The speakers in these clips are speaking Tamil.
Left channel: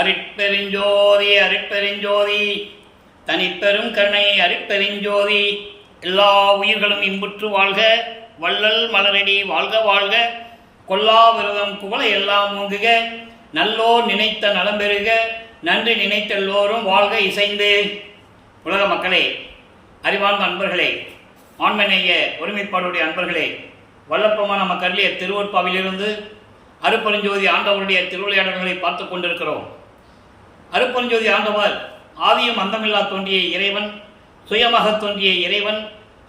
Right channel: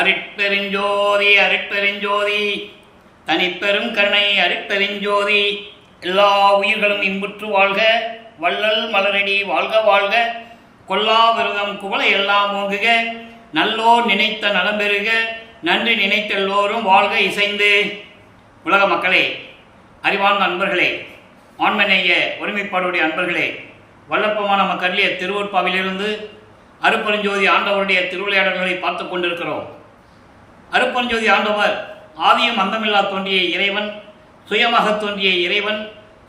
அருட்பெருஞ்சோதி அருட்பெருஞ்சோதி தனிப்பெரும் கருணை அருட்பெருஞ்சோதி. எல்லா உயிர்களும் இன்புற்று வாழ்க, வள்ளல் மலரடி வாழ்க வாழ்க, கொல்லா விரதம் குவளை எல்லாம் ஓங்குக, நல்லோர் நினைத்த நலம் பெறுக, நன்றி நினைத்த எல்லோரும் வாழ்க இசைந்து. உலக மக்களே, அறிவார்ந்த அன்பர்களே, ஆண்மநேய ஒருமைப்பாடுடைய அன்பர்களே, வல்லப்பமான நமக்கு அருளிய திருவொற்பாவிலிருந்து அருட்பெருஞ்சோதி ஆண்டவருடைய திருவிளையாடல்களை பார்த்து கொண்டிருக்கிறோம். அருட்பெருஞ்சோதி ஆண்டவர் ஆதியும் அந்தமில்லா தோன்றிய இறைவன், சுயமாக தோன்றிய இறைவன்,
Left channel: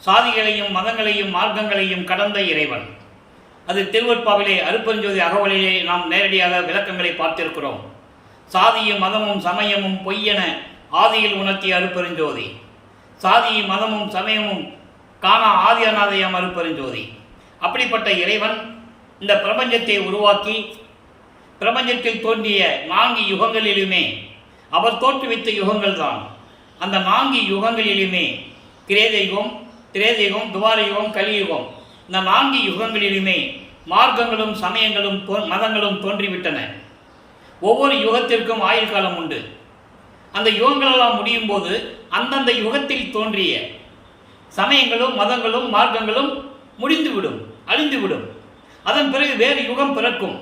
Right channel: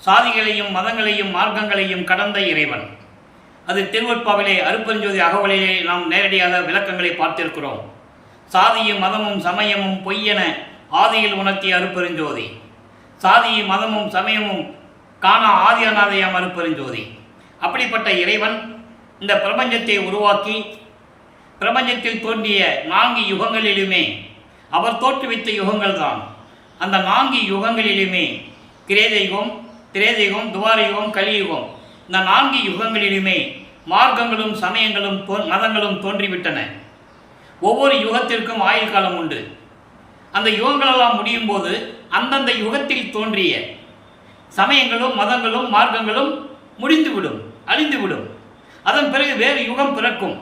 சாதிகளையும் மதங்களையும் மார்க்கங்களையும் கடந்த இறைவன். அது திருவொற்பாவிலே அருட்பெருஞ்சோதி அகவலிலே நாம் நேரடியாக விளக்கங்களை பார்த்திருக்கிறோம். சாதியும் மதமும் சமயமும் பொய்யென ஆதியில் உணர்த்திய அருட்பெருஞ்சோதி, சாதியும் மதமும் சமயமும் காண ஆதி அநாதையாம் அருட்பெருஞ்சோதி. அப்படிப்பட்ட இறைவன் இந்த பிரபஞ்சத்தை உருவாக்கி பிரபஞ்சத்தில் தோன்றிய 4 யுகங்களிலுமே அவர் தோற்றுவித்த யுகங்கள் தான். அந்த 4 யுகங்களிலுமே கிரேதயுகம், திரேதயுகம், துவாரயுகம், கலியுகம், இந்த 4 யுகங்களிலுமே மார்க்கங்களும் சமயங்களும் மதங்களும் தோன்றிவிட்டன. ஒவ்வொரு யுகத்திற்கும் ஆயுள் காலம் உண்டு. அந்த யுகங்களெல்லாம் முடியும் போது அந்தந்த யுகத்தில் தோன்றிய சமயங்களும் மதங்களும் மார்க்கங்களும் முடிந்துவிடும், அழிந்துவிடும். அதன் பிறகு வேறு யுகம் பிறக்கும்.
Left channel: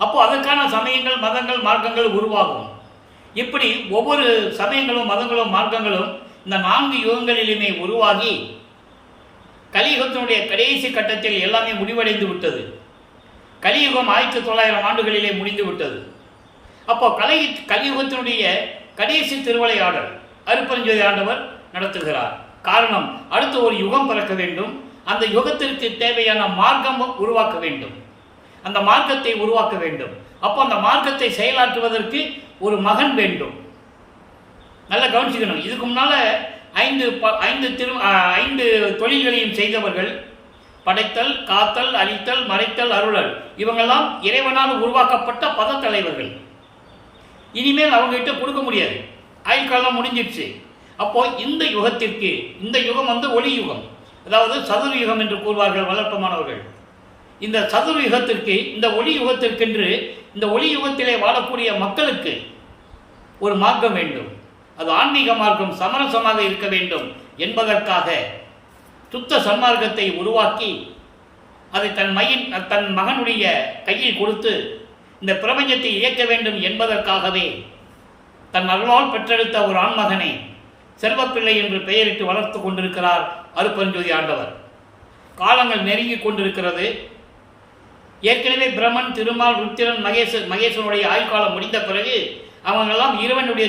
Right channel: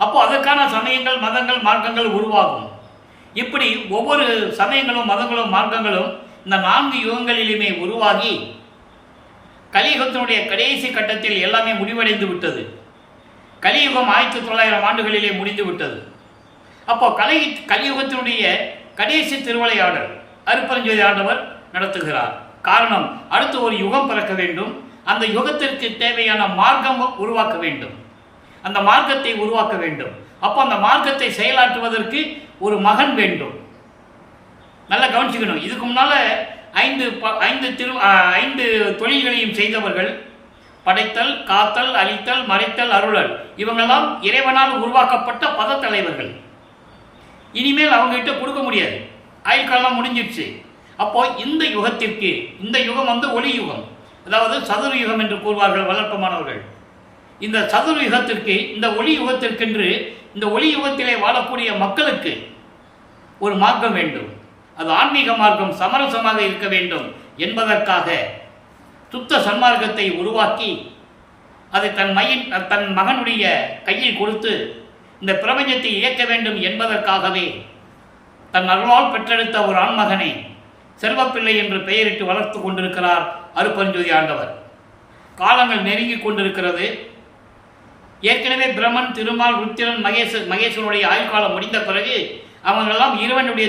அப்போ அதற்கான சமயங்கள் மதங்கள் மார்க்கங்கள் உருவாகும். இப்படி ஒவ்வொரு சமயங்களும் மதங்களும் மார்க்கங்களும் இந்த 4 யுகங்களிலுமே உருவாகி கலியுகத்தினுடைய கடைசி கட்டத்தில் எல்லாமே முடிவடைந்து விட்டது. கலியுகம் 1900 ஆண்டுகளிலே முடிந்து விட்டது. அப்போ கலியுகத்தினுடைய கடைசி திருவிளையாடல் அருட்பெருஞ்சோதி ஆண்டவர் நடத்துகிறார். காரணம், அடுத்து ஒரு யுகம் பிறக்க வேண்டும். அந்த யுகத்திற்கு தேவையான மார்க்கம் உருவாக்க வேண்டும். அந்த மார்க்கத்தை உருவாக்க வேண்டும். அப்போ அந்த மார்க்கத்தை செயலாற்றுவதற்கு ஒரு மகன் வேண்டும். நல்லா கவனிச்சுக்கணும். இதுக்கு முன்னால் 5 தொழில்களையும் செய்தவர்கள், படைத்தல், காத்தல், அழித்தல், மறைத்தல், அருளல், இவங்கெல்லாம் இறைவனால் உருவாக்கப்பட்ட பத தலைவர்கள். இனிமேல் அவங்ககிட்ட கொடுக்க முடியாது, ஆயுட்காலம் முடிஞ்சிடுச்சு. அப்போ இந்த யுகத்திற்கு, இந்த யுகம் ஒளி யுகம், அதாவது சதுர யுகம் என்று கூறுவார்கள் வளர்ப்பமானவர்கள். இந்த சதுர யுகத்திற்கு, இந்த ஒளி யுகத்திற்கென்று இந்த ஒளி யுகத்திலே வாழக்கூடிய மக்களுக்கு ஒரு மார்க்கம் வேண்டும். அது ஆன்மீக மார்க்கம் சமரசமாக இருக்க வேண்டும் என்பதற்காக சுத்த சன்மார்க்கத்தை உருவாக்கி அதை தன் மகனுடைய கையில் கொடுத்து இந்த பிரபஞ்சத்தை இயக்க வேண்டும் என்பதற்காகவே தன் அருளால் பெற்றெடுத்த ஒரு ஆண்மகனை செல்வப்பிள்ளை என்று பெயரிட்டு வளர்த்து கொண்டிருக்கிறார் அருட்பெருஞ்சோதி ஆண்டவர். காலங்கள் நெருங்கி கொண்டிருக்கிறது. ஏற்கனவே பிரம்மன், திருமால், ருத்திரன், மகேசனுடைய ஆயுள்காலம் முடிந்த பிறகு அவங்களெல்லாம் இறைவனுடைய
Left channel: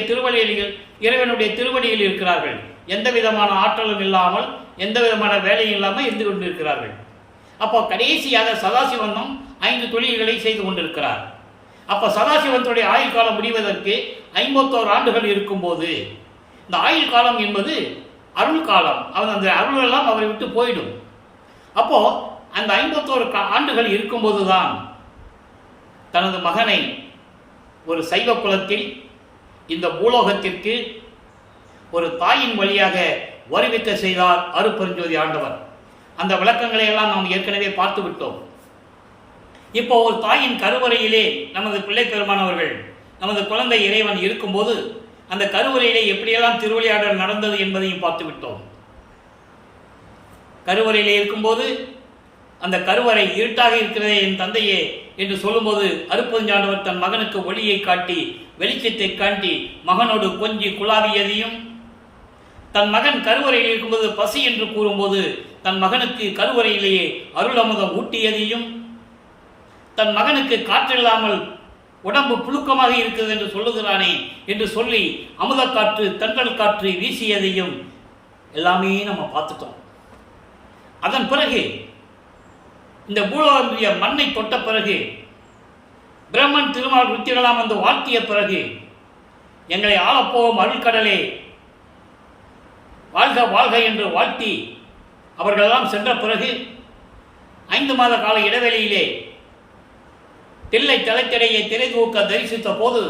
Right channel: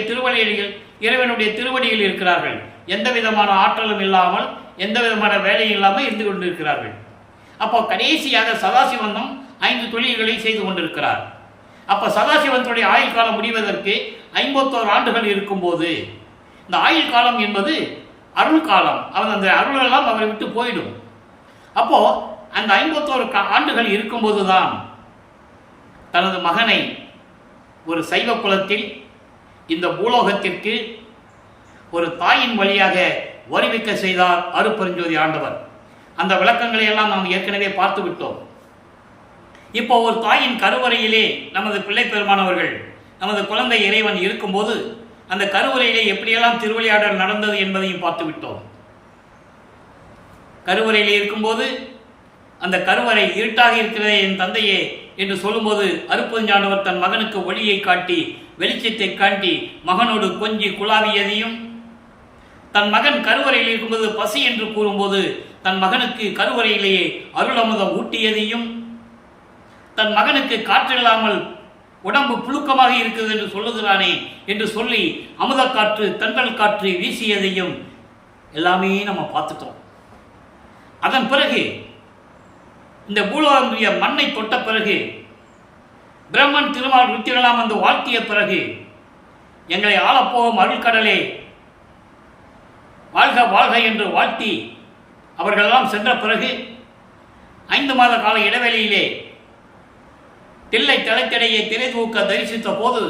திருவடியில் இருக்கிறார்கள். எந்த விதமான ஆற்றலும் இல்லாமல், எந்த விதமான வேலையும் இல்லாமல் இருந்து கொண்டிருக்கிறார்கள். அப்போ கடைசியாக சதாசிவனும் 5 தொழில்களை செய்து கொண்டிருக்கிறார். அப்போ சதாசிவனுடைய ஆயுள் காலம் முடிவதற்கு 51 ஆண்டுகள் இருக்கும்போது, இந்த ஆயுள் காலம் என்பது அருள் காலம். அந்த அருளெல்லாம் அவரை விட்டு போயிடும். அப்போ அந்த 51 ஆண்டுகள் இருக்கும்போது தான் தனது மகனை ஒரு சைவ குலத்தில் இந்த பூலோகத்திற்கு ஒரு தாயின் வழியாக வருவிக்க செய்தார் அருட்பெருஞ்சோதி ஆண்டவர். அந்த விளக்கங்களை எல்லாம் நாம் ஏற்கனவே பார்த்து விட்டோம். இப்போ ஒரு தாயின் கருவறையிலே நமது பிள்ளை பெருமானவர்கள், நமது குழந்தை இறைவன் இருக்கும்போது அந்த கருவறையிலே எப்படியெல்லாம் திருவிளையாடல் நடந்தது என்பதையும் பார்த்து விட்டோம். கருவறையிலே இருக்கும்போது அந்த கருவறை இருட்டாக இருக்கிறதே என் தந்தையே என்று சொல்லும்போது அருட்பெருஞ்சாண்டவர் தன் மகனுக்கு ஒளியை காட்டி, வெளிச்சத்தை காட்டி மகனோடு கொஞ்சி குழாவியதையும், தன் மகன் கருவறையில் இருக்கும்போது பசி என்று கூறும்போது தன் மகனுக்கு கருவறையிலேயே அருள் அமுதம் ஊட்டியதையும், தன் மகனுக்கு காற்றில்லாமல் உடம்பு புழுக்கமாக இருக்கிறது என்று சொல்லுகிறானே என்று சொல்லி அமுத காற்று, தென்றல் காற்று வீசியதையும் எல்லாமே நம்ம பார்த்துட்டோம். அதன் பிறகு இந்த பூலோகமுடைய மண்ணை தொட்ட பிறகு, பிரம்மன், திருமால், ருத்திரலாம் வந்து வாழ்த்திய பிறகு, எங்களை ஆளப்போகும் அருள்கடலே வாழ்க வாழ்க என்று வாழ்த்தி அவர்களெல்லாம் சென்ற பிறகு 5 மாத கால இடைவெளியிலே தில்லை தலைத்திடையை திரைதூக்க தரிசித்த போது,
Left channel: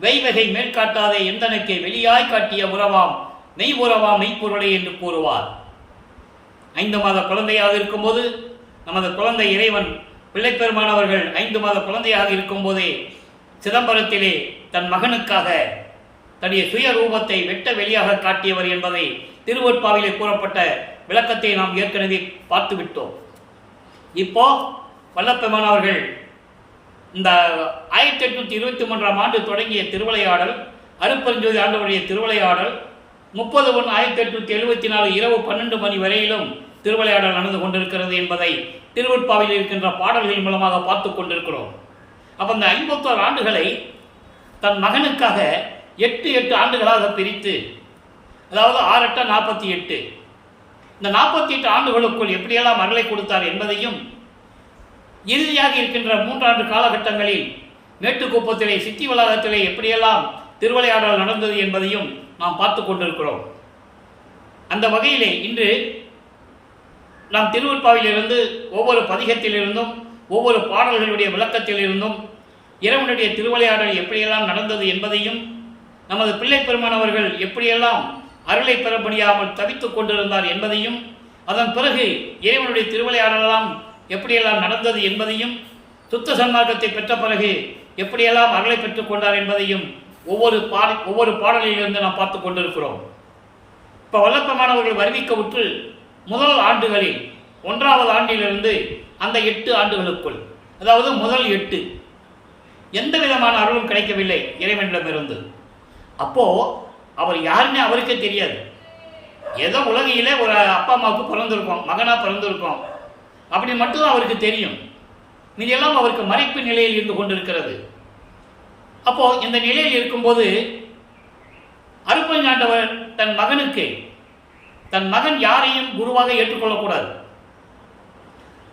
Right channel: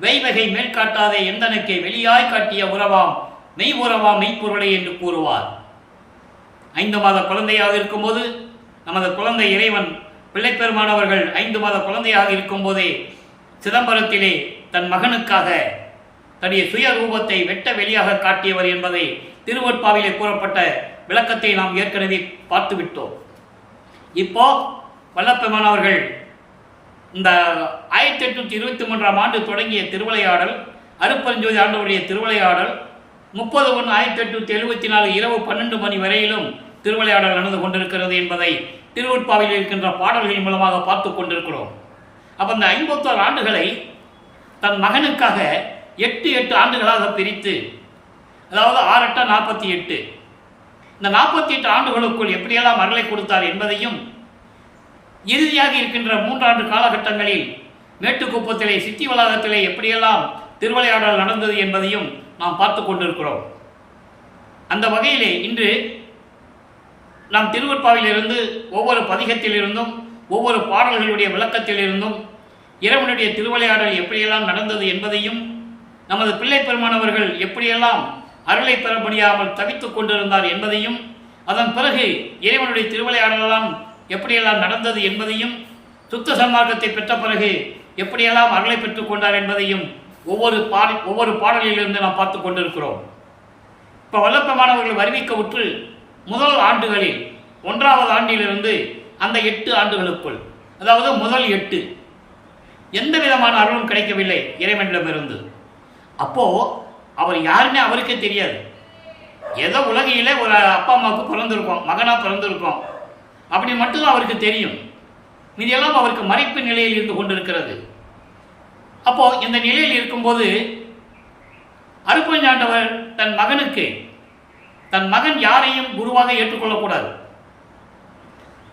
வெய்வகை மேற்காட்டாதே எந்தனக்கே வெளியாய் காட்டிய உறவாம் மெய் உறவாம் மெய்ப்பொருளை என்று கூறுவார். 5 மாத குழந்தையாக இருக்கும்போது நமது குழந்தை இறைவன் பிள்ளைப்பெருமானவர்கள் 5 மாத குழந்தையாக இருக்கும்போதே சிதம்பரத்திலே தன் மகனுக்காக தன்னுடைய சுய ரூபத்தை வெட்ட வெளியாக காட்டியவர் என்பதை திருவொற்பாவிலே கூறப்பட்ட விளக்கத்தை நாம் ஏற்கனவே பார்த்துவிட்டோம். இப்போ வல்லப்பெருமான் அவர்கள் இந்த 1823ஆம் ஆண்டு தொடங்கிய திருவிளையாடல், அருட்பெருஞ்சோதி ஆண்டவருடைய திருவிளையாடல் 30/1/1874 இரவு 12 மணி வரையிலும் திருவிளையாடல் நடந்து கொண்டிருக்கிறது என்பதை திருவொற்பாவில் இருக்கின்ற பாடல்களின் மூலமாக பார்த்து கொண்டிருக்கிறோம். அப்போ இந்த 51 ஆண்டுகளை தன் மகனுக்காக 8 ஆண்டுகளாக பிரித்து, அதாவது 6 8 48, இந்த 48 ஆண்டுகளுக்குள் எப்படியெல்லாம் அருளை கொடுத்தார் என்பதையும், இறுதியாக இருக்கின்ற 3 ஆண்டு காலகட்டங்களில் மேட்டுக்குப்பத்திலே சித்தி வளாகத்திலே எப்படியெல்லாம் திருவிளையாடல் நடந்தது என்பதையும் நாம் பார்த்து கொண்டிருக்கிறோம். அந்த வகையிலே இன்று நாம் திருவொற்பாவிலிருந்து ஒவ்வொரு பதிகத்திலிருந்தும் ஒவ்வொரு பாடல்களுடைய விளக்கத்திலிருந்தும் இறைவனுடைய திருவிளையாடல் எப்படியெல்லாம் நடந்தது என்பதையும், நமது பிள்ளை பெருமானவர்கள் எப்படியெல்லாம் அருளை பெற முடியாமல் தவித்துக் கொண்டிருந்தார் என்பதையும், அதன் பிறகு இறைவனுடைய திருவிளையாடலாம் எப்படியெல்லாம் நடந்தது என்பதையும், சுத்த சன்மார்க்கத்தை பெற்ற பிறகு எப்படியெல்லாம் அருளை பெற்றுக் கொண்டார் என்பதையும் ஒவ்வொரு பாடலிலிருந்து நாம் பார்த்து கொண்டிருக்கிறோம். இப்போ வல்லப்பெருமானவர்கள் அறிவிக்கவுற்று முதல் ஆண்டுகளில் 1வது ஆண்டிலிருந்து அந்த 8 ஆண்டுகளுக்குள், அதாவது முதல் 8 எந்த விதமான அருளும் கிடைக்கவில்லை இறைவனிடமிருந்து. அப்போது அவர் யாருன்னே அவருக்கே தெரியாது. ஏதோ உலகையில் ஒரு அப்பா அம்மாவுக்கு பிறந்திருக்கோம், மகனாக பிறந்திருக்கோம், அப்படி மட்டும்தான் அவருக்கு தெரியும். மீதெல்லாம் அவருக்கு மறைப்பு நிலையில் இருந்து கொண்டிருக்கிறது. அப்போது இந்த நிலையில் இருக்கும்போது அருட்பெருஞ்சாண்டவர் தன் மகன் யாரையும் குருவாக ஏற்றுக்கொள்ளக்கூடாது.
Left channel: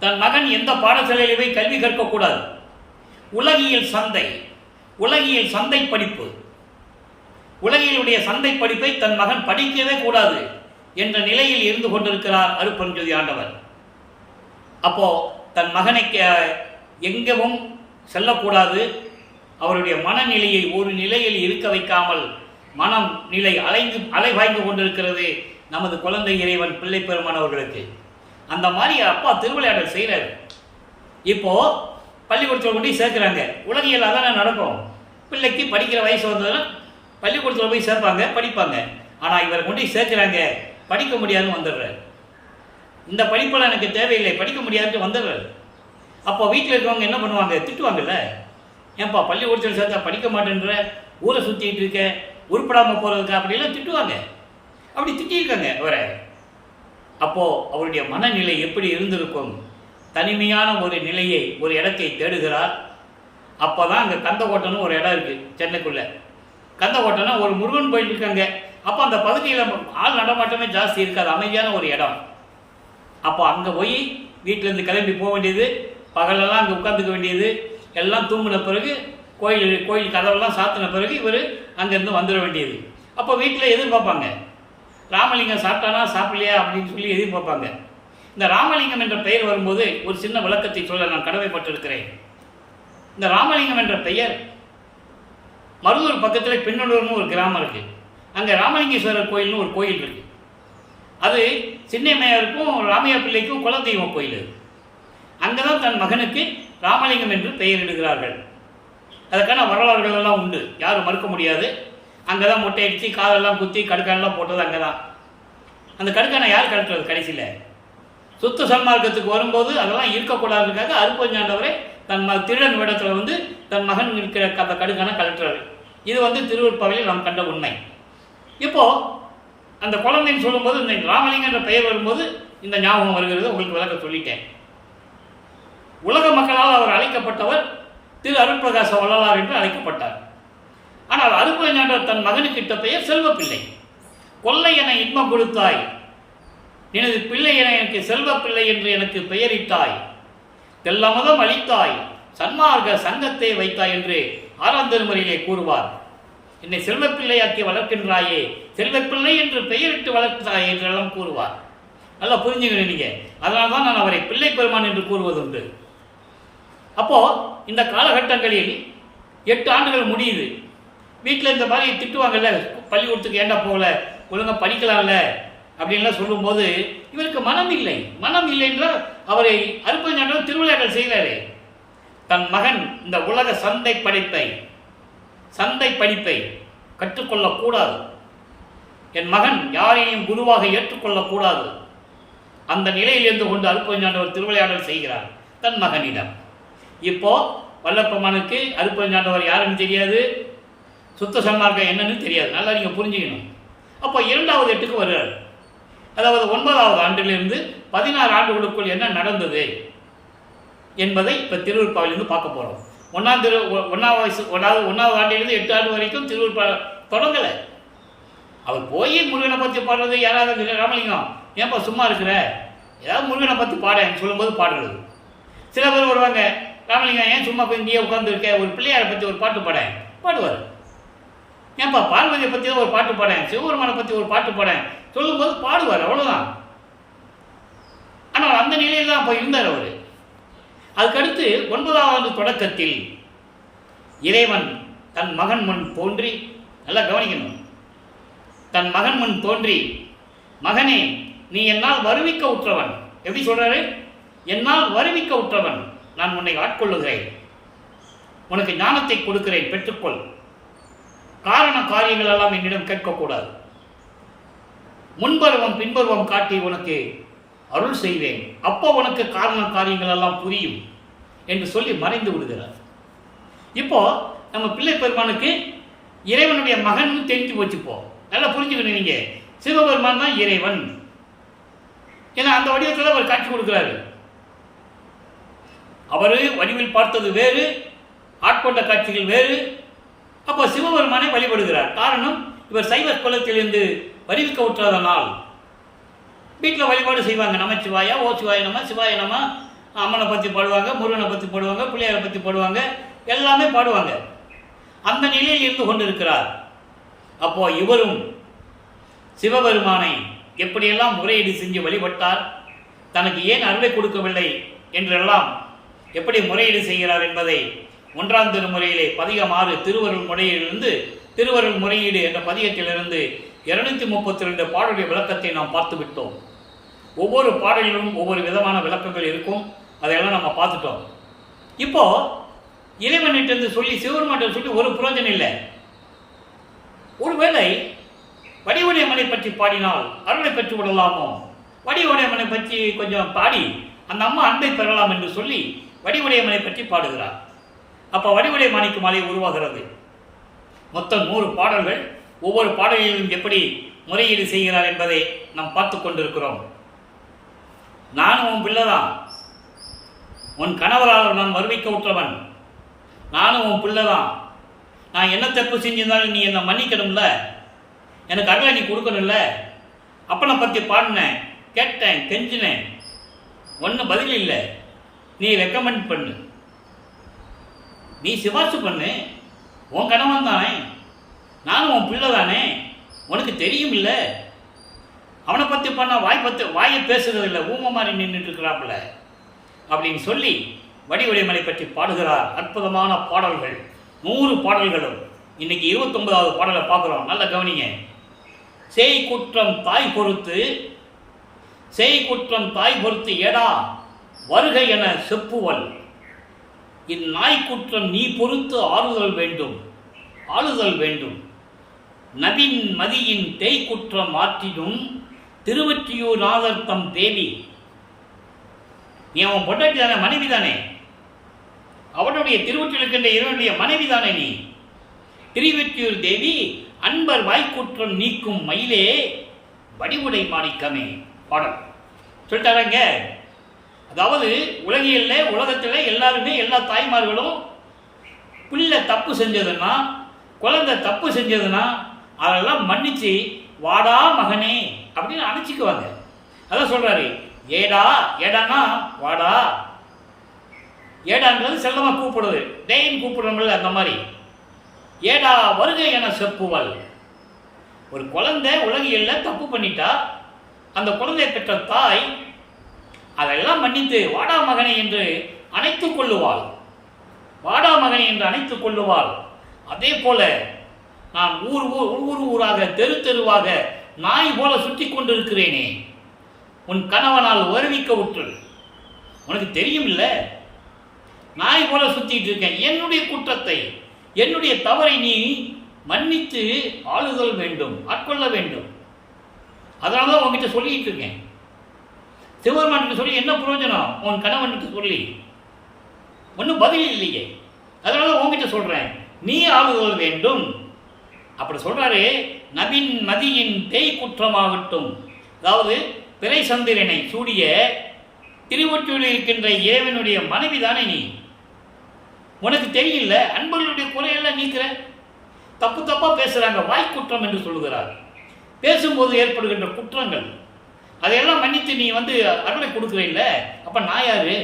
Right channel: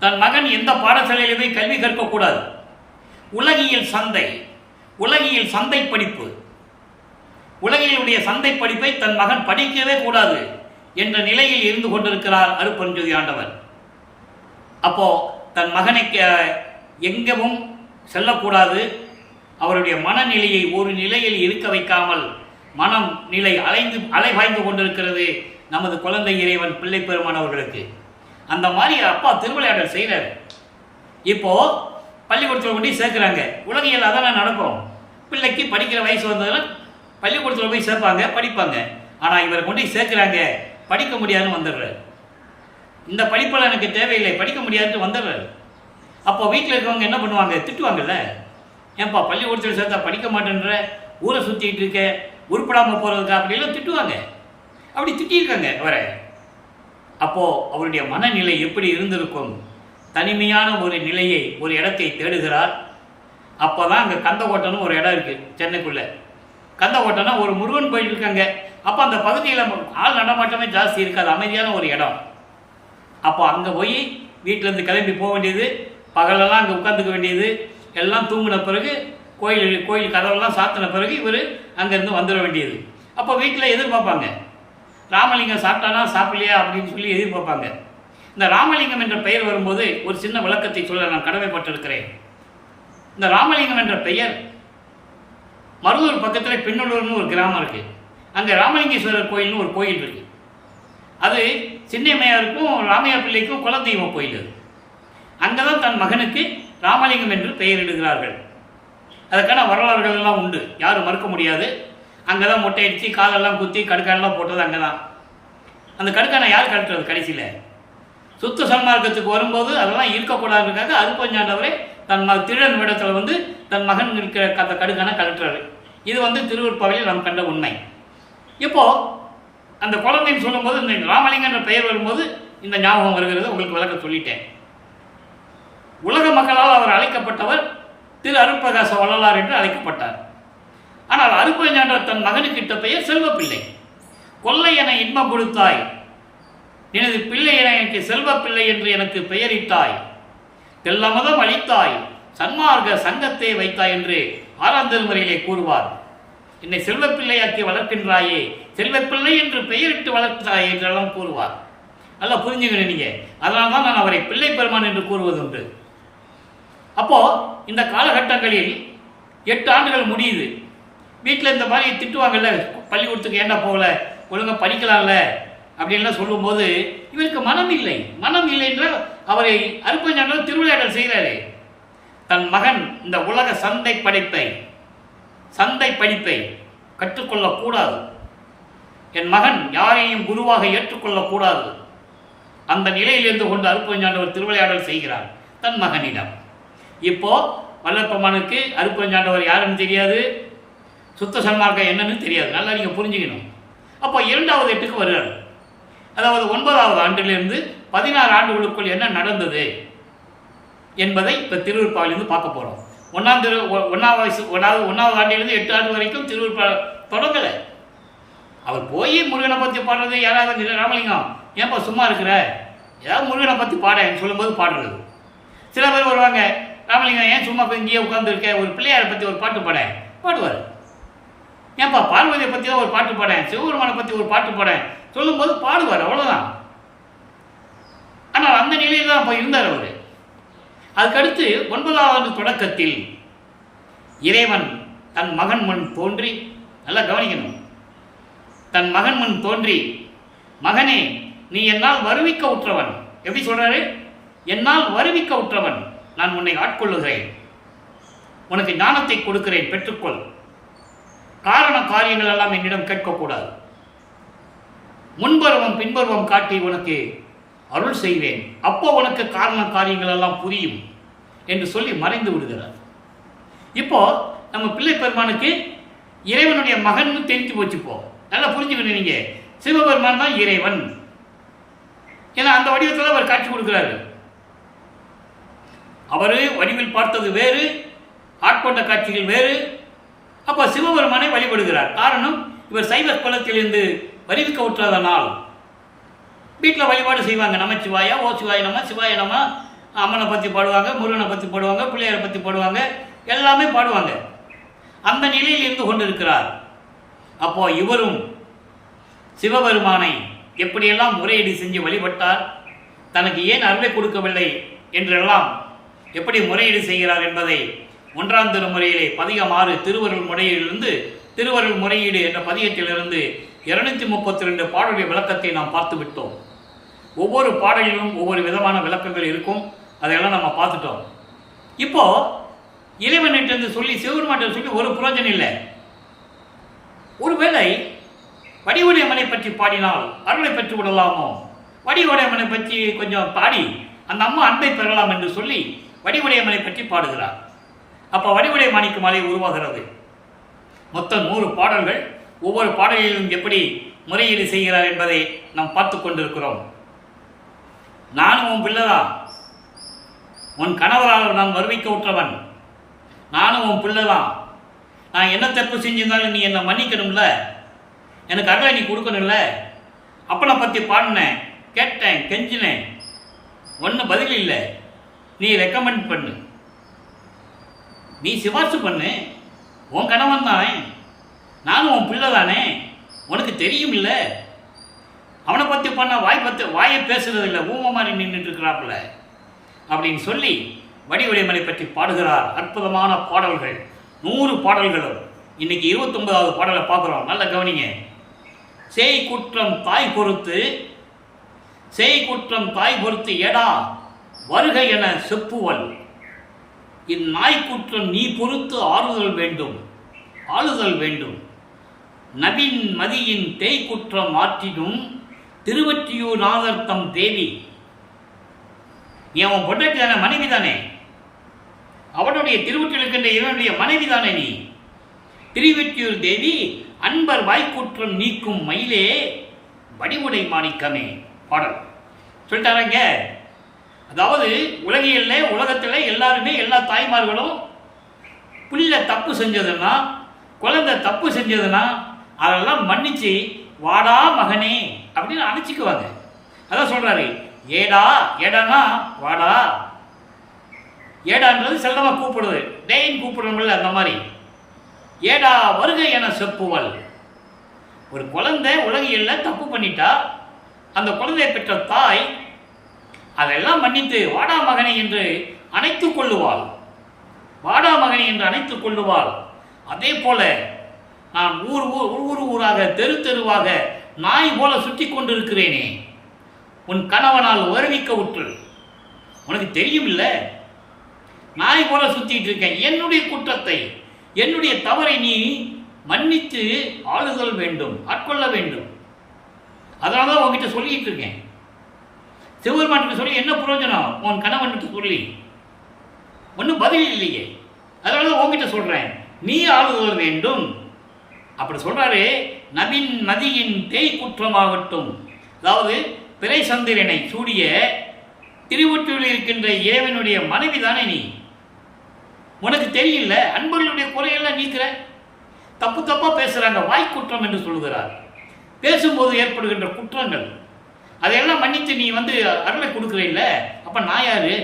தன் மகன் எந்த பாடசாலையிலுமே கல்வி கற்கக்கூடாது. உலகியல் சந்தை படிப்பு, உலகியலுடைய சந்தை படிப்பை தன் மகன் படிக்கவே கூடாது என்ற நிலையில் இருந்து கொண்டிருக்கிறார் அருட்பெருஞ்சோதி ஆண்டவர். அப்போ தன் மகனை எங்கவும் செல்லக்கூடாது, அவருடைய மனநிலையை ஒரு நிலையில் இருக்க வைக்காமல் மனம் நிலை அலைவாய்ந்து கொண்டிருக்கிறது நமது குழந்தை இறைவன் பிள்ளை பெருமான் அவர்களுக்கு. அந்த மாதிரி அப்பா திருவிளையாடல் செய்கிறார். இப்போது பள்ளிக்கூடத்தில் கொண்டு சேர்க்குறாங்க. உலகியல் அதானே நடக்கும். பிள்ளைக்கு படிக்கிற வயசு வந்ததுன்னா பள்ளிக்கூடத்தில் போய் சேர்ப்பாங்க, படிப்பாங்க. ஆனால் இவரை கொண்டு சேர்க்குறாங்க, படிக்க முடியாதுன்னு வந்துடுறாரு. இந்த படிப்பில் எனக்கு தேவையில்லை, படிக்க முடியாதுன்னு வந்துடுறாரு. அப்போ வீட்டில் இருக்கவங்க என்ன பண்ணுவாங்க? திட்டுவாங்கல்ல. ஏன்பா பள்ளிக்கூடத்தில் சேர்த்தா படிக்க மாட்டேன்ற, ஊரை சுற்றிட்டு இருக்க, உருப்படாமல் போகிறதுக்கா, அப்படிலாம் திட்டுவாங்க. அப்படி திட்டியிருக்காங்க அவரை. அப்போது அவருடைய மனநிலை எப்படி இருந்திருக்கும்? தனிமையான ஒரு நிலையை, ஒரு இடத்தை தேடுகிறார். அப்போ தான் அங்கே கந்தக்கோட்டைன்னு ஒரு இடம் இருக்குது சென்னைக்குள்ளே. கந்தக்கோட்டைன்னா ஒரு முருகன் கோயில் இருக்காங்க. அப்போ அந்த பகுதியில் ஆள் நடமாட்டமே ஜாஸ்தி இருக்காது, அமைதியான ஒரு இடம். அப்போ அங்கே போய் வீட்டிலேருந்து கிளம்பி போக வேண்டியது, பகலெல்லாம் அங்கே உட்காந்துக்க வேண்டியது, எல்லாம் தூங்கின பிறகு கோயில் கதவெல்லாம் சாத்தின பிறகு இவர் அங்கேருந்து வந்துட வேண்டியது. அப்போ வீட்டில் எதிர்பார்ப்பாங்க, ராமலிங்கம் சாப்பிட்டானா சாப்பிடலையா அப்படின்னு சொல்லி எதிர்பார்ப்பாங்க. இந்த ராமலிங்கம் என்ற பெயர் வரும்போது ஒரு சின்ன விளக்கத்தை சொல்ல நான் கடமைப்பட்டிருக்கிறேன். இந்த ராமலிங்கம் என்ற பெயர் மருதூர் பக்கத்தில் பெண்ணூர்னு ஒரு கிராமம் இருக்குது. அங்கே ராமலிங்கேஸ்வரர் கோயில்னு ஒரு கோயில் இருக்குது. அது சின்னையம்மையாருக்கும் ராமையா பிள்ளைக்கும் குலதெய்வ கோயில். அது அங்கே தான் தன் மகனுக்கு ராமலிங்கம் என்று பெயரிடுகிறார்கள். அதுக்கான வரலாறுகள் எல்லாம் உண்டு, யாரும் மறுக்க முடியாது. அங்கே தான் மொட்டை அடித்து காதெல்லாம் குத்தி கடுக்கானெல்லாம் போட்டது அங்கே தான். அந்த கடுக்கானை யார் கழட்டுறது? கடைசியில் சுத்த சன்மார்க்கத்துக்கு வரும்போது அதெல்லாம் இருக்கக்கூடாதுக்காக அருட்பெருஞ்சாண்டவரை தன் திருடன் வேடத்தில் வந்து தன் மகன் இருக்கிற அந்த கடுக்கானை கழட்டுறாரு. இது திருவொற்பாவிலே நாம் கண்ட உண்மை. இப்போது அந்த குழந்தைன்னு சொல்லும்போது இந்த ராமலிங்கம் என்ற பெயர் வரும்போது இந்த ஞாபகம் வருகிறது. உங்களுக்கு விளக்க சொல்லிட்டேன். உலக மக்களால் அவர் அழைக்கப்பட்டவர் திரு அருட்பிரகாச வள்ளலார் என்று அழைக்கப்பட்டார். ஆனால் அருட்பெருஞ்சாண்டவர் தன் மகனுக்கிட்ட பெயர் செல்வப்பிள்ளை. கொல்லை என இன்பம் கொடுத்தாய், எனது பிள்ளை என எனக்கு செல்வப்பிள்ளை என்று எனக்கு பெயரிட்டாய், தெல்லமதம் அளித்தாய், சன்மார்க்க சங்கத்தை வைத்தாய் என்று 6ஆம் திருமுறையிலே கூறுவார். என்னை செல்வப்பிள்ளையாக்கி வளர்க்கின்றாயே, செல்வப்பிள்ளை என்று பெயரிட்டு வளர்த்தாய் என்றெல்லாம் கூறுவார். நல்லா புரிஞ்சுக்கணும் நீங்கள். அதனால தான் நான் அவரை பிள்ளை பெருமான் என்று கூறுவது உண்டு. அப்போது இந்த காலகட்டங்களில் 8 ஆண்டுகள் முடியுது. வீட்டில் இந்த மாதிரி திட்டுவாங்கல்ல, பள்ளிக்கூடத்துக்கு ஏண்டா போகல, ஒழுங்காக படிக்கலாம்ல அப்படின்லாம் சொல்லும்போது இவருக்கு மனம் இல்லை என்றால் அவரை அருட்பெருஞ்சாண்டவர் திருவிளையாடல் செய்கிறாரே. தன் மகன் இந்த உலக சந்தை படைப்பை சந்தை படிப்பை கற்றுக்கொள்ளக்கூடாது. என் மகன் யாரையும் குருவாக ஏற்றுக்கொள்ளக்கூடாது. அந்த நிலையில் இருந்து கொண்டு அருட்பெருஞ்சாண்டவர் திருவிளையாடல் செய்கிறார் தன் மகனிடம். இப்போ வல்லற்பெருமானுக்கு அருட்பெருஞ்சாண்டவர் யாருன்னு தெரியாது, சுத்த சன்மார்க்கம் என்னன்னு தெரியாது. நல்லா நீங்கள் புரிஞ்சுக்கணும். அப்போ 2வது எட்டுக்கு வருகிறார். அதாவது 9வது ஆண்டிலிருந்து 16 ஆண்டுகளுக்குள் என்ன நடந்தது என்பதை இப்போ திருவருட்பாவிலிருந்து பார்க்க போகிறோம். 1வது ஆண்டிலிருந்து 8 ஆண்டு வரைக்கும் திருவருட்பா தொடங்கலை. அவர் போய் முருகனை பற்றி பாடுறது, யாராவது ராமலிங்கம் ஏன்பா சும்மா இருக்கிற, ஏதாவது முருகனை பற்றி பாடேன்னு சொல்லும்போது பாடுறது. சில பேர் வருவாங்க, ராமலிங்கம் ஏன் சும்மா இங்கேயே உட்காந்துருக்க, ஒரு பிள்ளையாரை பற்றி ஒரு பாட்டு பாடுவார். ஏன்பா பார்வதியை பற்றி தான் ஒரு பாட்டு பாடேன், சிவபெருமானை பற்றி ஒரு பாட்டு பாடேன் சொல்லும்போது பாடுவார், அவ்வளோதான். ஆனால் அந்த நிலையில் தான் அப்போ இருந்தார் அவர். அதுக்கடுத்து 9வது ஆண்டு தொடக்கத்தில் இறைவன் தன் மகன் முன் தோன்றி, நல்லா கவனிக்கணும், தன் மகன் முன் தோன்றி, மகனே நீ என்னால் வருவிக்க உற்றவன். எப்படி சொல்றாரு? என்னால் வருவிக்க உற்றவன், நான் உன்னை ஆட்கொள்ளுகிறேன், உனக்கு ஞானத்தை கொடுக்கிறேன், பெற்றுக்கொள். காரண காரியங்கள் எல்லாம் என்னிடம் கேட்கக்கூடாது. முன்பருவம் பின்பருவம் காட்டி உனக்கு அருள் செய்வேன், அப்போ உனக்கு காரண காரியங்கள் எல்லாம் புரியும் என்று சொல்லி மறைந்து விடுகிறார். இப்போ நம்ம பிள்ளை பெருமானுக்கு இறைவனுடைய மகன் தெரிஞ்சு போச்சுப்போ. நல்லா புரிஞ்சுக்கணும், நீங்க சிவபெருமான் தான் இறைவன். ஏன்னா அந்த வடிவத்தில் அவர் காட்சி கொடுக்கிறாரு. அவரு வடிவில் பார்த்தது வேறு, ஆட்கொண்ட காட்சிகள் வேறு. அப்போ சிவபெருமானை வழிபடுகிறார். காரணம், இவர் சைவ குலத்திலிருந்து வருவிக்க உற்றதனால் வீட்டில் வழிபாடு செய்வாங்க. நமச்சிவாயா, ஓ சிவாய நம, சிவாய நம, அம்மனை பற்றி பாடுவாங்க, முருகனை பற்றி பாடுவாங்க, பிள்ளையாரை பற்றி பாடுவாங்க, எல்லாமே பாடுவாங்க. அந்த நிலையில் இருந்து கொண்டிருக்கிறார். அப்போ இவரும் சிவபெருமானை எப்படியெல்லாம் முறையீடு செஞ்சு வழிபட்டார், தனக்கு ஏன் அருளை கொடுக்கவில்லை என்றெல்லாம் எப்படி முறையீடு செய்கிறார் என்பதை 1ஆம் திருமுறையிலே பதிகம் 6 திருவருள் முறையிலிருந்து திருவருள் முறையீடு என்ற பதிகத்திலிருந்து 232 பாடலுடைய விளக்கத்தை நாம் பார்த்து விட்டோம். ஒவ்வொரு பாடலிலும் ஒவ்வொரு விதமான விளக்கங்கள் இருக்கும், அதையெல்லாம் நம்ம பார்த்துட்டோம். இப்போ இறைவனிட்டு சொல்லி சிவபெருமான் சொல்லி ஒரு புரோஜனம் இல்லை. ஒருவேளை வடிவுடையமனை பற்றி பாடினால் அருளை பெற்று விடலாமோ, வடிவுடையமனை பற்றி கொஞ்சம் பாடி அந்த அம்மா அன்பை பெறலாம் என்று சொல்லி வடிவுடையமனை பற்றி பாடுகிறார். அப்போ வடிவுடைய மாணிக்க மாலை உருவாகிறது. மொத்தம் 100 பாடல்கள். ஒவ்வொரு பாடலிலும் எப்படி முறையீடு செய்கிறார் என்பதை நாம் பார்த்து கொண்டிருக்கிறோம். நானும் உன் பிள்ளைதான், உன் கணவரால் நான் வருவிக்க உற்றவன், நானும் உன் பிள்ளைதான், நான் என்ன தப்பு செஞ்சிருந்தாலும் நீ என்னை மன்னிக்கணும்ல, எனக்கு அருளை நீ கொடுக்கணும்ல. அப்பனை பற்றி பாடினேன், கேட்டேன், கெஞ்சினேன், ஒன்றும் பதில் இல்லை. நீ ரெக்கமெண்ட் பண்ணு, நீ சிபார்சு பண்ணு, உன் கணவன் தானே, நானும் உன் பிள்ளை தானே, உனக்கு தெரியும் இல்லை. அவனை பற்றி பண்ண வாயை பேசுறது இல்லை, ஊமை மாதிரி நின்றுட்டு இருக்கிறாப்புல அப்படின்னு சொல்லி வடிவுடையமனை பற்றி பாடுகிறார். அற்புதமான பாடல்கள், 100 பாடல்களும். இன்னைக்கு 29வது பாடலை பார்க்குறோம். நல்ல கவனிங்க. சேய் குற்றம் தாய் பொறுத்து, சேய் குற்றம் தாய் பொறுத்து ஏடா வருக என செப்புவல், இந்நாய் குற்றம் நீ பொறுத்து ஆறுதல் வேண்டும், ஆளுதல் வேண்டும். நபின் மதியின் தேய் குற்றம் ஆற்றிடும் திருவற்றியூர் நாதர்த்தம் தேவி. நீ அவன் பொட்டாட்டி தானே, மனைவி தானே, அவனுடைய திருவற்றியில் இருக்கின்ற இவனுடைய மனைவி தானே நீ. திருவற்றியூர் தேவி அன்பர் வாய்க்குற்றம் நீக்கும் மயிலே வடிவுடை மாணிக்கமே. பாடல் சொல்லிட்டாராங்க. அதாவது உலகத்தில் எல்லாருமே, எல்லா தாய்மார்களும் பிள்ளை தப்பு செஞ்சதுன்னா, குழந்தை தப்பு செஞ்சதுன்னா அதெல்லாம் மன்னிச்சு வாடா மகனே அப்படின்னு அணைச்சிக்குவாங்க. அதான் சொல்றாரு, ஏடானா வாடா. ஏடான்றது செல்லமாக கூப்பிடுறது, டேயின் கூப்பிடுறோம்ல, அந்த மாதிரி. ஏடா வருகை என செப்புவல். ஒரு குழந்தை உலகியல்ல தப்பு பண்ணிட்டா அந்த குழந்தையை பெற்ற தாய் அதெல்லாம் மன்னித்து வாடா மகனை என்று அணைத்துக் கொள்ளுவாள், வாடா மகனை என்று அணைத்துக் கொள்ளுவாள். அதே போல நான் ஊராக தெரு தெருவாக நாய் போல சுற்றி கொண்டிருக்கிறேனே, உன் கணவனால் வருவிக்க உற்று, உனக்கு தெரியும் இல்லை, நாய் போல சுத்திட்டு இருக்கேன். என்னுடைய குற்றத்தை என்னுடைய தவறை நீ மன்னித்து ஆளுதல் வேண்டும், ஆட்கொள்ள வேண்டும். அதனால தான் உங்ககிட்ட சொல்லிட்டு இருக்கேன். சிவபெருமானுக்கு சொல்லி என்ன பிரயோஜனம்? உன் கணவனுக்கு சொல்லி ஒன்றும் பதில் இல்லையே. அதனால தான் உங்ககிட்ட சொல்கிறேன், நீ ஆளுதல் வேண்டும். அப்படி சொல்கிறாரு. நபின் மதியின் தேய் குற்றமாகட்டும். அதாவது பிறை சந்திரனை சூடிய திருவொற்றியூரில் இருக்கின்ற இறைவனுடைய மனைவி தானே நீ. உனக்கு தெரியல, அன்பர்களுடைய குறையெல்லாம் நீக்கிற. தப்பு தப்பாக பேசுகிறாங்க, வாய்க்குற்றம் என்று சொல்லுகிறார். பேசும்போது ஏற்படுகின்ற குற்றங்கள் அதையெல்லாம் மன்னித்து நீ அருளை கொடுக்குற இல்லை. அப்போ நான் யாரு?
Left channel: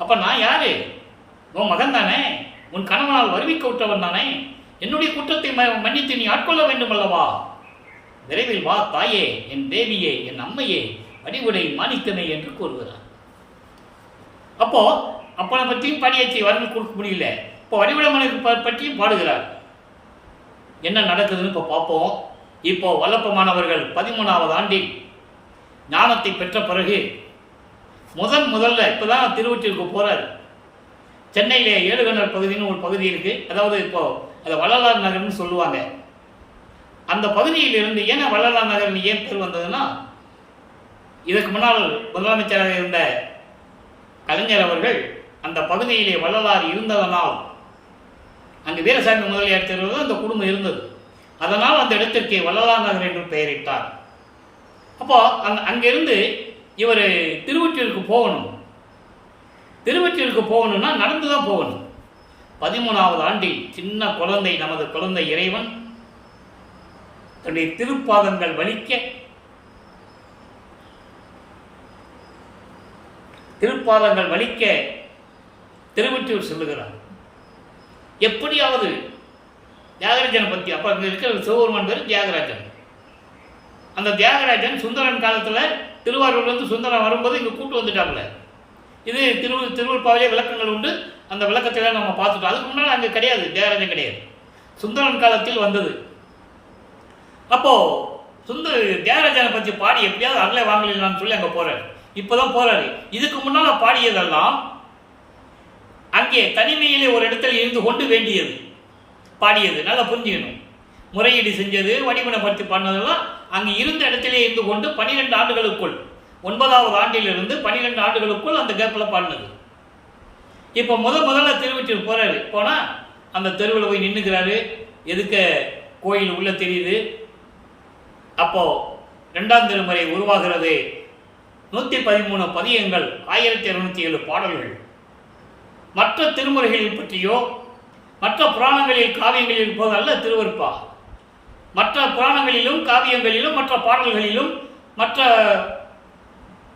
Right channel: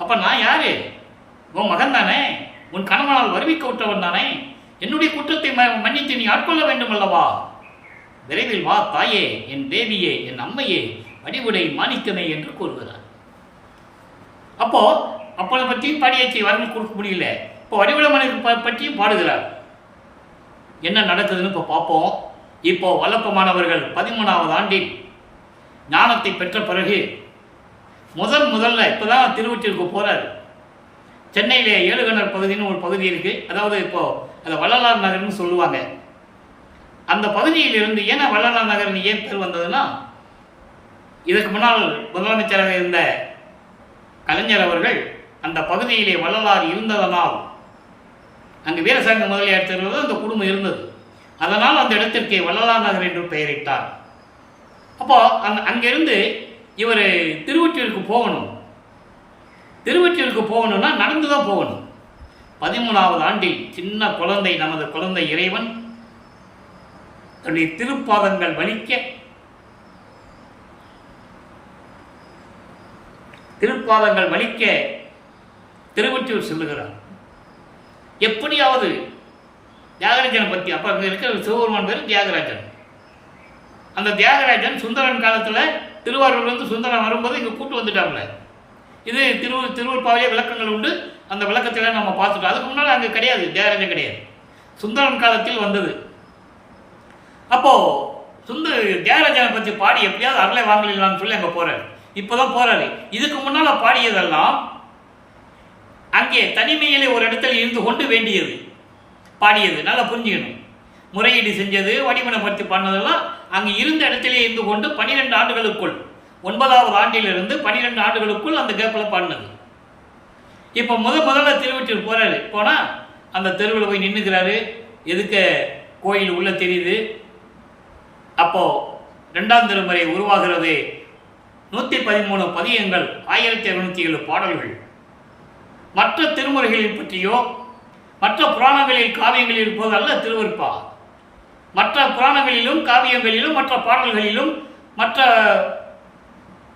அப்போ நான் யாரு? உன் மகன் தானே, உன் கணவனால் வருவிக்க விட்டவன் தானே. என்னுடைய குற்றத்தை மன்னித்து நீ ஆட்கொள்ள வேண்டும் அல்லவா? விரைவில் வா தாயே, என் தேவியே, என் அம்மையே, வடிவுடை மாணிக்கமே என்று கூறுகிறார். அப்போ அப்பனை பற்றியும் பாடியாச்சி, வரவு கொடுக்க முடியல. இப்போ வடிவுடமனை பற்றியும் பாடுகிறார். என்ன நடக்குதுன்னு இப்போ பார்ப்போம். இப்போ வல்லப்பமானவர்கள் 13வது ஆண்டில் ஞானத்தை பெற்ற பிறகு முதல்ல இப்போதான் திருவொற்றியூருக்கு போகிறார். சென்னையிலே ஏழுகணர் பகுதின்னு ஒரு பகுதி இருக்குது. அதாவது இப்போது அதை வள்ளலார் நகர்னு சொல்லுவாங்க. அந்த பகுதியிலிருந்து ஏன்னா வள்ளலார் நகர்னு ஏன் பேர் வந்ததுன்னா, இதற்கு முன்னால் முதலமைச்சராக இருந்த கலைஞர் அவர்கள் அந்த பகுதியிலே வள்ளலார் இருந்ததனால் அங்கு வீரசாமி முதலியார் தெருவில் அந்த குடும்பம் இருந்தது. அதனால் அந்த இடத்திற்கு வள்ளலார் நகர் என்று பெயரிட்டார். அப்போ அங்கிருந்து இவர் திருவொற்றியூருக்கு போகணும். திருவொற்றியூருக்கு போகணும்னா நடந்து தான் போகணும். 13வது ஆண்டில் சின்ன குழந்தை, நமது குழந்தை இறைவன் தன்னுடைய திருப்பாதங்கள் வலிக்க திருவொற்றியூர் செல்லுகிறார். எப்படியாவது தியாகராஜனை பற்றி, அப்போ அங்கே இருக்கிற சிவபெருமான் பேர் தியாகராஜன். அந்த தியாகராஜன் சுந்தரன் காலத்தில் திருவாரூர்லேருந்து சுந்தரன் வரும்போது இங்கே கூட்டு வந்துட்டாங்கள. இது திருவள்ளுப்பாவிலே விளக்கங்கள் உண்டு. அந்த விளக்கத்தில் நம்ம பார்த்துட்டோம். அதுக்கு முன்னால் அங்கே கிடையாது, தியாகராஜன் கிடையாது, சுந்தரன் காலத்தில் வந்தது. அப்போது தியாகராஜனை பற்றி பாடி எப்படியாவது அருளை வாங்கலான்னு சொல்லி அங்கே போகிறார். இப்போ தான் போகிறாரு. இதுக்கு முன்னால் பாடியதெல்லாம் அங்கே தனிமையிலே ஒரு இடத்துல இருந்து கொண்டு வேண்டியது பாடியது. நல்லா புரிஞ்சுக்கணும். முறையீடு செஞ்சது, வடிவனப்படுத்தி பண்ணதெல்லாம் அங்கே இருந்த இடத்திலே இருந்து கொண்டு 12 ஆண்டுகளுக்குள், 9வது ஆண்டிலிருந்து 12 ஆண்டுகளுக்குள் அந்த கேப்பில் பாடினது. இப்போ முதல்ல திருவொற்றியூர் போகிறாரு. போனால் அந்த தெருவில் போய் நின்றுக்கிறாரு. எதுக்க கோயில் உள்ளே தெரியுது. அப்போது 2ஆம் திருமுறை உருவாகிறது. 113 பதியங்கள், 1207 பாடல்கள். மற்ற திருமுறைகளில் பற்றியோ மற்ற புராணங்களில் காவியங்களில் இருப்பதல்ல திருவருட்பா. மற்ற புராணங்களிலும் காவியங்களிலும் மற்ற பாடல்களிலும் மற்ற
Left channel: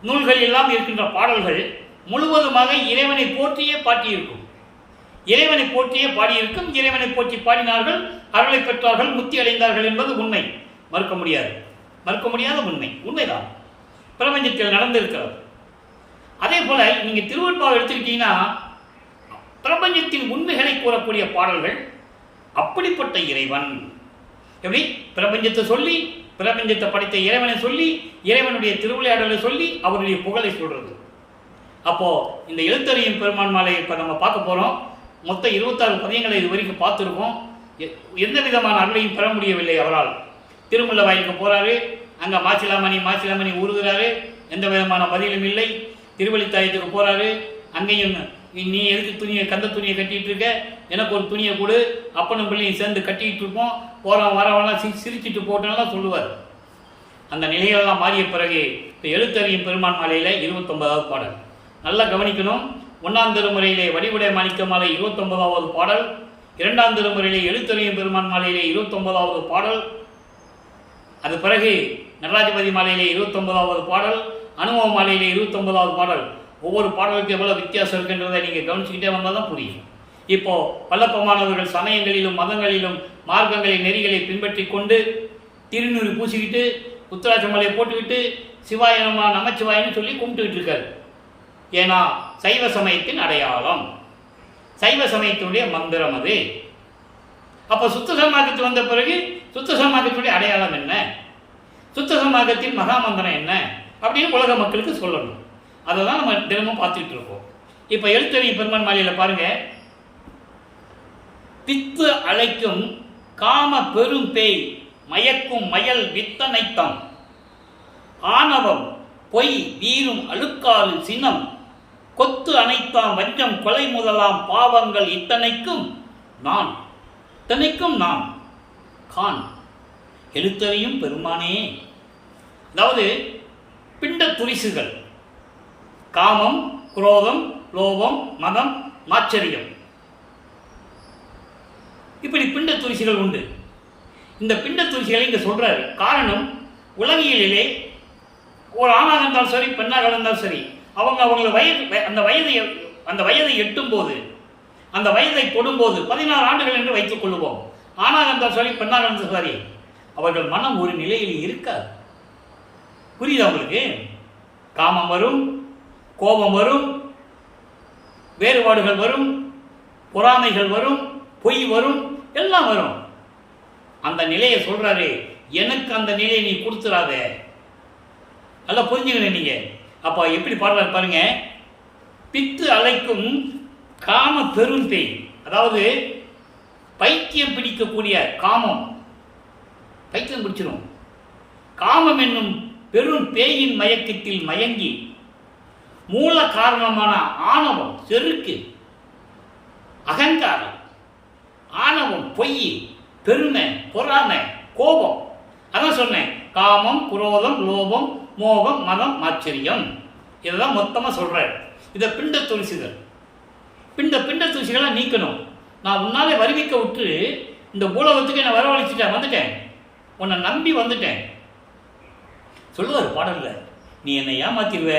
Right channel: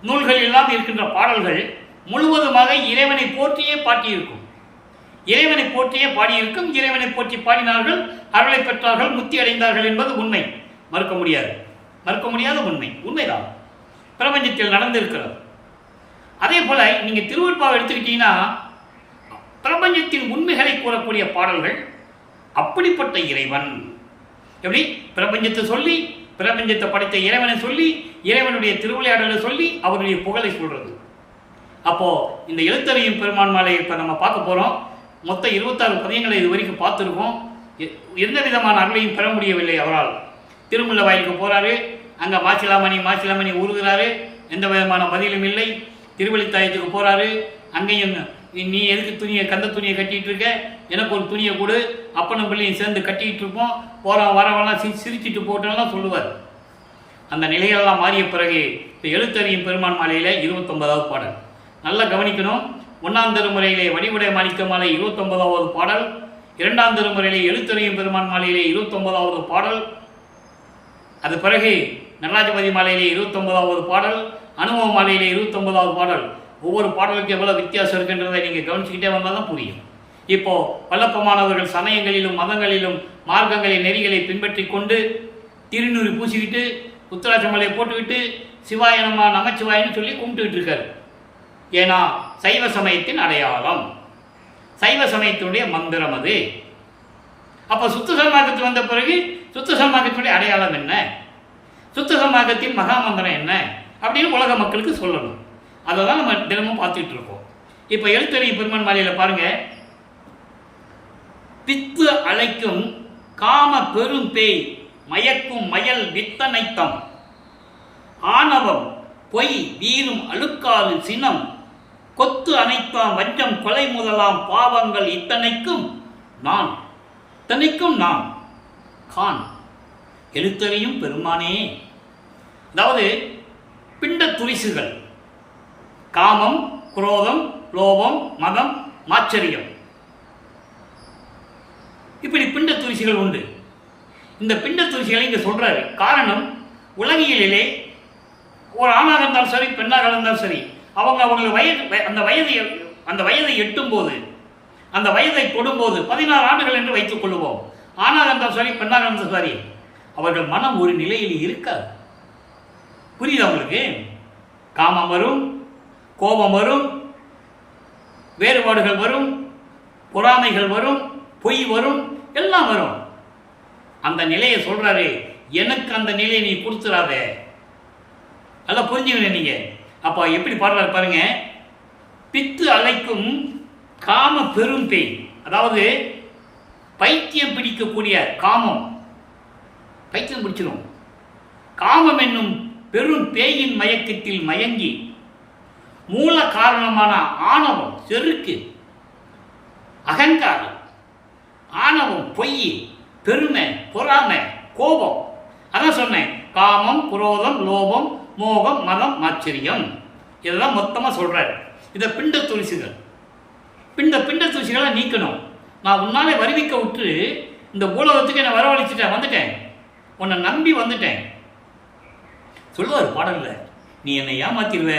நூல்களெல்லாம் இருக்கின்ற பாடல்கள் முழுவதுமாக இறைவனை போற்றியே பாட்டியிருக்கும். இறைவனை போற்றியே பாடியிருக்கும். இறைவனை போற்றி பாடினார்கள், அருளை பெற்றார்கள், முத்தி அடைந்தார்கள் என்பது உண்மை, மறுக்க முடியாத உண்மைதான். பிரபஞ்சத்தில் நடந்திருக்கிறது. அதே போல நீங்க திருவருட்பாவை எடுத்துக்கிட்டீங்கன்னா பிரபஞ்சத்தின் உண்மைகளை கூறக்கூடிய பாடல்கள். அப்படிப்பட்ட இறைவன் எப்படி பிரபஞ்சத்தை சொல்லி, பிரபஞ்சத்தை படைத்த இறைவனை சொல்லி, இறைவனுடைய திருவிளையாடலை சொல்லி, அவருடைய புகழை சொல்றது. அப்போ இந்த எழுத்தறியும் பெருமான் மாலை இப்போ நம்ம பார்க்க போகிறோம். மொத்தம் 26 பதியங்களை இது வரைக்கும் பார்த்துருக்கோம். எந்த விதமான அருளையும் பெற முடியவில்லை அவரால். திருமுல்ல வாயிலுக்கு போகிறாரு. அங்கே மாசிலாமணி ஊறுகிறாரு. எந்த விதமான பதிலும் இல்லை. திருவள்ளித்தாயத்துக்கு போகிறாரு. அங்கேயும் நீ எதுக்கு கந்த துணியை கட்டிகிட்டு இருக்க, எனக்கு ஒரு துணியை கொடு, அப்பனும் பிள்ளையும் சேர்ந்து கட்டிக்கிட்டு இருப்போம், போகிறோம் வரவெல்லாம் சிரிச்சிட்டு போட்டோம்லாம் சொல்லுவார். அந்த நிலைகளெல்லாம் மாறிய பிறகு இப்போ எழுத்தறியும் பெருமான் மாலையில் 29வது பாடல் நல்லா கவனிக்கணும். 1ஆம் திருமுறையிலே வடிவுடை மாணிக்க மாலை 29வது பாடல், 2ஆம் திருமுறையிலே எழுத்தறியும் பெருமான் மாலையிலே 29வது பாடல், அது பிறகு நடராஜபதி மாலையிலே 29வது பாடல், அனுபவ மாலையிலே 29வது பாடல். ஒவ்வொரு பாடலுக்கு எவ்வளோ வித்தியாசம் இருக்கின்றதை நீங்கள் கவனிச்சுக்கிட்டே வந்தால் தான் புரியும். இப்போது வல்லப்பமானவர்கள் சமயங்களிலும் மதங்களிலும் மார்க்கங்களை நெறிகளை பின்பற்றி கொண்டு திருநூறு பூசிக்கிட்டு உத்தராட்சமலையை போட்டுக்கிட்டு சிவாயனமா நமச்சிவாயன்னு சொல்லி கும்பிட்டுக்கிட்டு இருக்காரு. ஏன்னா சைவ சமயத்தின் அடையாளம், சைவ சமயத்தினுடைய மந்திரம் அது. அப்போ சுத்த சன்மார்க்கத்து வந்த பிறகு சுத்த சன்மார்க்கத்தினுடைய அடையாளம் என்ன, சுத்த சன்மார்க்கத்தின் மகாமந்திரம் என்ன அப்படின்னு உலக மக்களுக்கு சொல்லணும். அதை தான் நம்ம தினமும் பார்த்துக்கிட்டு இருக்கோம். இப்போ எழுத்தறியும் பெருமான் மாலையில் பாருங்கள், பித்து அழைக்கும் காம பெரும் பேய் மயக்கும் மயல் வித்தனைத்தம் ஆணவம் பொய் வீரும் அழுக்காறு சினம் கொத்து அனைத்தாம் வஞ்சம் கொலை முதலாம் பாவங்கள் இத்தனைக்கும் நான் கான் எழுத்தறியும் பெருமானே. அதாவது பிண்ட துரிசுகள் காமம், குரோதம், லோபம், மதம், மாச்சரியம், இப்படி பிண்ட துரிசுகள் உண்டு. இந்த பிண்ட துரிசுகளை இங்கே சொல்றாரு. காரணம், உலகியலிலே ஒரு ஆணாக இருந்தாலும் சரி, பெண்ணாக இருந்தாலும் சரி, அவங்களை அந்த வயதை எட்டும் போது, அந்த வயதை தொடும்போது 14 ஆண்டுகள் என்று வைத்துக் கொள்வோம். ஆணாக இருந்தாலும் சரி, பெண்ணாக இருந்தாலும் சரி, அவர்கள் மனம் ஒரு நிலையில் இருக்காது. புரியுது அவங்களுக்கு? காமம் வரும், கோபம் வரும், வேறுபாடுகள் வரும், பொறாமைகள் வரும், பொய் வரும், எல்லாம் வரும். அந்த நிலையை சொல்றாரு, எனக்கு அந்த நிலையை நீ கொடுத்துடாத. நல்லா புரிஞ்சுக்கணும் நீங்க. அப்போ எப்படி பாடுறாரு பாருங்க. பித்து அழைக்கும் காம பெரும் பேய், அதாவது பைத்தியம் பிடிக்கக்கூடிய காமம், பைத்தியம் பிடிச்சிடும். காமம் என்னும் பெரும் பேயின் மயக்கத்தில் மயங்கி மூல காரணமான ஆணவம், செருக்கு, அகங்காரம், ஆணவம், பொய், பெருமை, பொறாமை, கோபம், அதான் சொன்னேன். காமம், குரோதம், லோபம், மோகம், மதம், ஆச்சரியம், இதெல்லாம் மொத்தமாக சொல்றாரு. இதை பிண்ட துரிசுகள். பிண்ட துரிசுகளை நீக்கணும். நான் உன்னாலே வருவிக்க விட்டு இந்த பூலோகத்துக்கு என்னை வரவழைச்சிட்டேன், வந்துட்டேன், உன்னை நம்பி வந்துட்டேன் சொல்லுவார் பாடலில். நீ என்னை ஏமாத்திடுவ,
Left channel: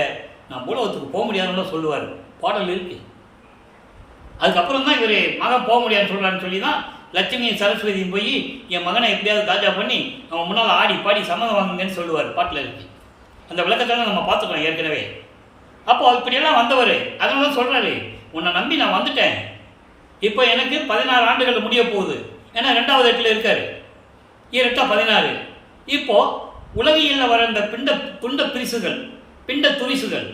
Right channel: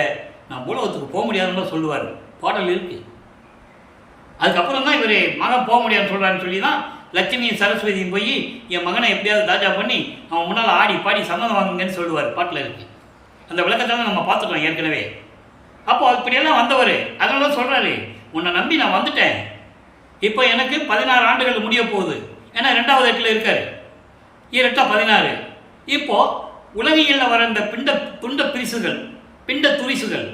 நான் பூலோகத்துக்கு போக முடியாதுன்னு சொல்லுவார். பாடல் இருக்கு. அதுக்கப்புறம் தான் இவர் மகன் போக முடியாதுன்னு சொல்கிறான்னு சொல்லி தான் லட்சுமியும் சரஸ்வதியும் போய் என் மகனை எப்படியாவது தாஜா பண்ணி அவன் முன்னால் ஆடி பாடி சம்மதம் வாங்குங்கன்னு சொல்லுவார். பாட்டில் இருக்கு. அந்த விளக்கத்தில் நம்ம பார்த்துட்டோம் ஏற்கனவே. அப்போ இப்படியெல்லாம் வந்தவர் அதனால தான் சொல்கிறாரு, உன்னை நம்பி நான் வந்துட்டேன், இப்போ எனக்கு 16 ஆண்டுகள் முடிய போகுது. ஏன்னா 2வது எட்டில் இருக்காரு, 2 16. இப்போ உலகியலில் வர இந்த பிண்ட பிரிசுகள், பிண்ட துரிசுகள்,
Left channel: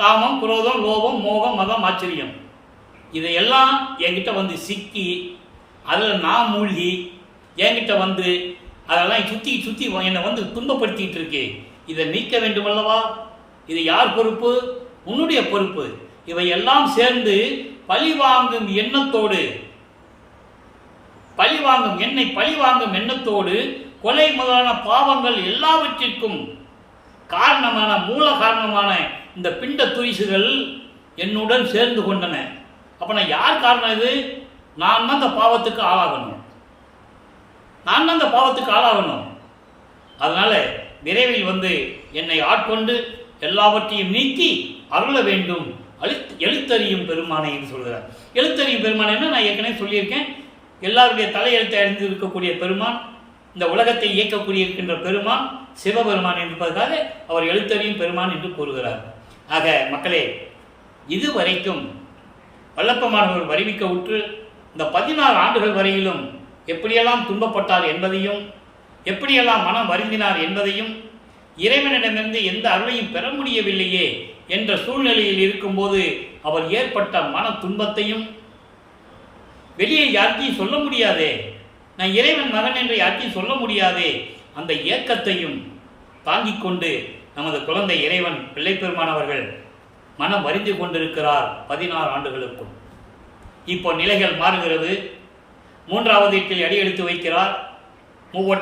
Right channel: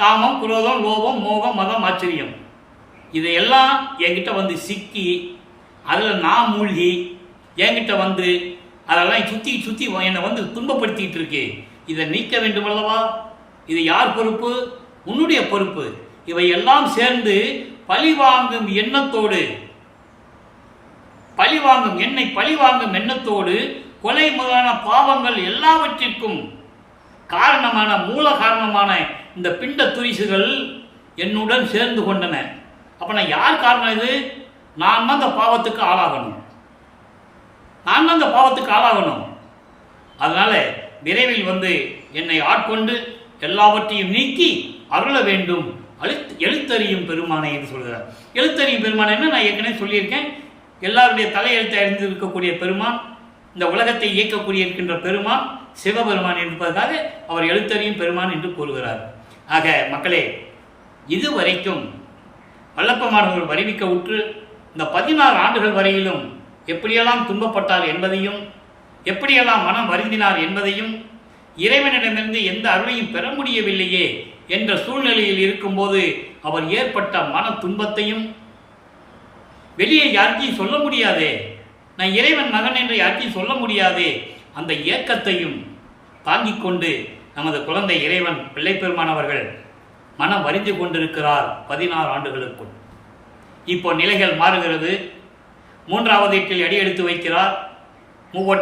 காமம், குரோதம், லோபம், மோகம், மதம், ஆச்சரியம், இதையெல்லாம் என்கிட்ட வந்து சிக்கி அதில் நான் மூழ்கி என்கிட்ட வந்து அதெல்லாம் சுற்றி என்னை வந்து துன்பப்படுத்திட்டு இருக்கு. இதை நீக்க வேண்டும் அல்லவா? இது யார் பொறுப்பு? உன்னுடைய பொறுப்பு. இவையெல்லாம் சேர்ந்து பழிவாங்கும் எண்ணத்தோடு, என்னை பழிவாங்கும் எண்ணத்தோடு கொலை முதலான பாவங்கள் எல்லாவற்றிற்கும் காரணமான மூல காரணமான இந்த பிண்ட துரிசுகள் என்னுடன் சேர்ந்து கொண்டன. அப்ப நான் யார் காரணம்? இது நான் தான் அந்த பாவத்துக்கு ஆளாகணும். அதனால விரைவில் வந்து என்னை ஆட்கொண்டு எல்லாவற்றையும் நீக்கி அருள வேண்டும். எழுத்தறியும் பெருமானை என்று சொல்கிறார். எழுத்தறியும் பெருமானைன்னு நான் ஏற்கனவே சொல்லியிருக்கேன். எல்லாருடைய தலையெழுத்தை அறிந்து இருக்கக்கூடிய பெருமான், இந்த உலகத்தை இயக்கக்கூடிய இருக்கின்ற பெருமான் சிவபெருமான் என்பதற்காக அவர் எழுத்தறியும் பெருமான் என்று கூறுகிறார். ஆக மக்களே, இதுவரைக்கும் வல்லப்பமானவர் வருவிக்க உற்று இந்த 16 ஆண்டுகள் வரையிலும் எப்படியெல்லாம் துன்பப்பட்டார் என்பதையும், எப்படியெல்லாம் மனம் வருந்தினார் என்பதையும், இறைவனிடமிருந்து எந்த அருளையும் பெற முடியவில்லையே என்ற சூழ்நிலையில் இருக்கும்போது அவர் ஏற்பட்ட மன துன்பத்தையும், வெளியே யாருக்கையும் சொல்ல முடியாதே, நான் இறைவன் மகன் என்று யாருக்கையும் சொல்ல முடியாதே, அந்த ஏக்கத்தையும் தாங்கிக் கொண்டு நமது குழந்தை இறைவன் பிள்ளைப்பெருமான் அவர்கள் மனம் வருந்தி கொண்டிருக்கிறார் 16 ஆண்டுகளுக்குள். இப்போ நிலைகள் மாறுகிறது. 3வது எட்டில் அடியெடுத்து வைக்கிறார். 3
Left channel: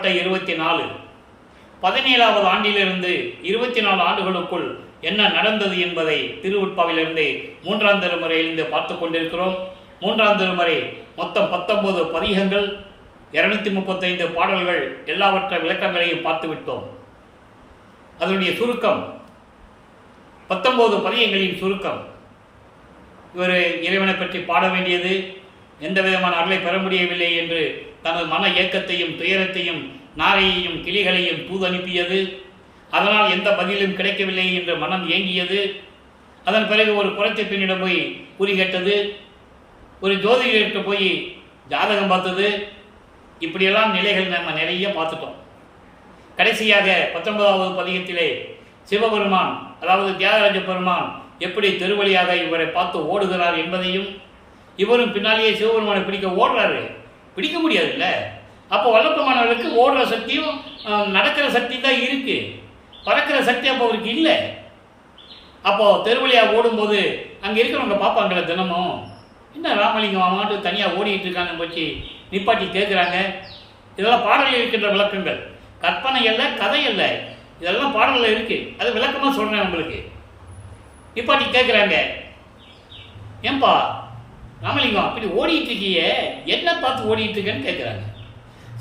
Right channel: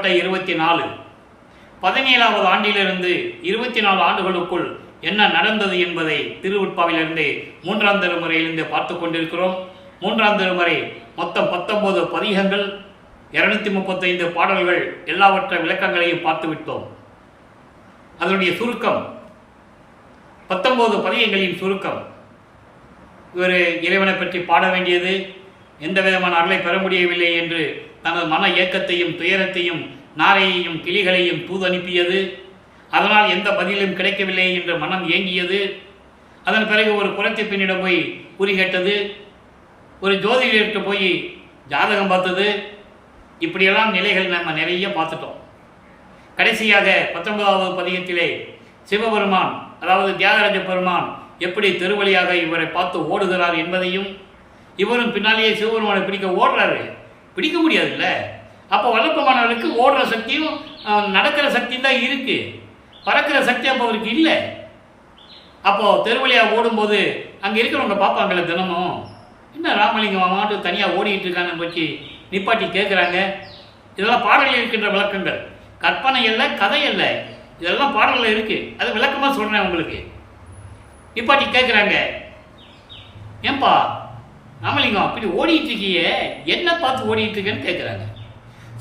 17வது ஆண்டிலிருந்து 24 ஆண்டுகளுக்குள் என்ன நடந்தது என்பதை திருவுட்பாவிலிருந்து 3ஆம் திருமுறையிலிருந்து பார்த்து கொண்டிருக்கிறோம். 3ஆம் திருமுறை மொத்தம் 19 பதிகங்கள், 235 பாடல்கள், எல்லாவற்ற விளக்கங்களையும் பார்த்து விட்டோம். அதனுடைய சுருக்கம் 19 பதிகங்களின் சுருக்கம். இவர் இறைவனை பற்றி பாட வேண்டியது, எந்த விதமான அருளை பெற முடியவில்லை என்று தனது மன ஏக்கத்தையும் துயரத்தையும் நாரையையும் கிளிகளையும் தூது அனுப்பியது. அதனால் எந்த பதிலும் கிடைக்கவில்லை என்று மனம் ஏங்கியது. அதன் பிறகு ஒரு குறைத்த பெண்ணிடம் போய் குறி கேட்டது, ஒரு ஜோதிடர்கிட்ட போய் ஜாதகம் பார்த்தது. இப்படியெல்லாம் நிலைகள் நம்ம நிறைய பார்த்துட்டோம். கடைசியாக 19வது பதிகத்திலே சிவபெருமான், அதாவது தியாகராஜ பெருமான் எப்படி திருவழியாக இவரை பார்த்து ஓடுகிறார் என்பதையும், இவரும் பின்னாலேயே சிவபெருமானை பிடிக்க ஓடுறாரு. பிடிக்க முடியாதுல்ல. அப்போ வல்லப்பமானவர்களுக்கு ஓடுற சக்தியும் நடக்கிற சக்தியும் தான் இருக்குது, பறக்கிற சக்தி அப்போ அவருக்கு இல்லை. அப்போது தெருவழியாக ஓடும்போது அங்கே இருக்கிறவங்க பார்ப்பாங்களே தினமும், என்ன ராமலிங்கம் மாட்டு தனியாக ஓடிக்கிட்டு இருக்கான்னு போச்சு நிப்பாட்டி கேட்குறாங்க. இதெல்லாம் பாடலில் இருக்கின்ற விளக்கங்கள், கற்பனை இல்லை, கதை இல்லை, இதெல்லாம் பாடலில் இருக்குது. அது விளக்கமாக சொல்கிறேன் உங்களுக்கு. நிப்பாட்டி கேட்குறாங்க, ஏன்பா ராமலிங்கம் அப்படி ஓடிட்டு இருக்கியே, என்ன பார்த்து ஓடிட்டு இருக்கேன்னு கேட்குறாங்க.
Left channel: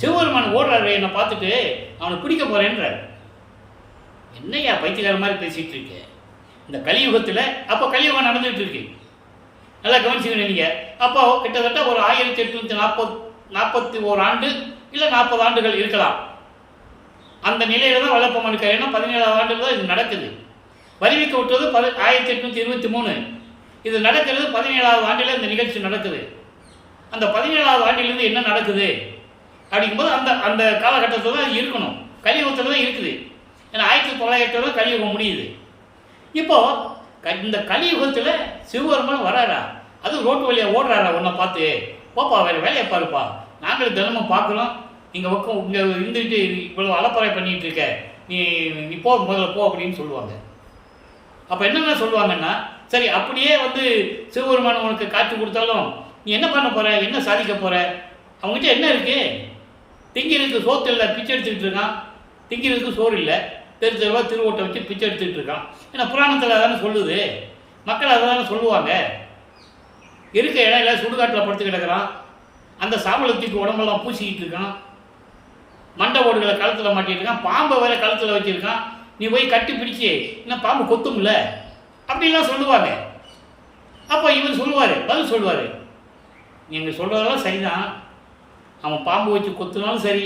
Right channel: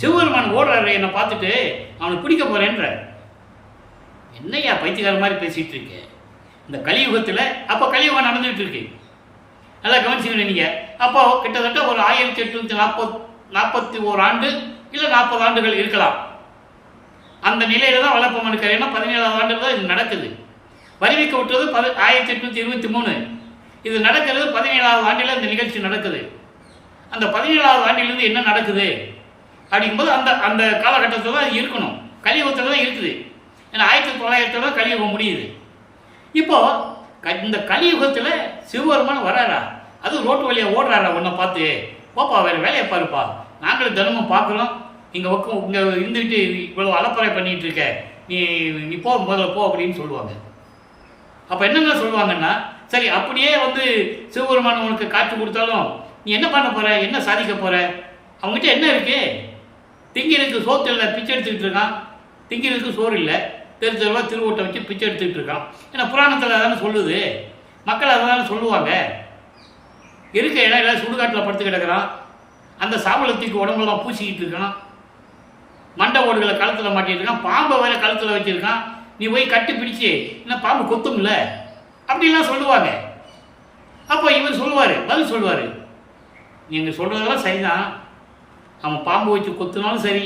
சிவபெருமான் ஓடுறாரு, என்னை பார்த்துட்டு அவனை பிடிக்க போகிறேன்ற. என்னையா பைத்தியக்கார மாதிரி பேசிகிட்டு இருக்கேன். இந்த கலியுகத்தில் அப்போ கலியுகம் நடந்துகிட்டு இருக்கு, நல்லா கவனிச்சுக்கணும் நீங்கள். அப்போ கிட்டத்தட்ட ஒரு 1841 ஆண்டு இல்லை 40 ஆண்டுகள் இருக்கலாம். அந்த நிலையில தான் வல்லப்பம்மன் இருக்கார். ஏன்னா 17ஆவது ஆண்டு தான் இது நடக்குது. வருவிக்க விட்டது 1823. இது நடக்கிறது 17ஆவது ஆண்டில் இந்த நிகழ்ச்சி நடக்குது. அந்த 17ஆவது ஆண்டிலிருந்து என்ன நடக்குது அப்படிங்கும்போது அந்த அந்த காலகட்டத்தில் தான் இருக்கணும், கலியுகத்தில் தான் இருக்குது. ஏன்னா 1900 தான் கலியுகம் முடியுது. இப்போது இந்த கலியுகத்தில் சிவபெருமான் வராரா, அது ரோட்டு வழியாக ஓடுறாரா, உன்னை பார்த்து போப்பா வேறு வேலையை பாருப்பா, நாங்களும் தினமும் பார்க்குறோம், இங்கே பக்கம் இங்கே இருந்துக்கிட்டு இவ்வளோ அலப்பறை பண்ணிகிட்டு இருக்க, நீ போ, முதல்ல போ அப்படின்னு சொல்லுவாங்க. அப்போ என்னென்ன சொல்லுவாங்கன்னா, சரி அப்படியே வந்து சிவபெருமான் உனக்கு காட்சி கொடுத்தாலும் நீ என்ன பண்ண போகிற, என்ன சாதிக்க போகிற, அவங்ககிட்ட என்ன இருக்குது, திங்கிறதுக்கு சோத்து இல்லை, பிச்சை எடுத்துக்கிட்டு இருக்கான், திங்கிறதுக்கு சோறு இல்லை, தெரு தெருவாக திருவோட்டை வச்சு பிச்சை எடுத்துக்கிட்டு இருக்கான். ஏன்னா புராணத்தில் அதானே சொல்லுது, மக்கள் அதை தானே சொல்லுவாங்க. இருக்க இடம் இல்லை, சுடுகாட்டில் படுத்து கிடக்கிறான், அந்த சாவலத்துக்கு உடம்பெல்லாம் பூசிக்கிட்டு இருக்கான், மண்டை ஓடுகளை கழுத்தில் மாட்டிட்டு இருக்கான், பாம்பை வேற கழுத்தில் வச்சுருக்கான், நீ போய் கட்டி பிடிச்சி இன்னும் பாம்பு கொத்தும்ல அப்படின்லாம் சொல்லுவாங்க. அப்போ இவர் சொல்லுவார், பதில் சொல்லுவார், நீங்கள் சொல்கிறதெல்லாம் சரிதான், அவன் பாம்பு வச்சு கொத்துனாலும் சரி,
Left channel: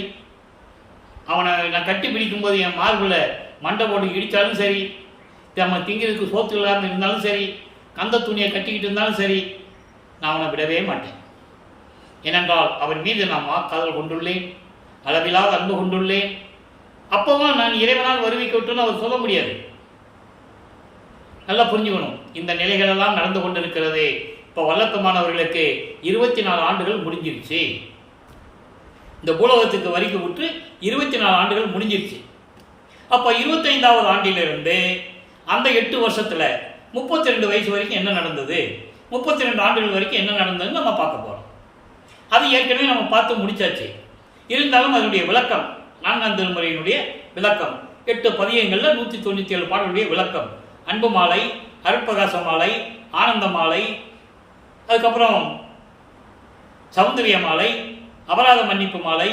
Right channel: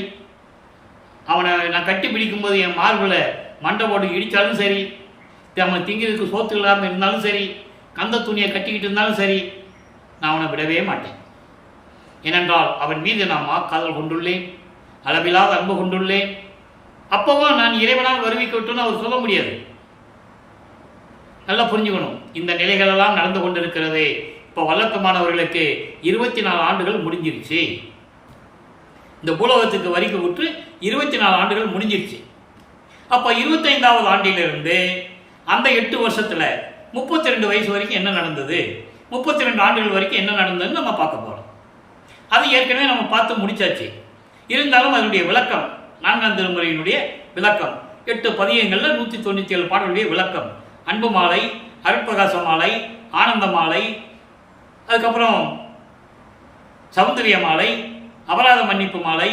அவனை நான் கட்டி பிடிக்கும்போது என் மார்பில் மண்டை போட்டு இடித்தாலும் சரி, அவன் திங்கிறதுக்கு சோத்து இல்லாமல் இருந்தாலும் சரி, கந்த துணியை கட்டிக்கிட்டு இருந்தாலும் சரி, நான் அவனை விடவே மாட்டேன். ஏனென்றால் அவன் மீது நான் காதல் கொண்டுள்ளேன், அளவிலாத அன்பு கொண்டுள்ளேன். அப்பவும் நான் இறைவனால் வருவிக்க விட்டுன்னு அவர் சொல்ல முடியாது. நல்லா புரிஞ்சுக்கணும். இந்த நிலைகளெல்லாம் நடந்து கொண்டிருக்கிறது. இப்போ வல்லப்பமானவர்களுக்கு 24 ஆண்டுகள் முடிஞ்சிருச்சு. இந்த பூலோகத்துக்கு வரிக்கு விட்டு 24 ஆண்டுகள் முடிஞ்சிருச்சு. அப்போ 25ஆவது ஆண்டிலிருந்து அந்த 8 வருஷத்தில் 32 வயசு வரைக்கும் என்ன நடந்தது, 32 ஆண்டுகள் வரைக்கும் என்ன நடந்ததுன்னு நம்ம பார்க்க போகிறோம். அது ஏற்கனவே நம்ம பார்த்து முடிச்சாச்சு. இருந்தாலும் அதனுடைய விளக்கம், 4ஆம் திருமுறையினுடைய விளக்கம், 8 பதியங்களில் 197 பாடலுடைய விளக்கம், அன்பு மாலை, அருட்பிரகாச மாலை, ஆனந்த மாலை, அதுக்கப்புறம் சௌந்தரிய மாலை, அபராத மன்னிப்பு மாலை,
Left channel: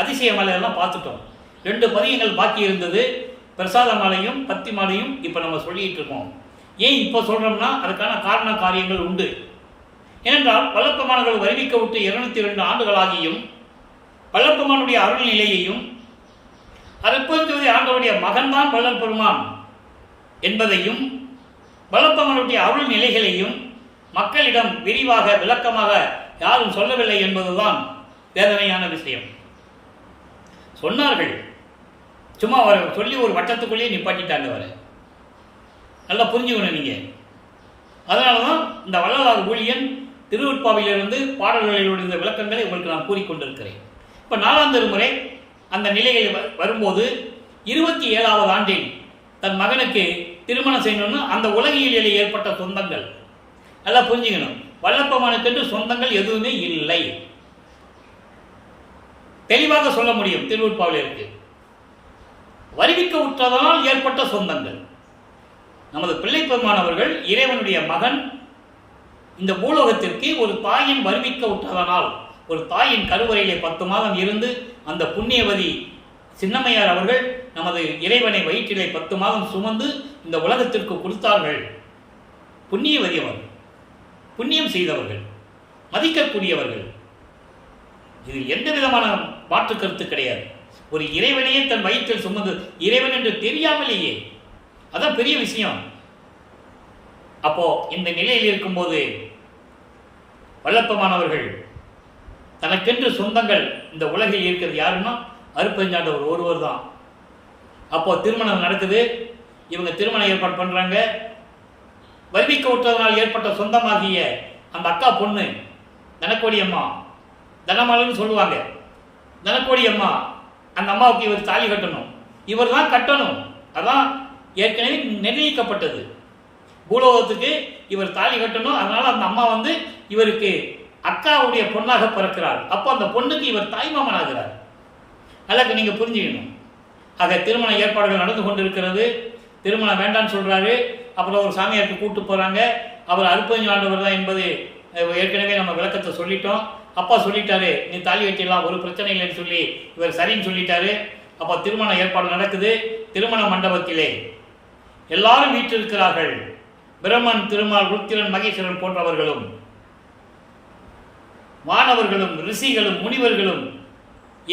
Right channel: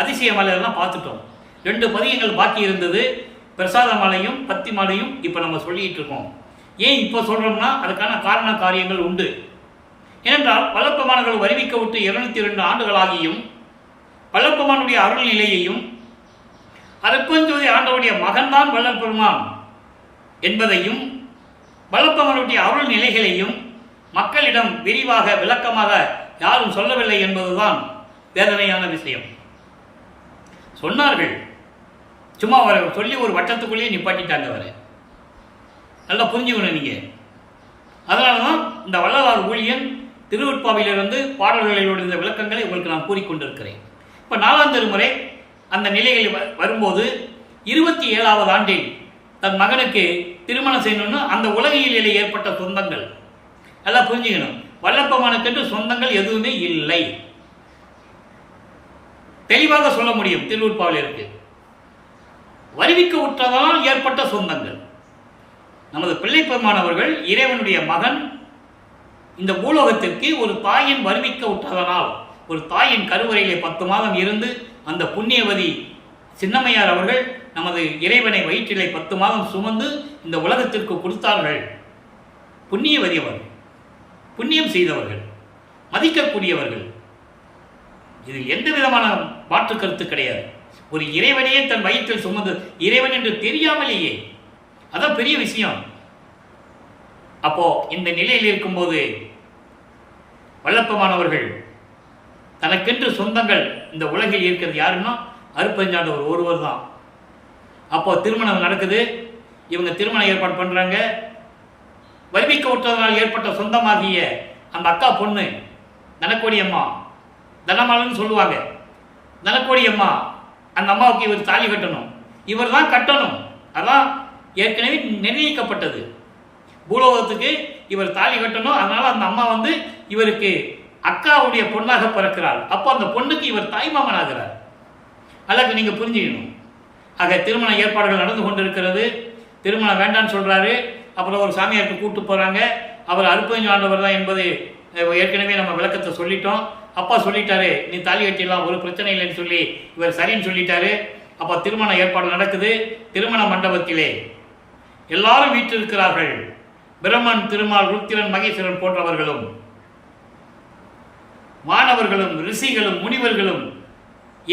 அதிசய மாலை எல்லாம் பார்த்துட்டோம். 2 பதியங்கள் பாக்கி இருந்தது, பிரசாத மாலையும் பத்தி மாலையும் இப்போ நம்ம சொல்லிகிட்டு இருக்கோம். ஏன் இப்போ சொல்கிறோம்னா அதுக்கான காரண காரியங்கள் உண்டு. ஏனென்றால் வல்லப்பமானவர்கள் வருவிக்க விட்டு 202 ஆண்டுகளாகியும் வல்லப்பமானுடைய அருள் நிலையையும் அருட்பெருஞ்சோதி ஆண்டவருடைய மகன்தான் வள்ளல் பெருமான் என்பதையும் வல்லப்பமானுடைய அருள் நிலைகளையும் மக்களிடம் விரிவாக விளக்கமாக யாரும் சொல்லவில்லை என்பதுதான் வேதனையான விஷயம். சொன்னார்கள், சும்மா அவரை சொல்லி ஒரு வட்டத்துக்குள்ளேயே நிப்பாட்டிட்டாங்க. அவரை நல்லா புரிஞ்சுக்கணும் நீங்கள். அதனால தான் இந்த வள்ளலார் ஊழியன் திருவுட்பாவிலிருந்து பாடல்களிலுடைய விளக்கங்களை உங்களுக்கு நான் கூறிக்கொண்டிருக்கிறேன். இப்போ 4ஆம் திருமுறை அந்த நிலைகளில் வரும்போது 27ஆவது ஆண்டில் தன் மகனுக்கு திருமணம் செய்யணும்னு அந்த உலகியலில் ஏற்பட்ட சொந்தங்கள் நல்லா புரிஞ்சுக்கணும். வல்லப்பமானுக்கென்று சொந்தங்கள் எதுவுமே இல்லை, தெளிவாக சொல்ல முடியும். திருவுட்பாவிலிருக்கு வருவிக்க உற்றதனால் ஏற்பட்ட சொந்தங்கள். நமது பிள்ளை பெருமானவர்கள் இறைவனுடைய மகன் இந்த பூலோகத்திற்கு ஒரு தாயின் வருவிக்க உற்றதனால், ஒரு தாயின் கருவறையிலே 10 மாதம் இருந்து அந்த புண்ணியவதி சின்னம்மையார் அவர்கள் நமது இறைவனை வயிற்றிலே 10 மாதம் சுமந்து இந்த உலகத்திற்கு கொடுத்தார்கள். புண்ணியவதி அவர்கள், புண்ணியம் செய்தவர்கள், மதிக்கக்கூடியவர்கள். இது எந்த விதமான மாற்று கருத்து கிடையாது. ஒரு இறைவனையே தன் வயிற்றில் சுமந்து, இறைவன் என்று தெரியாமலேயே, அதான் பெரிய விஷயம். அப்போ இந்த நிலையில் இருக்கும்போது வல்லப்பமானவர்கள் தனக்கென்று சொந்தங்கள் இந்த உலகில் இருக்கிறது யாருன்னா அருட்பெருஞ்சாண்டவர் ஒருவர் தான். அப்போ திருமணம் நடக்குது, இவங்க திருமண ஏற்பாடு பண்ணுறாங்க. வருவிக்க விட்டதனால் ஏற்பட்ட சொந்தமாகிய அந்த அக்கா பொண்ணு தனக்கோடி அம்மா தனமாலன்னு சொல்லுவாங்க. தனக்கோடி அம்மா, அந்த அம்மாவுக்கு இவர் தாலி கட்டணும், இவர் தான் கட்டணும். அதான் ஏற்கனவே நிர்ணயிக்கப்பட்டது. பூலோகத்துக்கு இவர் தாலி கட்டணும். அதனால் அந்த அம்மா வந்து இவருக்கு அக்காவுடைய பொண்ணாக பிறக்கிறார். அப்போ அந்த பொண்ணுக்கு இவர் தாய்மாமன் ஆகிறார். அதற்கு நீங்கள் புரிஞ்சுக்கணும். ஆக திருமண ஏற்பாடுகள் நடந்து கொண்டிருக்கிறது. திருமணம் வேண்டான்னு சொல்கிறாரு. அப்புறம் ஒரு சாமியாருக்கு கூப்பிட்டு போகிறாங்க. அவர் அருப்பஞ்சு ஆண்டவர் தான் என்பது ஏற்கனவே நம்ம விளக்கத்தை சொல்லிட்டோம். அப்பா சொல்லிட்டாரு, நீ தாலி கட்டிடலாம், ஒரு பிரச்சனை இல்லைன்னு சொல்லி இவர் சரின்னு சொல்லிட்டாரு. அப்போ திருமண ஏற்பாடு நடக்குது. திருமண மண்டபத்திலே எல்லாரும் வீற்றிருக்கிறார்கள். பிரம்மன், திருமால், ருத்திரன், மகேஸ்வரன் போன்றவர்களும், மாணவர்களும், ரிஷிகளும், முனிவர்களும்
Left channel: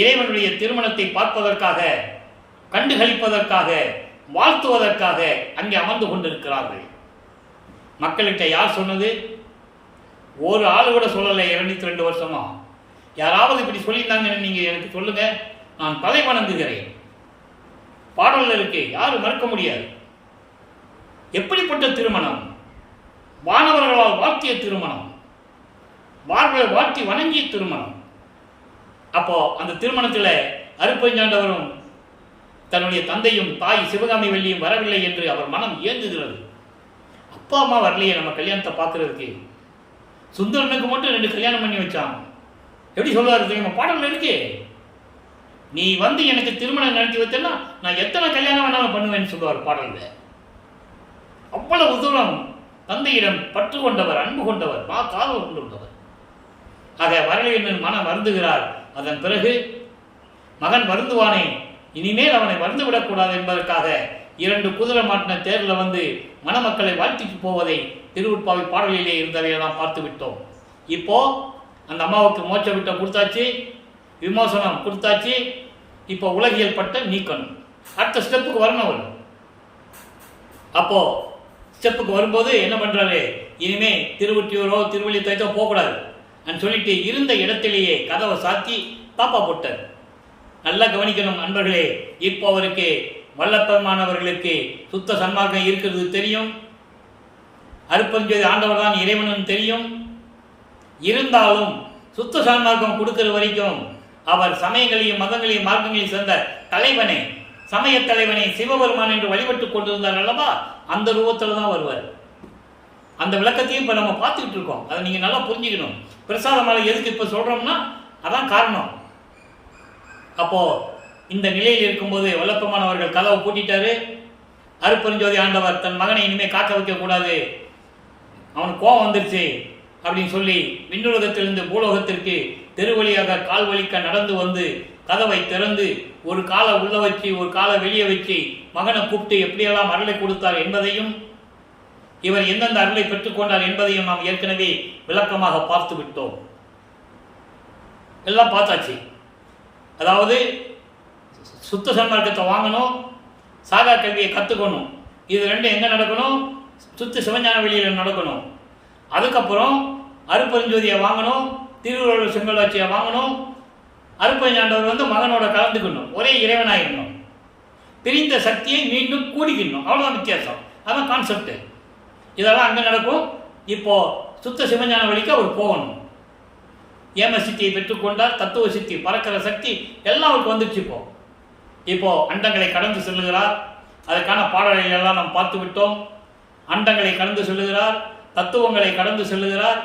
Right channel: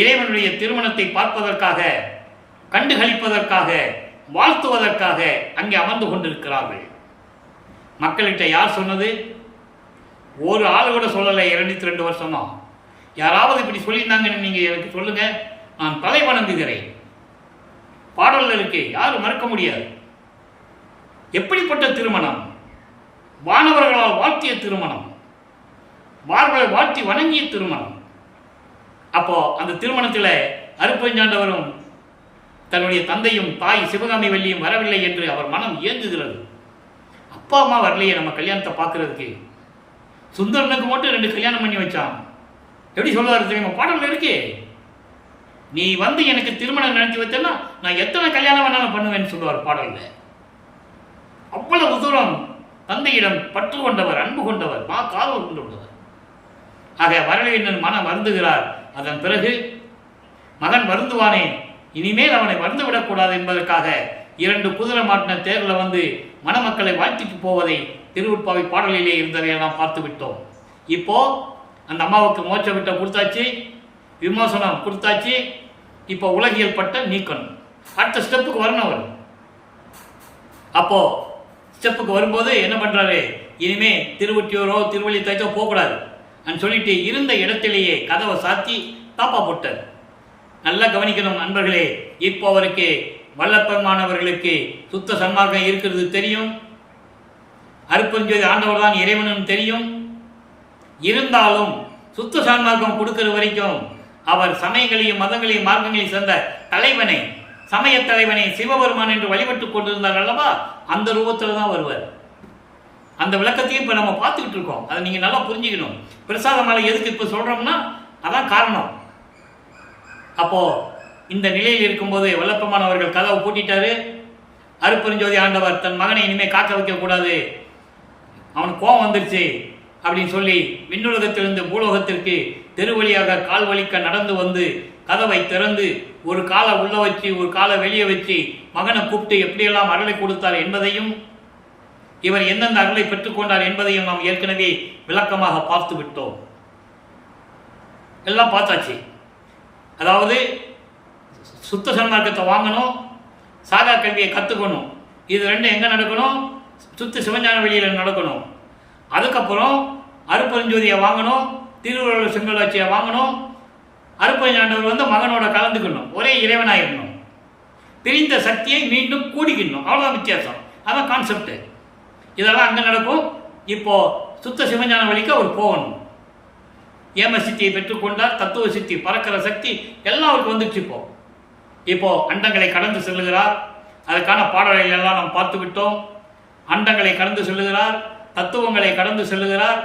இறைவனுடைய திருமணத்தை பார்ப்பதற்காக, கண்டுகளிப்பதற்காக, வாழ்த்துவதற்காக அங்கே அமர்ந்து கொண்டிருக்கிறார்கள். மக்கள்கிட்ட யார் சொன்னது? ஒரு ஆள் கூட சொல்லலை. 202 வருஷமா யாராவது இப்படி சொல்லியிருந்தாங்கன்னு நீங்கள் எனக்கு சொல்லுங்க, நான் தலை வணங்குகிறேன். பாடலில் இருக்கு, யாரும் மறுக்க முடியாது. எப்படிப்பட்ட திருமணம்? வானவர்களால் வாழ்த்திய திருமணம், மார்களை வாழ்த்தி வணங்கிய திருமணம். அப்போ அந்த திருமணத்தில் அருப்பஞ்சாண்டவரும் தன்னுடைய தந்தையும் தாய் சிவகாமி வள்ளியும் வரவில்லை என்று அவர் மனம் ஏங்குகிறது. அப்பா அம்மா வரலையே நம்ம கல்யாணத்தை பார்க்கறதுக்கு. சுந்தரனுக்கு மட்டும் 2 கல்யாணம் பண்ணி வச்சான். எப்படி சொல்லுவார் தெரியுமா? பாடல்ல இருக்கு, நீ வந்து எனக்கு திருமணம் நடத்தி வச்சேன்னா நான் எத்தனை கல்யாணம் வேணாலும் பண்ணுவேன்னு சொல்லுவார் பாடல்ல. அவ்வளவு தூரம் தந்தையிடம் பற்று கொண்டவர், அன்பு கொண்டவர், காதல் கொண்டவர். ஆக வரலையின் மனம் வருந்துகிறார். அதன் பிறகு மகன் வருந்துவானே, இனிமேல் அவனை வந்து விடக்கூடாது என்பதற்காக 2 குதிரை மாட்டின தேரில் வந்து மணமக்களை வாழ்த்திட்டு போவதை திருவுட்பாவை பாடலிலே இருந்ததையெல்லாம் பார்த்து விட்டோம். இப்போ அந்த அம்மாவுக்கு மோட்ச விட்டம் கொடுத்தாச்சு, விமோசனம் கொடுத்தாச்சு. இப்போ உலகியல் பட்ட நீக்கணும். அடுத்த ஸ்டெப்புக்கு வரணும் அவர். அப்போ ஸ்டெப்புக்கு வரும்போது என்ன பண்றாரு? இனிமே திருவொற்றியூரோ திருவள்ளித்தாய்த்தோ போகக்கூடாது அப்படின்னு சொல்லிட்டு இருந்த இடத்திலேயே கதவை சாத்தி தாப்பா போட்டார். நல்லா கவனிக்கணும் நண்பர்களே. இப்போ அவருக்கு வல்லப்பெருமானவர்களுக்கு சுத்த சன்மார்க்கம் இருக்கிறது தெரியும். அருப்பஞ்சோதி ஆண்டவர் தான் இறைவனும் தெரியும். இருந்தாலும் சுத்த சன்மார்க்கம் கொடுக்கிற வரைக்கும் அவர் சமயங்களையும் மதங்களையும் மார்க்கங்களையும் சேர்ந்த தலைவனை, சமய தலைவனை சிவபெருமான் என்று வழிபட்டு கொண்டிருந்தார் அல்லவா, அந்த ரூபத்தில் தான் வருவார். அந்த விளக்கத்தையும் இப்போ நம்ம பார்த்துக்கிட்டு இருக்கோம். அதை நீங்கள் நல்லா புரிஞ்சுக்கணும். பிரசாத மாலை எதுக்கு இப்போ சொல்கிறோம்னா அதான் காரணம். அப்போது இந்த நிலையில் இருக்கும்போது வல்லப்பெருமானவர்கள் கதவை பூட்டிட்டாரு. அருப்பெருஞ்சோதி ஆண்டவர் தன் மகனை இனிமேல் காக்க வைக்கக்கூடாது, அவனுக்கு கோபம் வந்துருச்சு அப்படின்னு சொல்லி விண்ணுலகத்திலிருந்து பூலோகத்திற்கு தெருவழியாக கால் வலிக்க நடந்து வந்து கதவை திறந்து ஒரு காலை உள்ள வச்சு ஒரு காலை வெளியே வச்சு மகனை கூப்பிட்டு எப்படியெல்லாம் அருளை கொடுத்தார் என்பதையும் இவர் எந்தெந்த அருளை பெற்றுக்கொண்டார் என்பதையும் நாம் ஏற்கனவே விளக்கமாக பார்த்து விட்டோம். எல்லாம் பார்த்தாச்சு. அதாவது சுத்த சன்மார்க்கத்தை வாங்கணும், சாகா கல்வியை கற்றுக்கணும். இது ரெண்டும் எங்கே நடக்கணும்? சுத்த சிவஞான வெளியில் நடக்கணும். அதுக்கப்புறம் அருப்பெருஞ்சோதியை வாங்கணும், திருவுருள செங்கலாட்சியை வாங்கணும். அருப்பெருஞ்சாண்டவர் வந்து மகனோட கலந்துக்கணும், ஒரே இறைவனாயிடணும். பிரிந்த சக்தியை மீண்டும் கூடிக்கணும், அவ்வளோதான் வித்தியாசம். அதான் கான்செப்ட். இதெல்லாம் அங்கே நடக்கும். இப்போது சுத்த சிவஞான வழிக்கு அவர் போகணும். ஏம சித்தியை பெற்றுக்கொண்டார், தத்துவ சித்தி, பறக்கிற சக்தி எல்லாம் அவருக்கு வந்துடுச்சு. இப்போ அண்டங்களை கடந்து செல்லுகிறார். அதுக்கான பாடல்களை எல்லாம் நாம் பார்த்து விட்டோம். அண்டங்களை கடந்து செல்லுகிறார், தத்துவங்களை கடந்து செல்லுகிறார்,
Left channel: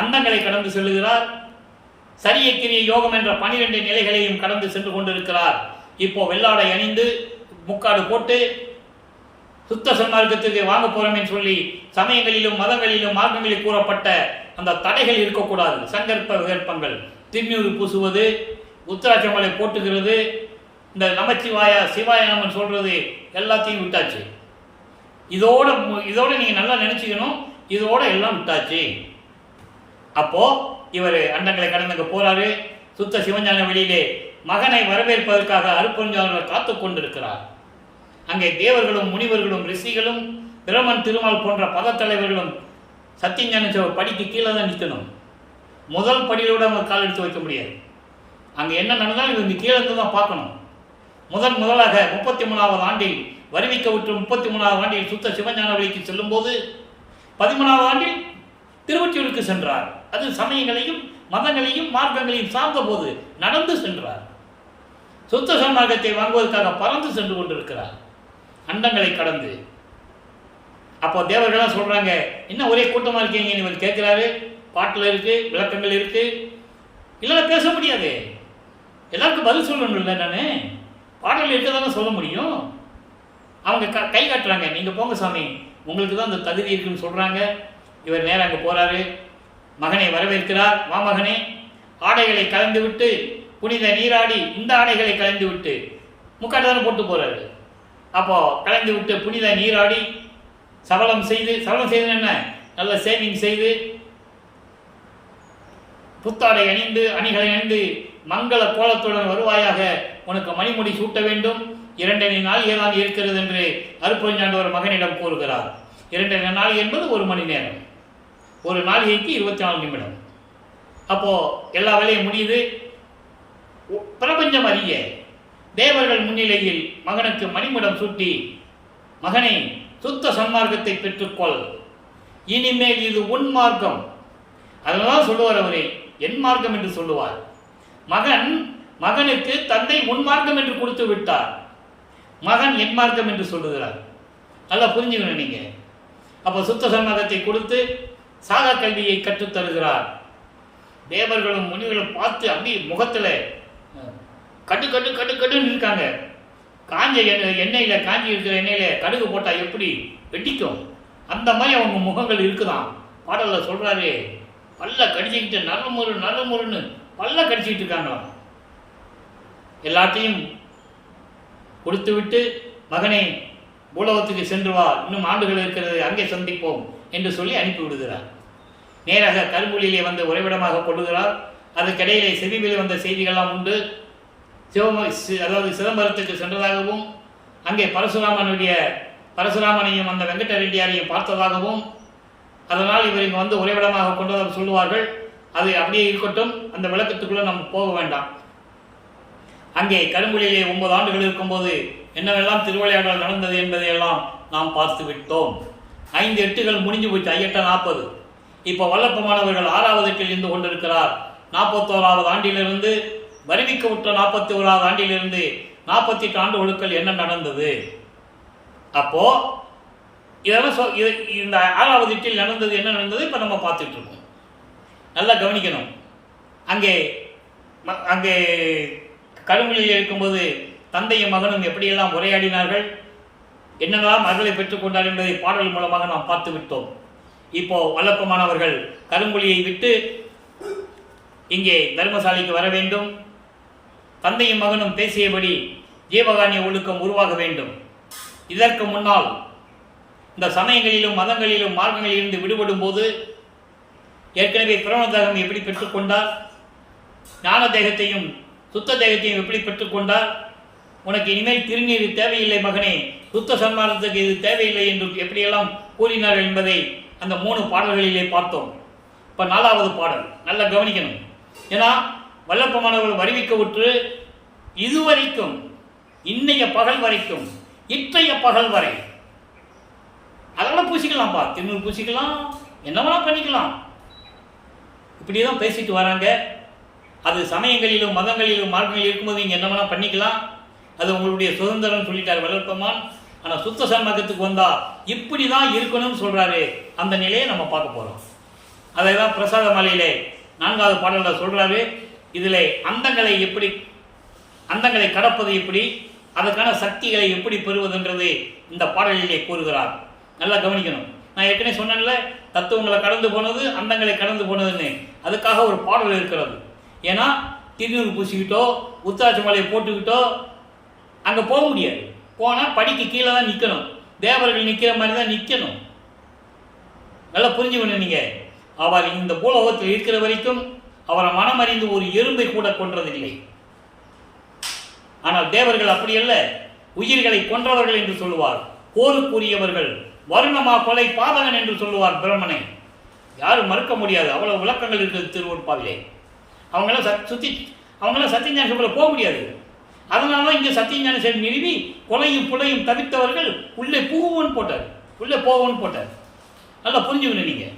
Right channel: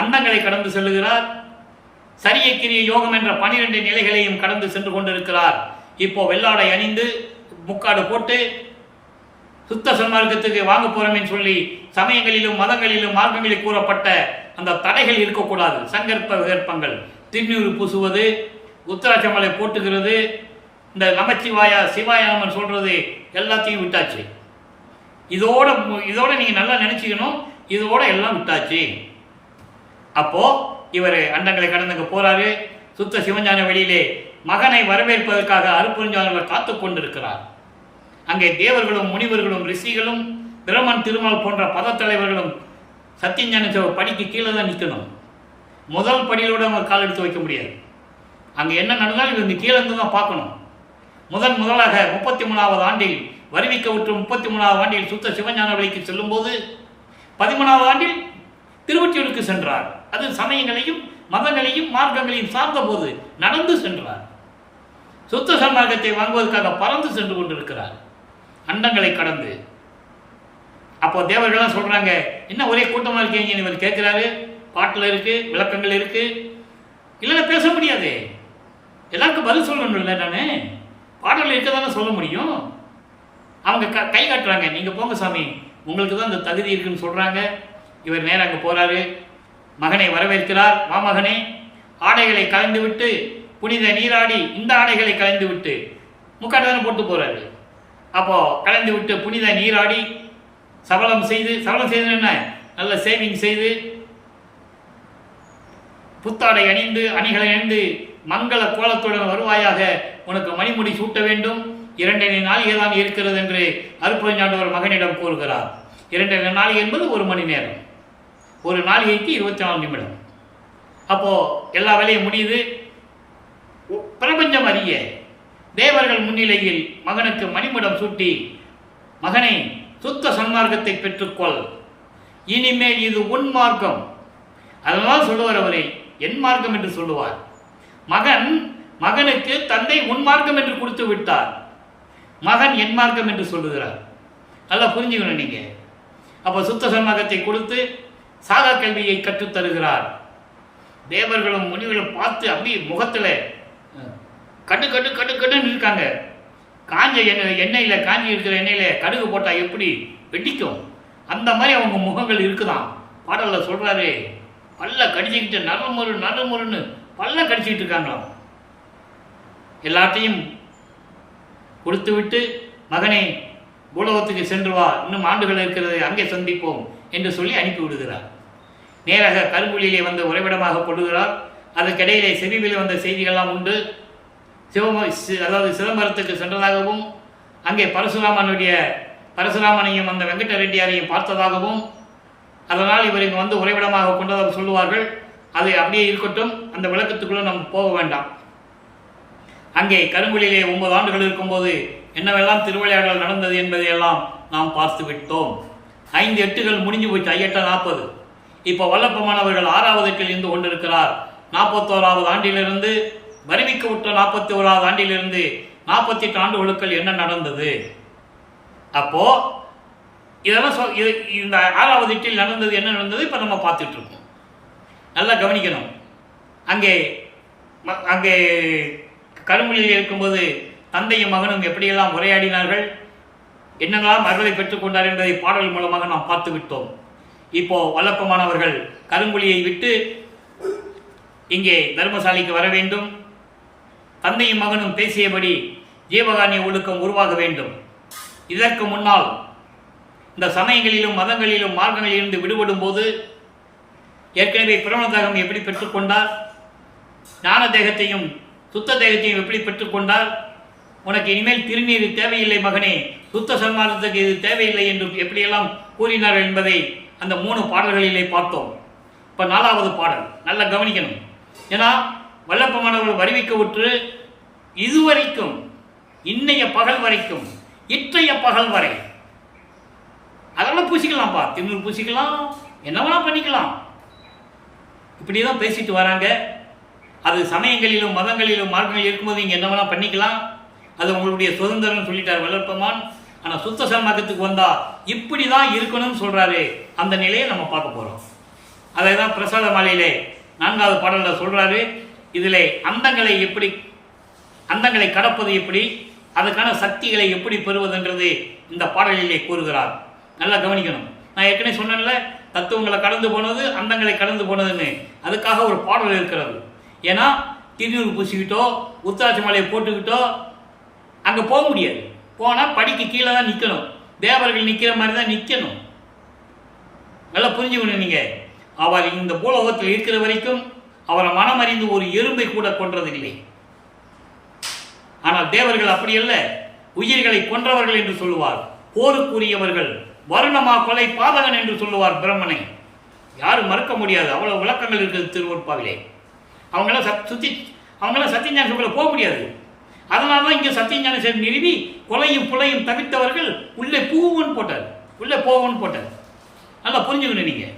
அண்டங்களை கடந்து செல்லுகிறார், சரிய கிரிய யோகம் என்ற 12 நிலைகளையும் கடந்து சென்று கொண்டிருக்கிறார். இப்போ வெள்ளாடை அணிந்து முக்காடு போட்டு சுத்த சன்மார்க்கத்துக்கு வாங்க போறோம்னு சொல்லி சமயங்களிலும் மதங்களிலும் மார்க்கங்களில் கூறப்பட்ட அந்த தடைகள் இருக்கக்கூடாது. சங்கற்ப விகற்பங்கள், திருநீறு பூசுவது, உத்தராட்சமலை போட்டுகிறது, இந்த நமச்சிவாயா சிவாயானமன் சொல்றது எல்லாத்தையும் விட்டாச்சு. இதோட நீங்கள் நல்லா நினச்சிக்கணும், இதோட எல்லாம் விட்டாச்சு. அப்போ இவர் அண்டங்களை கடந்துங்க போறாரு. சுத்த சிவஞான வெளியிலே மகனை வரவேற்பதற்காக அருப்பெருஞ்சாண்டவர் காத்து கொண்டிருக்கிறார். அங்கே தேவர்களும் முனிவர்களும் ரிஷிகளும் பிரமன் திருமால் போன்ற பதத்தலைவர்களும் சத்தியஞான படிக்கு கீழே தான் நிற்கணும். முதல் படியிலோட அவங்க கால் எடுத்து வைக்க முடியாது. அங்கே என்ன நடந்தாலும் இவங்க கீழே இருந்து தான் பார்க்கணும். முதலாக 33வது ஆண்டில் வருவிக்க விட்டு 33வது ஆண்டில் சுத்த சிவஞான வழிக்கு செல்லும் போது 13வது ஆண்டில் திருவொற்றியூருக்கு சென்றார். அது சமயங்களையும் மதங்களையும் மார்க்கங்களையும் சார்ந்த போது நடந்து சென்றார். சுத்த சன்மார்க்கத்தை வாங்குவதற்காக பறந்து சென்று கொண்டிருக்கிறார், அண்டங்களை கடந்து. அப்போ தேவர்கள்லாம் சொல்றாங்க, என்ன ஒரே கூட்டமாக இருக்கீங்கன்னு இவர் கேட்கிறாரு. பாட்டில் இருக்கு, விளக்கங்கள் இருக்கு, இல்லைன்னா பேச முடியாது. எல்லாருக்கும் பதில் சொல்லணும் இல்லை, நான் பாடலில் இருக்கதானே சொல்ல முடியும். அவங்க கை காட்டுறாங்க, நீங்கள் போங்க சாமி, உங்களுக்கு தான் இந்த தகுதி இருக்குன்னு சொல்கிறாங்க. இவர் நேராக அங்கே போகிறாரு, மகனை வரவேற்கிறார். வா மகனே, ஆடைகளை கலைந்து விட்டு புனித நீராடி இந்த ஆடைகளை கலைந்து விட்டு முக்காட்டு தானே போட்டு போகிறாரு. அப்போது கலைந்து விட்டு புனித நீராடி சபலம் செய்து என்ன, நல்ல சேவிங் செய்து புத்தாடை அணிந்து அணிகளை அணிந்து மங்கள கோலத்துடன் வருவாயாக, உனக்கு மணிமுடி சூட்ட வேண்டும். 2 நாளிகை தான் இருக்கிறது என்று அருட்பெருஞ்சாண்டவர் மகனிடம் கூறுகிறார். 2 நாளிகை என்பது 1 மணி நேரம், ஒரு நாளிகைக்கு 24 நிமிடம். அப்போ எல்லா வேலையும் முடியுது. பிரபஞ்சம் அறிய தேவர்கள் முன்னிலையில் மகனுக்கு மணிமுடம் சூட்டி, மகனை சுத்த சன்மார்க்கத்தை பெற்றுக்கொள், இனிமேல் இது உன் மார்க்கம். அதனால்தான் சொல்லுவார் அவரை என் மார்க்கம் என்று சொல்லுவார். மகனுக்கு தந்தை உன் மார்க்கம் என்று கொடுத்து விட்டார், மகன் என் மார்க்கம் என்று சொல்லுகிறார். நல்லா புரிஞ்சுக்கணும் நீங்க. அப்போ சுத்த சன்மார்க்கத்தை கொடுத்து சாகா கல்வியை கற்றுத்தருகிறார். தேவர்களும் முனிவர்களும் பார்த்து அப்படியே முகத்தில் கட்டுன்னு இருக்காங்க. காஞ்ச எண்ணெயில், காஞ்சி இருக்கிற எண்ணெயில் கடுகு போட்டால் எப்படி வெட்டிக்கும், அந்த மாதிரி அவங்க முகங்கள் இருக்குதான். பாடலில் சொல்கிறாரு, பல்ல கடிச்சிக்கிட்டு நறுமுறுன்னு பல்ல கடிச்சிக்கிட்டு இருக்காங்களாம். எல்லாத்தையும் கொடுத்து விட்டு, மகனை பூலோகத்துக்கு சென்று வா, இன்னும் ஆண்டுகள் இருக்கிறது, அங்கே சந்திப்போம் என்று சொல்லி அனுப்பி விடுகிறார். நேராக கரும்புலியிலே வந்து உறைவிடமாக கொள்ளுகிறார். அதுக்கிடையிலே செவியில் வந்த செய்திகள்லாம் உண்டு. சிதம்பரத்துக்கு சென்றதாகவும், அங்கே பரசுராமனையும் அந்த வெங்கட ரெட்டியாரையும் பார்த்ததாகவும், அதனால் இவர் இங்கே வந்து உறைவிடமாக கொண்டதாக சொல்லுவார்கள். அது அப்படியே இருக்கட்டும், அந்த விளக்கத்துக்குள்ளே நம்ம போக வேண்டாம். அங்கே கரும்புலியிலே 9 ஆண்டுகள் இருக்கும்போது என்னவெல்லாம் திருவிளையாடல் நடந்தது என்பதையெல்லாம் நாம் பார்த்து விட்டோம். 5 எட்டுகள் முடிஞ்சு போச்சு, 5 40. இப்போ வல்லப்பமானவர்கள் 6வது எட்டில் இருந்து கொண்டிருக்கிறார். 41வது ஆண்டிலிருந்து வருவிக்க விட்ட 41வது ஆண்டிலிருந்து 48 ஆண்டுகளுக்குள் என்ன நடந்தது. அப்போ இதெல்லாம் இந்த 6வது எட்டில் நடந்தது என்ன நடந்தது இப்போ நம்ம பார்த்துட்டு இருக்கோம். நல்லா கவனிக்கணும். அங்கே கரும்புலியில் இருக்கும்போது தந்தையும் மகனும் எப்படியெல்லாம் உரையாடினார்கள், என்னெல்லாம் அருளை பெற்றுக்கொண்டார் என்பதை பாடல் மூலமாக நாம் பார்த்து விட்டோம். இப்போ வல்லப்பமானவர்கள் கரும்புலியை விட்டு இங்கே தர்மசாலைக்கு வர வேண்டும். தந்தையும் மகனும் பேசியபடி ஜீவகானிய ஒழுக்கம் உருவாக வேண்டும். இதற்கு முன்னால் இந்த சமயங்களிலும் மதங்களிலும் மார்க்கங்களிலிருந்து விடுபடும் போது ஏற்கனவே பிரவண தேகம் எப்படி பெற்றுக்கொண்டார், ஞான தேகத்தையும் சுத்த தேகத்தையும் எப்படி பெற்றுக்கொண்டார், உனக்கு இனிமேல் திருநீர் தேவையில்லை மகனே, சுத்த சன்மார்க்கத்துக்கு இது தேவையில்லை என்று எப்படியெல்லாம் கூறினார்கள் என்பதை அந்த 3 பாடல்களிலே பார்த்தோம். இப்போ 4வது பாடல் நல்லா கவனிக்கணும். ஏன்னா வல்லப்பமானவர்கள் வருவிக்க விட்டு இதுவரைக்கும், இன்னைய பகல் வரைக்கும், இற்றைய பகல் வரை அதெல்லாம் பூசிக்கலாம்ப்பா, திருநூறு பூசிக்கலாம், என்ன வேணா பண்ணிக்கலாம், இப்படி தான் பேசிட்டு வராங்க. அது சமயங்களிலும் மதங்களிலும் மார்க்கங்களில் இருக்கும்போது நீங்கள் என்ன வேணா பண்ணிக்கலாம், அது உங்களுடைய சுதந்திரம் சொல்லிட்டார் வல்லப்பமான். ஆனால் சுத்த சன்மார்க்கத்துக்கு வந்தால் இப்படி தான் இருக்கணும்னு சொல்கிறாரு. அந்த நிலையை நம்ம பார்க்க போகிறோம். அதை தான் பிரசாத மாலையிலே 4வது பாடலில் சொல்கிறாரு. இதில் அந்தங்களை கடப்பது எப்படி, அதுக்கான சக்திகளை எப்படி பெறுவதுன்றது இந்த பாடலிலே கூறுகிறார். நல்லா கவனிக்கணும். நான் ஏற்கனவே சொன்னேன்ல, தத்துவங்களை கடந்து போனது, அந்தங்களை கடந்து போனதுன்னு, அதுக்காக ஒரு பாடல் இருக்கிறது. ஏன்னா திருநூறு பூசிக்கிட்டோ உத்தராட்ச மாலையை போட்டுக்கிட்டோ அங்கே போக முடியாது. போனால் படிக்கு கீழே தான் நிற்கணும், தேவர்கள் நிற்கிற மாதிரி தான் நிற்கணும். நல்லா புரிஞ்சுக்கணும் நீங்கள். அவர் இந்த பூலோகத்தில் இருக்கிற வரைக்கும் அவரை மனமறிந்து ஒரு எறும்பை கூட கொன்றதில்லை. ஆனால் தேவர்கள் அப்படியல்ல, உயிர்களை கொன்றவர்கள் என்று சொல்லுவார். போருக்குரியவர்கள், வருணமா கொலை பாதகன் என்று சொல்லுவார் பிரம்மனை. யாரும் மறுக்க முடியாது, அவ்வளவு விளக்கங்கள் இருக்குது திருவொற்பாவிலே. அவங்களாம் சத்தியஞான சபையில் போக முடியாது. அதனால தான் இங்கே சத்தியஞான சபை நிறுவி கொலையும் புலையும் தவிர்த்தவர்கள் உள்ளே போவோன்னு போட்டார். நல்லா புரிஞ்சுக்கணும் நீங்கள்.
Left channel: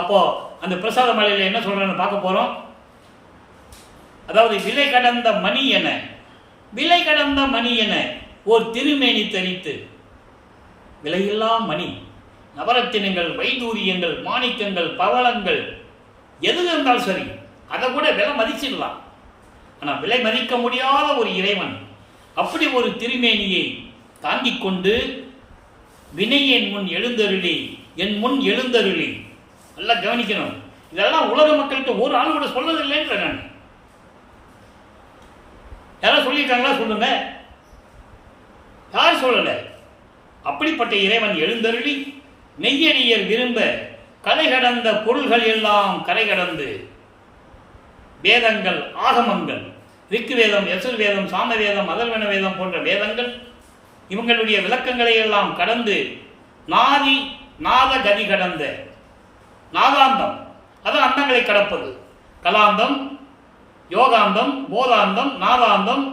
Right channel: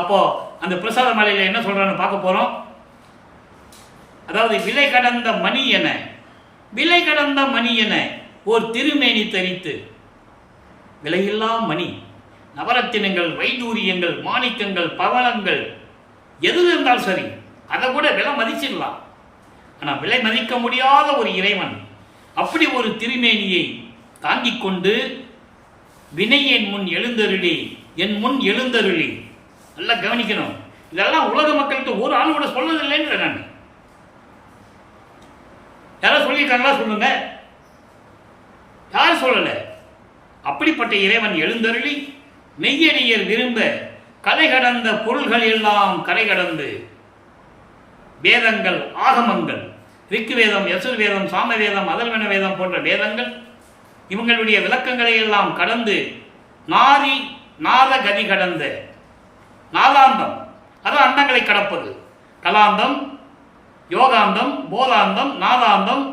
அப்போது அந்த பிரசாத மலையில் என்ன சொல்கிறான்னு பார்க்க போகிறோம். அதாவது விலை கடந்த மணி என ஓர் திருமேனி தரித்து, விலையில்லா மணி, நவரத்தினங்கள், வைடூரியங்கள், மாணிக்கங்கள், பவளங்கள் எது இருந்தாலும் சரி, அதை கூட விலை மதிச்சிடலாம். ஆனால் விலை மதிக்க முடியாத ஒரு இறைவன் அப்படி ஒரு திருமேனியை தாங்கிக் கொண்டு வினையின் முன் எழுந்தருளி நல்லா கவனிக்கணும். இதெல்லாம் உலக மக்கள்கிட்ட ஒரு ஆள் கூட சொல்லதில்லைன்ற நான். யாராவது சொல்லியிருக்காங்களா? சொல்லுங்க. யார் சொல்லலை? அப்படிப்பட்ட இறைவன் எழுந்தருளி மெய்யடியர் விரும்ப கலை கடந்த பொருள்கள் எல்லாம் கரை கடந்து, வேதங்கள், ஆகமங்கள், ரிக்கு வேதம், யசுர் வேதம், சாம வேதம், அதர்வன வேதம் போன்ற வேதங்கள் இவங்களுடைய விளக்கங்களை எல்லாம் கடந்து நாத கதி கடந்த நாதாந்தம், அதான் அண்டங்களை கடப்பது. கலாந்தம், யோகாந்தம், போதாந்தம், நாதாந்தம்,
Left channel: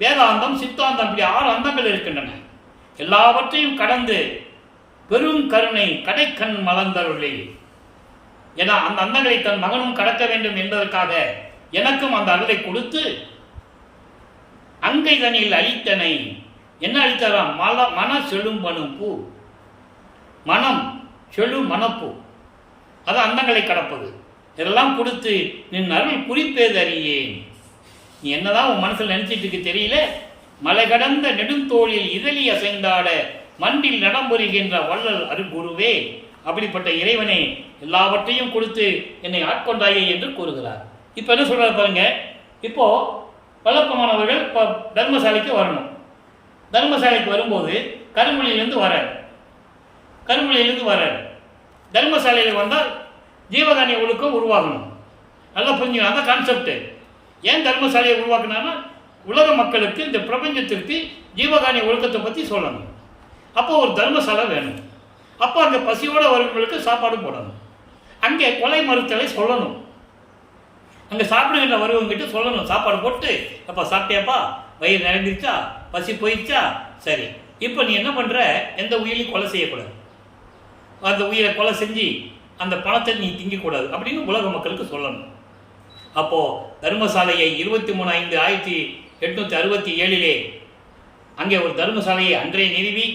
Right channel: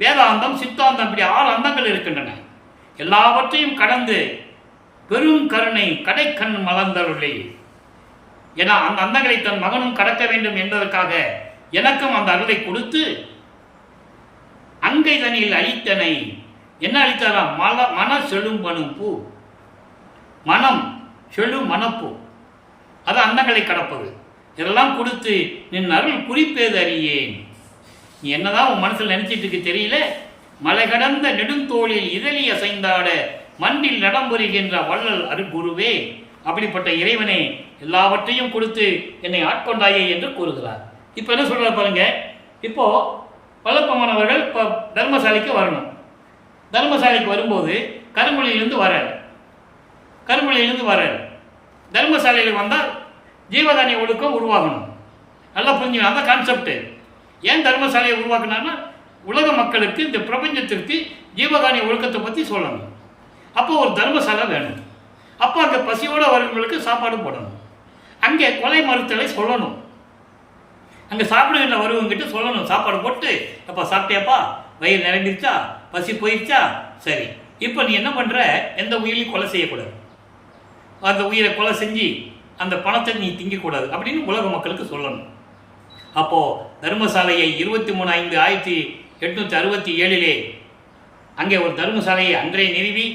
வேதாந்தம், சித்தாந்தம், இப்படி 6 அந்தங்கள் இருக்கின்றன. எல்லாவற்றையும் கடந்து பெரும் கருணை கடைக்கண் மலர்ந்தருளே. ஏன்னா அந்த அந்தங்களை தன் மகனும் கடக்க வேண்டும் என்பதற்காக எனக்கும் அந்த அருளை கொடுத்து அங்கை தனியில் அளித்தனை. என்ன அளித்தாராம்? மன செழும் பனும் பூ, மனம் செழு மனப்பூ, அது அந்தங்களை கடப்பது. இதெல்லாம் கொடுத்து நின் அருள் குறிப்பேது அறியேன். நீ என்னதான் உன் மனசில் நினைச்சிட்டு இருக்கு தெரியல. மலை கடந்த நெடுந்தோளில் இதழி அசைந்தாட மண்டில் நடம்புரிகின்ற வள்ளல் அருகுருவே, அப்படிப்பட்ட இறைவனை எல்லாவற்றையும் கொடுத்து என்னை ஆட்கொண்டாயே என்று கூறுகிறார். இப்போ என்ன சொல்கிறார் பாருங்க. இப்போ வல்லப்பமானவர்கள் இப்போ தர்மசாலைக்கு வரணும். தர்மசாலைக்கு வரும்போது கருங்குழியிலேருந்து வரார். தர்மசாலையில் வந்தால் ஜீவகாரிய ஒழுக்கம் உருவாகணும். நல்லா புரிஞ்சுக்கணும் அந்த கான்செப்ட். ஏன் தர்மசாலையை உருவாக்குனான்னா உலக மக்களுக்கு, இந்த பிரபஞ்சத்திற்கு ஜீவகாரிய ஒழுக்கத்தை பற்றி சொல்லணும். அப்போ ஒரு தர்மசாலை வேணும். அப்போ அங்கே பசியோடு வரவங்களுக்கு சாப்பாடு போடணும். அங்கே கொலை மறுத்தலை சொல்லணும். அங்கே சாப்பிடுகின்ற வருவங்கிட்ட சொல்லணும். சாப்பாடு போட்டு, அப்போ சாப்பிட்டியாப்பா, வயிறு நிரம்பிடுச்சா, பசி போயிடுச்சா, சரி இப்போ நீ என்ன பண்ணுற, எந்த உயிரையும் கொலை செய்யக்கூடாது, அந்த உயிரை கொலை செஞ்சு அந்த பணத்தை நீ திங்கக்கூடாது அப்படின்னு உலக மக்களுக்கு சொல்லணும். அப்போது தர்மசாலையை 23/5/1867 அங்கே ஒரு தர்மசாலையை அன்றே நிறுவி,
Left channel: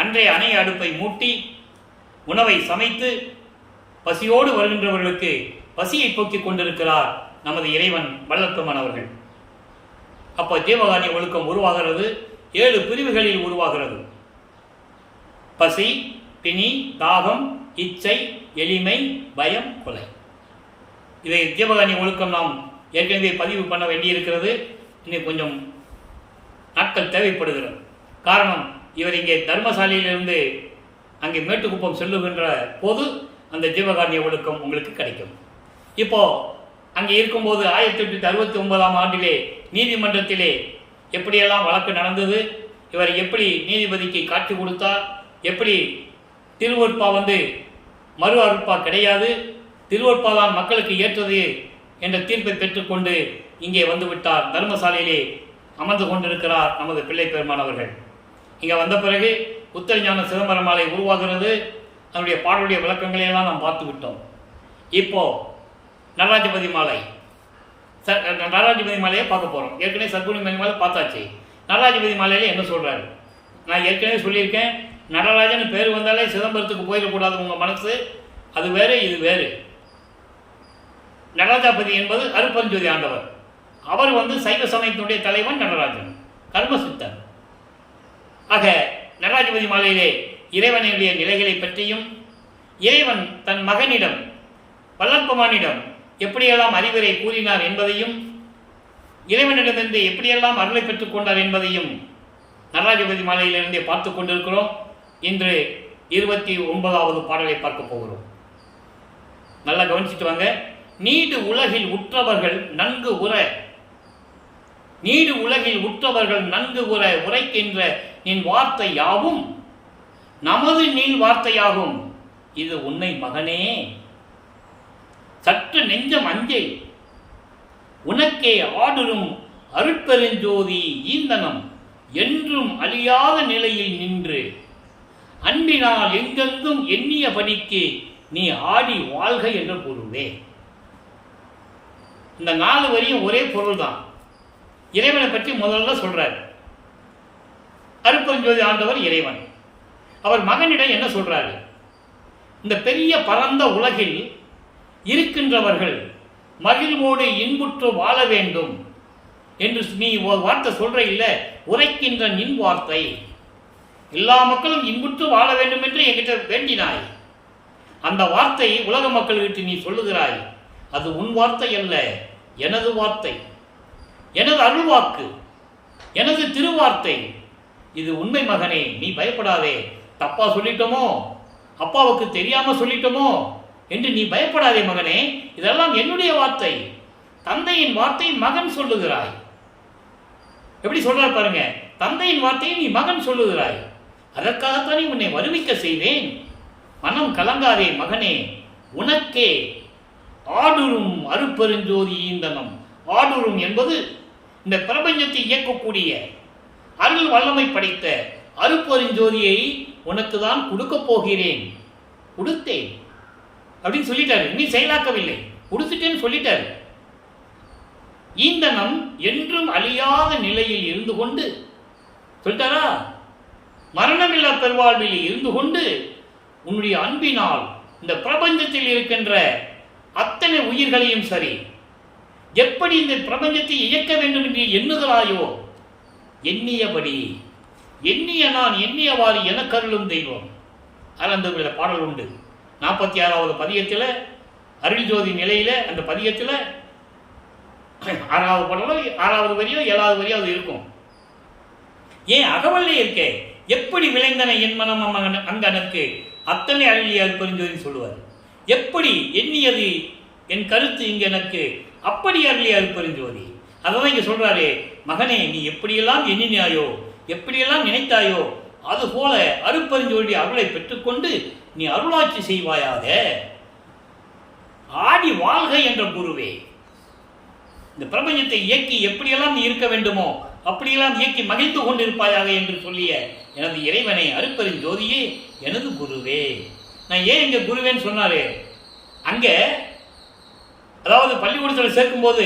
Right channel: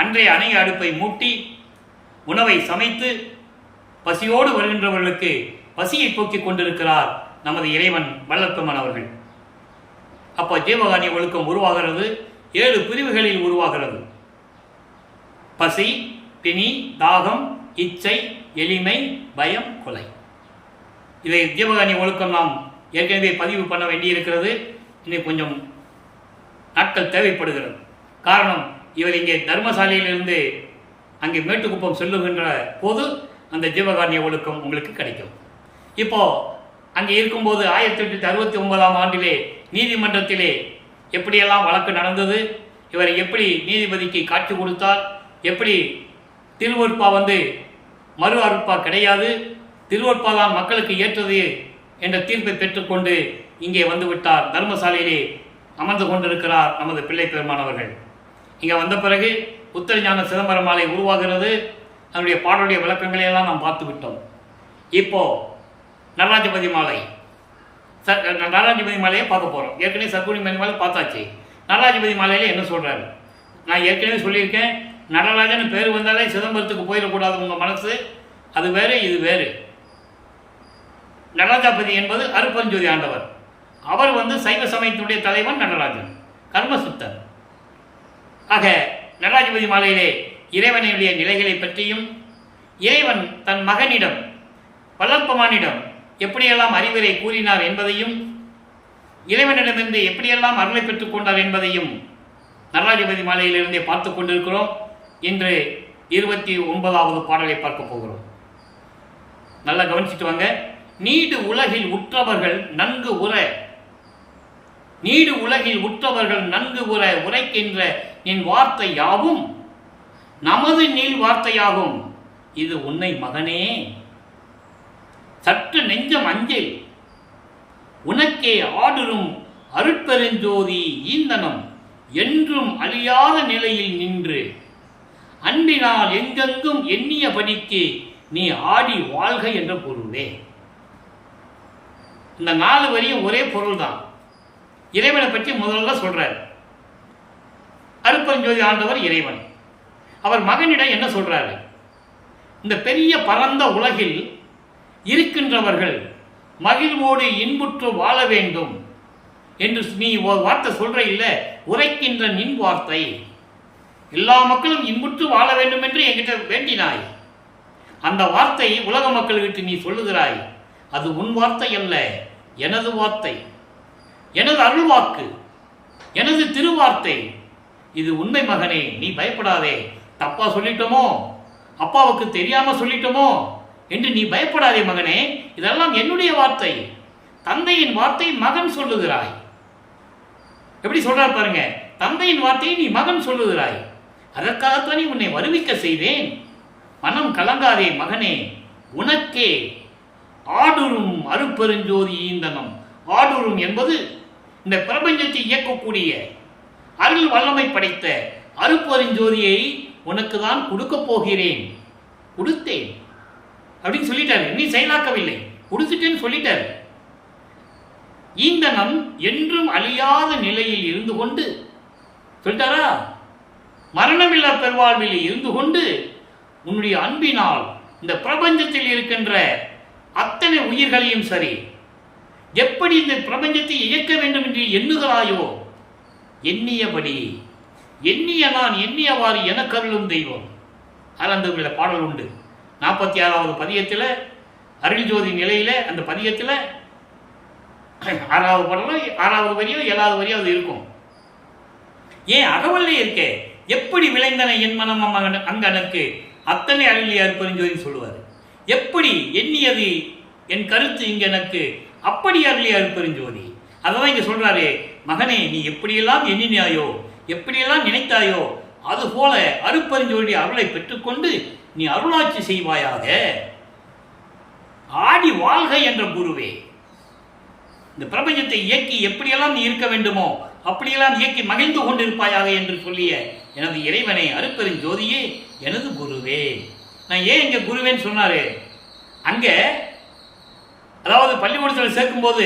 அன்றே அணைய அடுப்பை மூட்டி, உணவை சமைத்து பசியோடு வருகின்றவர்களுக்கு பசியை போக்கிக் கொண்டிருக்கிறார் நமது இறைவன் வல்லப்பெருமான் அவர்கள். அப்போ ஜீவகாரிய ஒழுக்கம் உருவாகிறது. 7 பிரிவுகளில் உருவாகிறது. பசி, பிணி, தாகம், இச்சை, எளிமை, பயம், கொலை. இதை ஜீவகாரிய ஒழுக்கம் நாம் ஏற்கனவே பதிவு பண்ண வேண்டியிருக்கிறது. இன்னும் கொஞ்சம் நாட்கள் தேவைப்படுகிறது. காரணம், இவர் இங்கே தர்மசாலையிலிருந்து அங்கே மேட்டுக்குப்பம் செல்லுகின்ற போது அந்த ஜீவகாரிய ஒழுக்கம் உங்களுக்கு கிடைக்கும். இப்போது அங்கே இருக்கும்போது 1869ஆம் ஆண்டிலே நீதிமன்றத்திலே எப்படியெல்லாம் வழக்கு நடந்தது, இவர் எப்படி நீதிபதிக்கு காட்சி கொடுத்தார், எப்படி திருவொற்பா மறு அறுப்பா கிடையாது, திருவொற்பா தான் மக்களுக்கு ஏற்றது என்ற தீர்ப்பை பெற்றுக்கொண்டு இங்கே வந்துவிட்டார். தர்மசாலையிலே அமர்ந்து கொண்டிருக்கிறார் நமது பிள்ளை பெருமானவர்கள். இங்கே வந்த பிறகு உத்தரஞான சிதம்பர மாலை உருவாகிறது. அதனுடைய பாடலுடைய விளக்கங்களையெல்லாம் நாம் பார்த்து விட்டோம். இப்போது நடராஜபதி மாலையை பார்க்க போகிறோம். ஏற்கனவே சத்குணி மாலை பார்த்தாச்சு. நடராஜபதி மாலையில் என்ன சொல்கிறாரு? நான் ஏற்கனவே சொல்லியிருக்கேன், நடராஜன் பேர் வந்தாலே சிதம்பரத்துக்கு போயிடக்கூடாது உங்கள் மனசு. அது வேறு, இது வேறு. நடராஜபதி என்பது அருப்பஞ்சோதி ஆண்டவர். அவர் சைவ சமயத்தினுடைய தலைவன் நடராஜன், கர்மசித்தன். ஆக நடராஜபதி மாலையிலே இறைவனுடைய நிலைகளை பற்றியும், இறைவன் தன் மகனிடம் வல்லப்பெருமானிடம் எப்படியெல்லாம் அறிவுரை கூறினார் என்பதையும், இறைவனிடமிருந்து எப்படியெல்லாம் அருளை பெற்றுக் கொண்டார் என்பதையும் நடராஜபதி மாலையிலிருந்தே பார்த்து கொண்டிருக்கிறோம். இன்று 29வது பாடலை பார்க்க போகிறோம். நல்லா கவனிச்சுட்டு வாங்க. நீடு உலகில் உற்றவர்கள் நன்கு உற உரைக்கின்ற நின் வார்த்தை யாவும் நமது நீள் வார்த்தையாகும். இது உன்னை மகனே சற்று நெஞ்சம் அஞ்சேல் உனக்கே ஆடுறும் அருட்பெருஞ்சோதி ஈந்தனம் என்றும் அழியாத நிலையில் நின்று அன்பினால் எங்கெங்கும் எண்ணிய படிக்கு நீ ஆடி வாழ்க என்ற பொருளே. இந்த 4 வரியும் ஒரே பொருள் தான். இறைவனை பற்றி முதல்ல சொல்றார். அருட்பெருஞ்சோதி ஆண்டவர் இறைவன். அவர் மகனிடம் என்ன சொல்றாரு? இந்த பெரிய பரந்த உலகில் இருக்கின்றவர்கள் மகிழ்வோடு இன்புற்று வாழ வேண்டும் என்று நீ ஒரு வார்த்தை சொல்ற இல்ல, உரைக்கின்ற நின் வார்த்தை. எல்லா மக்களும் இன்புற்று வாழ வேண்டும் என்று என்கிட்ட வேண்டினாய். அந்த வார்த்தை உலக மக்கள்கிட்ட நீ சொல்லுகிறாய். அது உன் வார்த்தை அல்ல, எனது வார்த்தை, எனது அருள்வாக்கு, எனது திருவார்த்தை. இது உண்மை மகனே, நீ பயப்படாதே. தப்பா சொல்லிட்டோமோ, அப்பாவுக்கு தெரியாம சொல்லிட்டோமோ என்று நீ பயப்படாதே மகனே. இதெல்லாம் என்னுடைய வார்த்தை, தந்தையின் வார்த்தை மகன் சொல்லுகிறாய். எப்படி சொல்றாரு பாருங்க, தந்தையின் வார்த்தையை நீ மகன் சொல்லுகிறாய். அதற்காகத்தானே உன்னை வருவிக்க செய்தேன். மனம் கலங்காதே மகனே, உனக்கே ஆடுரும் அருட்பெருஞ்சோதி ஈந்தனம். ஆடுரும் என்பது இந்த பிரபஞ்சத்தை இயக்கக்கூடிய அருள் வல்லமை படைத்த அருட்பெருஞ்சோதியை உனக்கு தான் கொடுக்க போகிறேன். கொடுத்தேன் அப்படின்னு சொல்லிட்டாரு. நீ செயலாக்கவில்லை, கொடுத்துட்டேன்னு சொல்லிட்டாரு. ஈந்தனம் என்றும் அழியாத நிலையில் இருந்து கொண்டு சொல்லிட்டாரா, மரணமில்லா பெருவாழ்வில் இருந்து கொண்டு உன்னுடைய அன்பினால் இந்த பிரபஞ்சத்தில் இருக்கின்ற அத்தனை உயிர்களையும் சரி, எப்படி இந்த பிரபஞ்சத்தை இயக்க வேண்டும் என்று எண்ணுகிறாயோ, எண்ணியபடி எண்ணிய நான் எண்ணியவாறு எனக்கருளும் தெய்வம். அந்த பாடல் உண்டு. 46வது பதியத்தில் அருள் ஜோதி நிலையில அந்த பதியத்தில் 6வது பாடலோ 6வது வரியோ 7வது வரியோ அது இருக்கும். ஏன் அகவல்லே இருக்கே, எப்படி விளைந்தன என் மனம் அங்கனுக்கு அத்தனை அருளிய அருட்பெருஞ்சோதி சொல்லுவார். எப்படி எண்ணியது என் கருத்து இங்க எனக்கு அப்படி அருளிய அருட்பெருஞ்சோதி. அதான் இங்க சொல்றாரு, மகனே நீ எப்படியெல்லாம் எண்ணினாயோ, எப்படியெல்லாம் நினைத்தாயோ, அதுபோல அருட்பெருஞ்சோதி அருளை பெற்றுக்கொண்டு நீ அருளாட்சி செய்வாயாக. ஆடி வாழ்க என்ற குருவே, இந்த பிரபஞ்சத்தை இயக்கி எப்படியெல்லாம் நீ இருக்க வேண்டுமோ அப்படியெல்லாம் இயக்கி மகிழ்ந்து கொண்டிருப்பாயாக என்று சொல்லிய எனது இறைவனை அருட்பெருஞ்சோதியே, எனது குருவே. நான் ஏன் இங்க குருவேன்னு சொன்னாரு, அங்க அதாவது பள்ளிக்கூடத்தில் சேர்க்கும்போது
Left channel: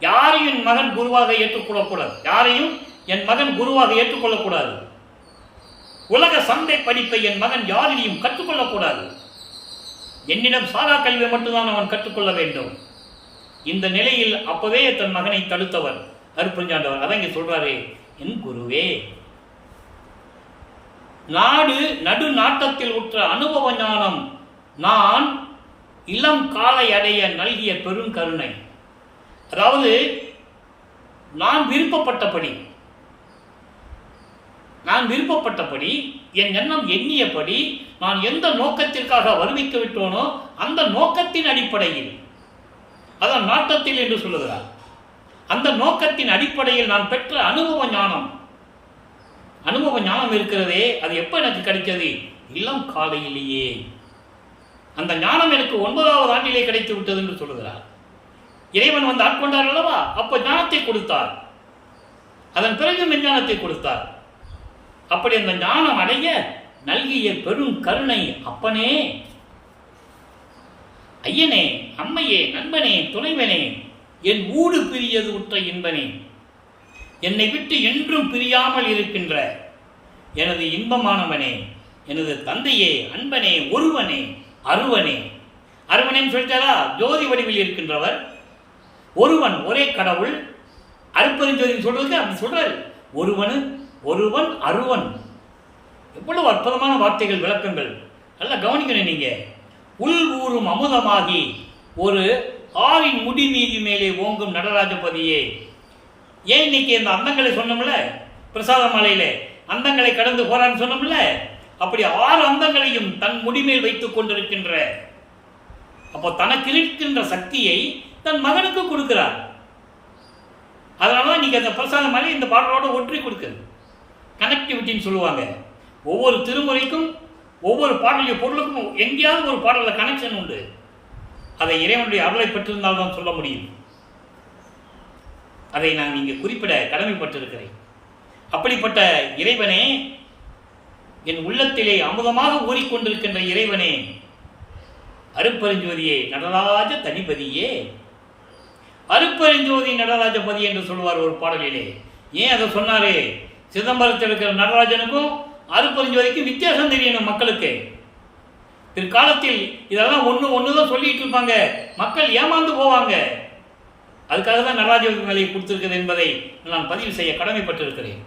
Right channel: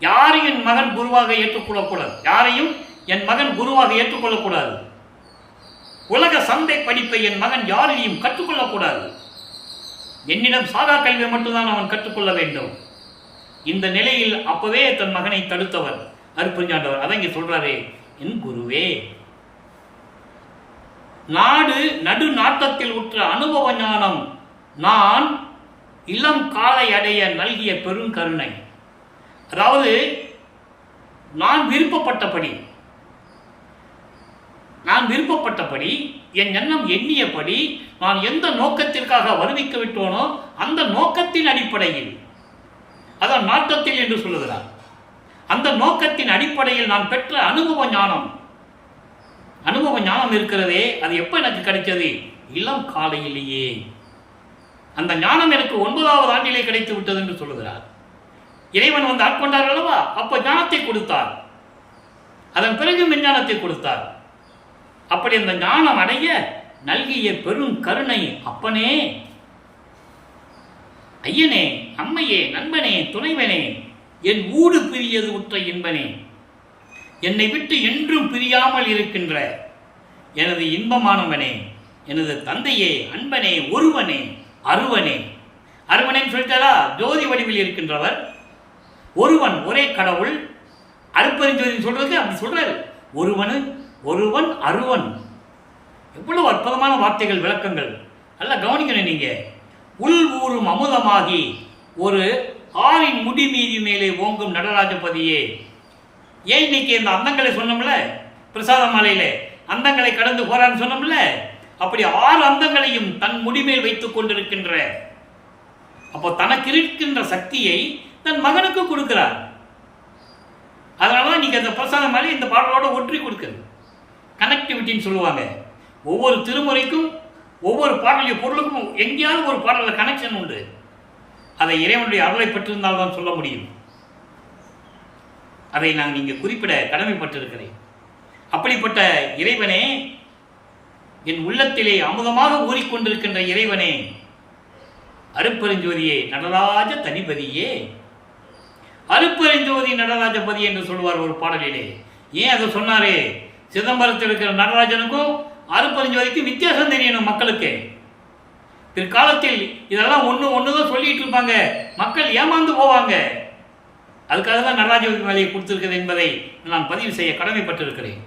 யாரையும் என் மகன் குருவாக ஏற்றுக்கொள்ளக்கூடாது, யாரையும் என் மகன் குருவாக ஏற்றுக்கொள்ளக்கூடாது. உலக சந்தை படிப்பை என் மகன் யாரையும் கற்றுக்கொள்ளக்கூடாது. என்னிடம் சாகா கல்வியை மட்டும்தான் அவன் கற்றுக்கொள்ள வேண்டும். இந்த நிலையில் அப்பவே தன் மகனை தடுத்தவர் அருட்பெருஞ்சாண்டவர். அதான் இங்க சொல்றாரு, என் குருவே. நாடு நடு நாட்டத்தில் உற்ற அனுபவ ஞானம் நான் இளம் காலை அடைய நல்கிய பெருங்கருணை. அதாவது நான் விருப்பப்பட்டபடி என் எண்ணம் எண்ணியபடி நான் எந்த நோக்கத்திற்காக வருவிக்க விட்டோனோ அந்த நோக்கத்தின் அடிப்படையில், அதான் நாட்டத்தில் என்று சொல்லுகிறார், அந்த நோக்கத்தின் அடிப்படையில் நான் பெற்ற அனுபவ ஞானம் இருக்கிறதே, அது எப்ப எனக்கு கிடைச்சது? இளம் காலையிலேயே. அந்த ஞானம் எனக்கு 9வது ஆண்டிலே கிடைத்து விட்டது என்று சொல்லுகிறார். இறைவன் வந்து ஆட்கொண்டார் அல்லவா, அப்ப ஞானத்தை கொடுத்தார், அதன் பிறகு மெஞ்ஞானத்தை கொடுத்தார். அப்படி அந்த ஞானம் அடைய நல்கிய பெரும் கருணை அப்பனே, ஐயனே, அம்மையே, நண்பனே, துணைவனே, என் ஊடு பிரியது உற்ற இன்பனே, என்னை விட்டு என்றும் பிரியாமல் இருக்கின்ற எனது இன்பமானவனே, எனது தந்தையே, அன்பனே, ஒருவனே, அருவனே. அருவனேன்னு சொல்லிட்டாரா, ஜோதி வடிவில் இருக்கின்றவர் ஒருவன், ஒரே கடவுள். அருட்பெருஞ்சோதி சொல்றதுக்கு அப்படி சொல்றாரு, ஒருவன் அருவன். எவ்வளவு அற்புதமான வார்த்தைகள், விளக்கங்கள். நல்லா கவனிக்கணும் நீங்க. உள் ஊறும் அமுதமாகி ஒரு ஆறின் முடி மீதி மேலே ஓங்கும் நடராஜபதியே. ஏன் இன்னைக்கு இந்த அந்தங்களை சொன்னோம்ல, பிரசாத மாலையில அந்தங்களை கடந்து போறான்னு சொன்னோம்ல, அப்படி 6 அந்தங்களையும் தன் முடிமேல் வைத்துக் கொண்டிருக்கின்ற, அப்போ தனக்கு இருக்கின்ற சக்தியை தன் மகனுக்கு கொடுக்கிறார். அதனால நீங்க அந்த பிரசாத மாலை இந்த பாடலோட ஒற்றி கொடுக்குது. கனெக்டிவிட்டின்னு சொல்லுவாங்க. ஒவ்வொரு திருமுறைக்கும் ஒவ்வொரு பாடலிய பொருளுக்கும் எங்கேயாவது ஒரு பாடலில் கனெக்ஷன் உண்டு. அதை இறைவனுடைய அருளை பெற்றிருந்தால்தான் சொல்ல முடியும். அதை நான் இங்கே குறிப்பிட கடமைப்பட்டிருக்கிறேன். அப்படிப்பட்ட இறைவனே, என் உள்ளத்திலே அமுதமாக ஊறிக்கொண்டிருக்கின்ற இறைவனே, அருட்பெருஞ்சோதியே நடராஜ தனிபதியே, அருட்பெருஞ்சோதி நடராஜபதி என்று சொல்லுவார் ஒரு பாடலிலே. ஏன் அதை சொன்னாரு? சிதம்பரத்தில் இருக்கிற நடராஜனுக்கும் அருட்பெருஞ்சோதிக்கும் வித்தியாசம் தெரியணும் மக்களுக்கு. பிற்காலத்தில் இதெல்லாம் ஒன்று தான் சொல்லிட்டு இருப்பாங்க, மக்கள் ஏமாந்து போவாங்க. அதுக்காக தான் நடராஜ வேலையை கொடுத்திருக்கிறது என்பதை நான் பதிவு செய்ய கடமைப்பட்டிருக்கிறேன்.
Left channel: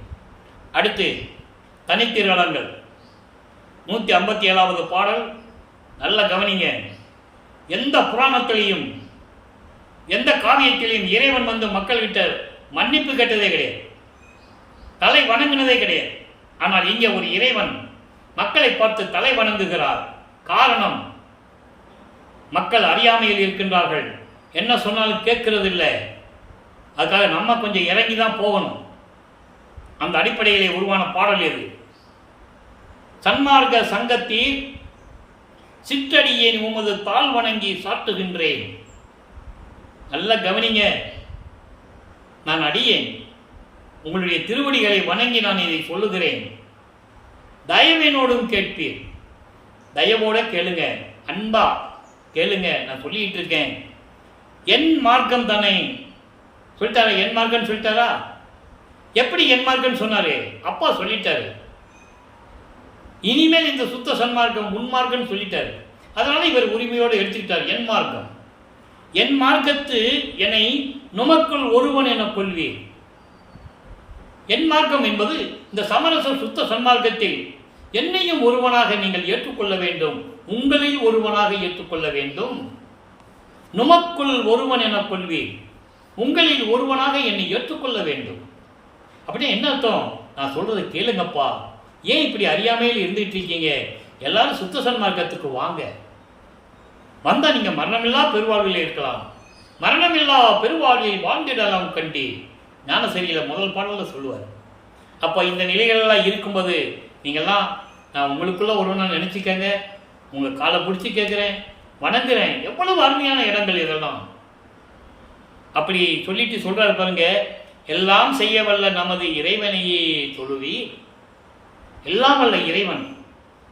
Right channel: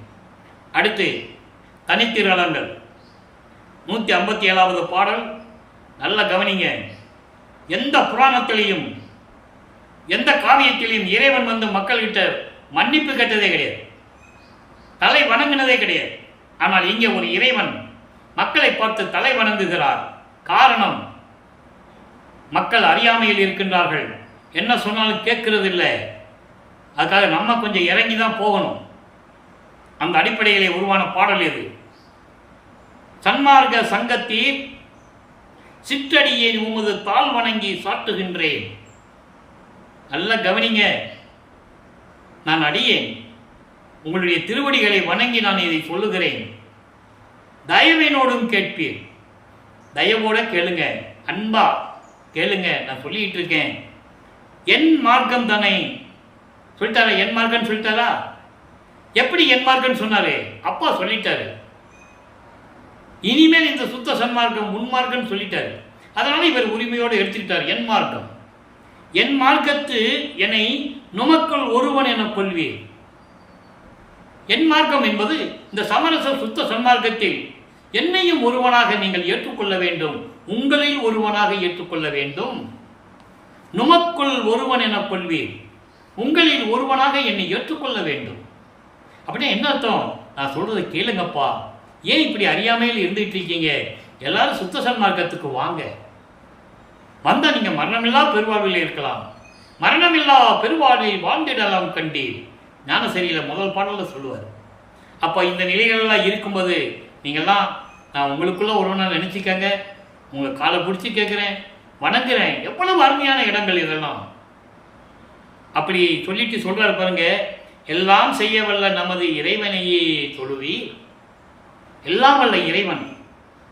அடுத்து தனித்திரளங்கள் 157வது பாடல். நல்ல கவனிங்க. எந்த புராணத்திலையும் எந்த காவியத்திலையும் இறைவன் வந்து மக்கள்கிட்ட மன்னிப்பு கேட்டதே கிடையாது, தலை வணங்கினதே கிடையாது. ஆனால் இங்கே ஒரு இறைவன் மக்களை பார்த்து தலை வணங்குகிறார். காரணம், மக்கள் அறியாமையில் இருக்கின்றார்கள், என்ன சொன்னாலும் கேட்கறது இல்லை. அதுக்காக நம்ம கொஞ்சம் இறங்கி தான் போகணும். அந்த அடிப்படையிலே உருவான பாடல் எது? சன்மார்க்க சங்கத்தீர் சிற்றடியேன் உமது தாழ் வணங்கி சாட்டுகின்றேன். நல்ல கவனிங்க. நான் அடியேன், உங்களுடைய திருவடிகளை வணங்கி நான் இதை சொல்லுகிறேன். தயவினோடும் கேட்பீர். தயவோட கேளுங்க, அன்பா கேளுங்க. நான் சொல்லிட்டு இருக்கேன். என் மார்க்கம் தானே சொல்லிட்டாரா? என் மார்க்கம் சொல்லிட்டாரா? எப்படி என் மார்க்கம் சொன்னாரு? அப்பா சொல்லிட்டாரு. இனிமேல் இந்த சுத்த சன்மார்க்கம் உன்மார்க்கம் சொல்லிட்டாரு. அதனால இவர் உரிமையோடு எடுத்துக்கிட்டார். என் மார்க்கம், என் மார்க்கத்து என்னை நுமக்குள் ஒருவன் என கொள்வீர். என் மார்க்கம் என்பது இந்த சமரச சுத்த சன்மார்க்கத்தில் என்னையும் ஒருவனாக நீங்கள் ஏற்றுக்கொள்ள வேண்டும், உங்களில் ஒருவனாக ஏற்றுக்கொள்ள வேண்டும். நுமக்குள் ஒருவன் என கொள்வீர், உங்களில் ஒருவனாக என்னை ஏற்றுக்கொள்ள வேண்டும். அப்படின்னா என்ன அர்த்தம்? நான் சொல்றதை கேளுங்கப்பா. ஏன் இப்படி அறியாமையில் இருந்துட்டு இருக்கீங்க? எல்லாரும் சுத்த சன்மார்க்கத்துக்கு வாங்க. வந்தா நீங்க மரணமில்லா பெருவாழ்வில் இருக்கலாம். மரணமில்லா பெருவாழ்வில் வாழ்ந்திடலாம் கண்டி. ஞானசரியில முதல் பாடலில் சொல்லுவார். அப்போ இந்த நிலைகளெல்லாம் இருக்கும்போது நீங்கள்லாம் நான் உங்களுக்குள்ள ஒருவனா நினைச்சுக்கங்க. உங்களை காலை பிடிச்சி கேட்குறேன், வணங்குறேன். எவ்வளவு அருமையான இடங்கள் இதெல்லாம். அப்படி சொல்லிட்டு சொல்றாரு பாருங்க. எல்லாம் செய்ய வல்ல நமது இறைவனையே தொழுவி. எல்லாம் வல்ல இறைவன்,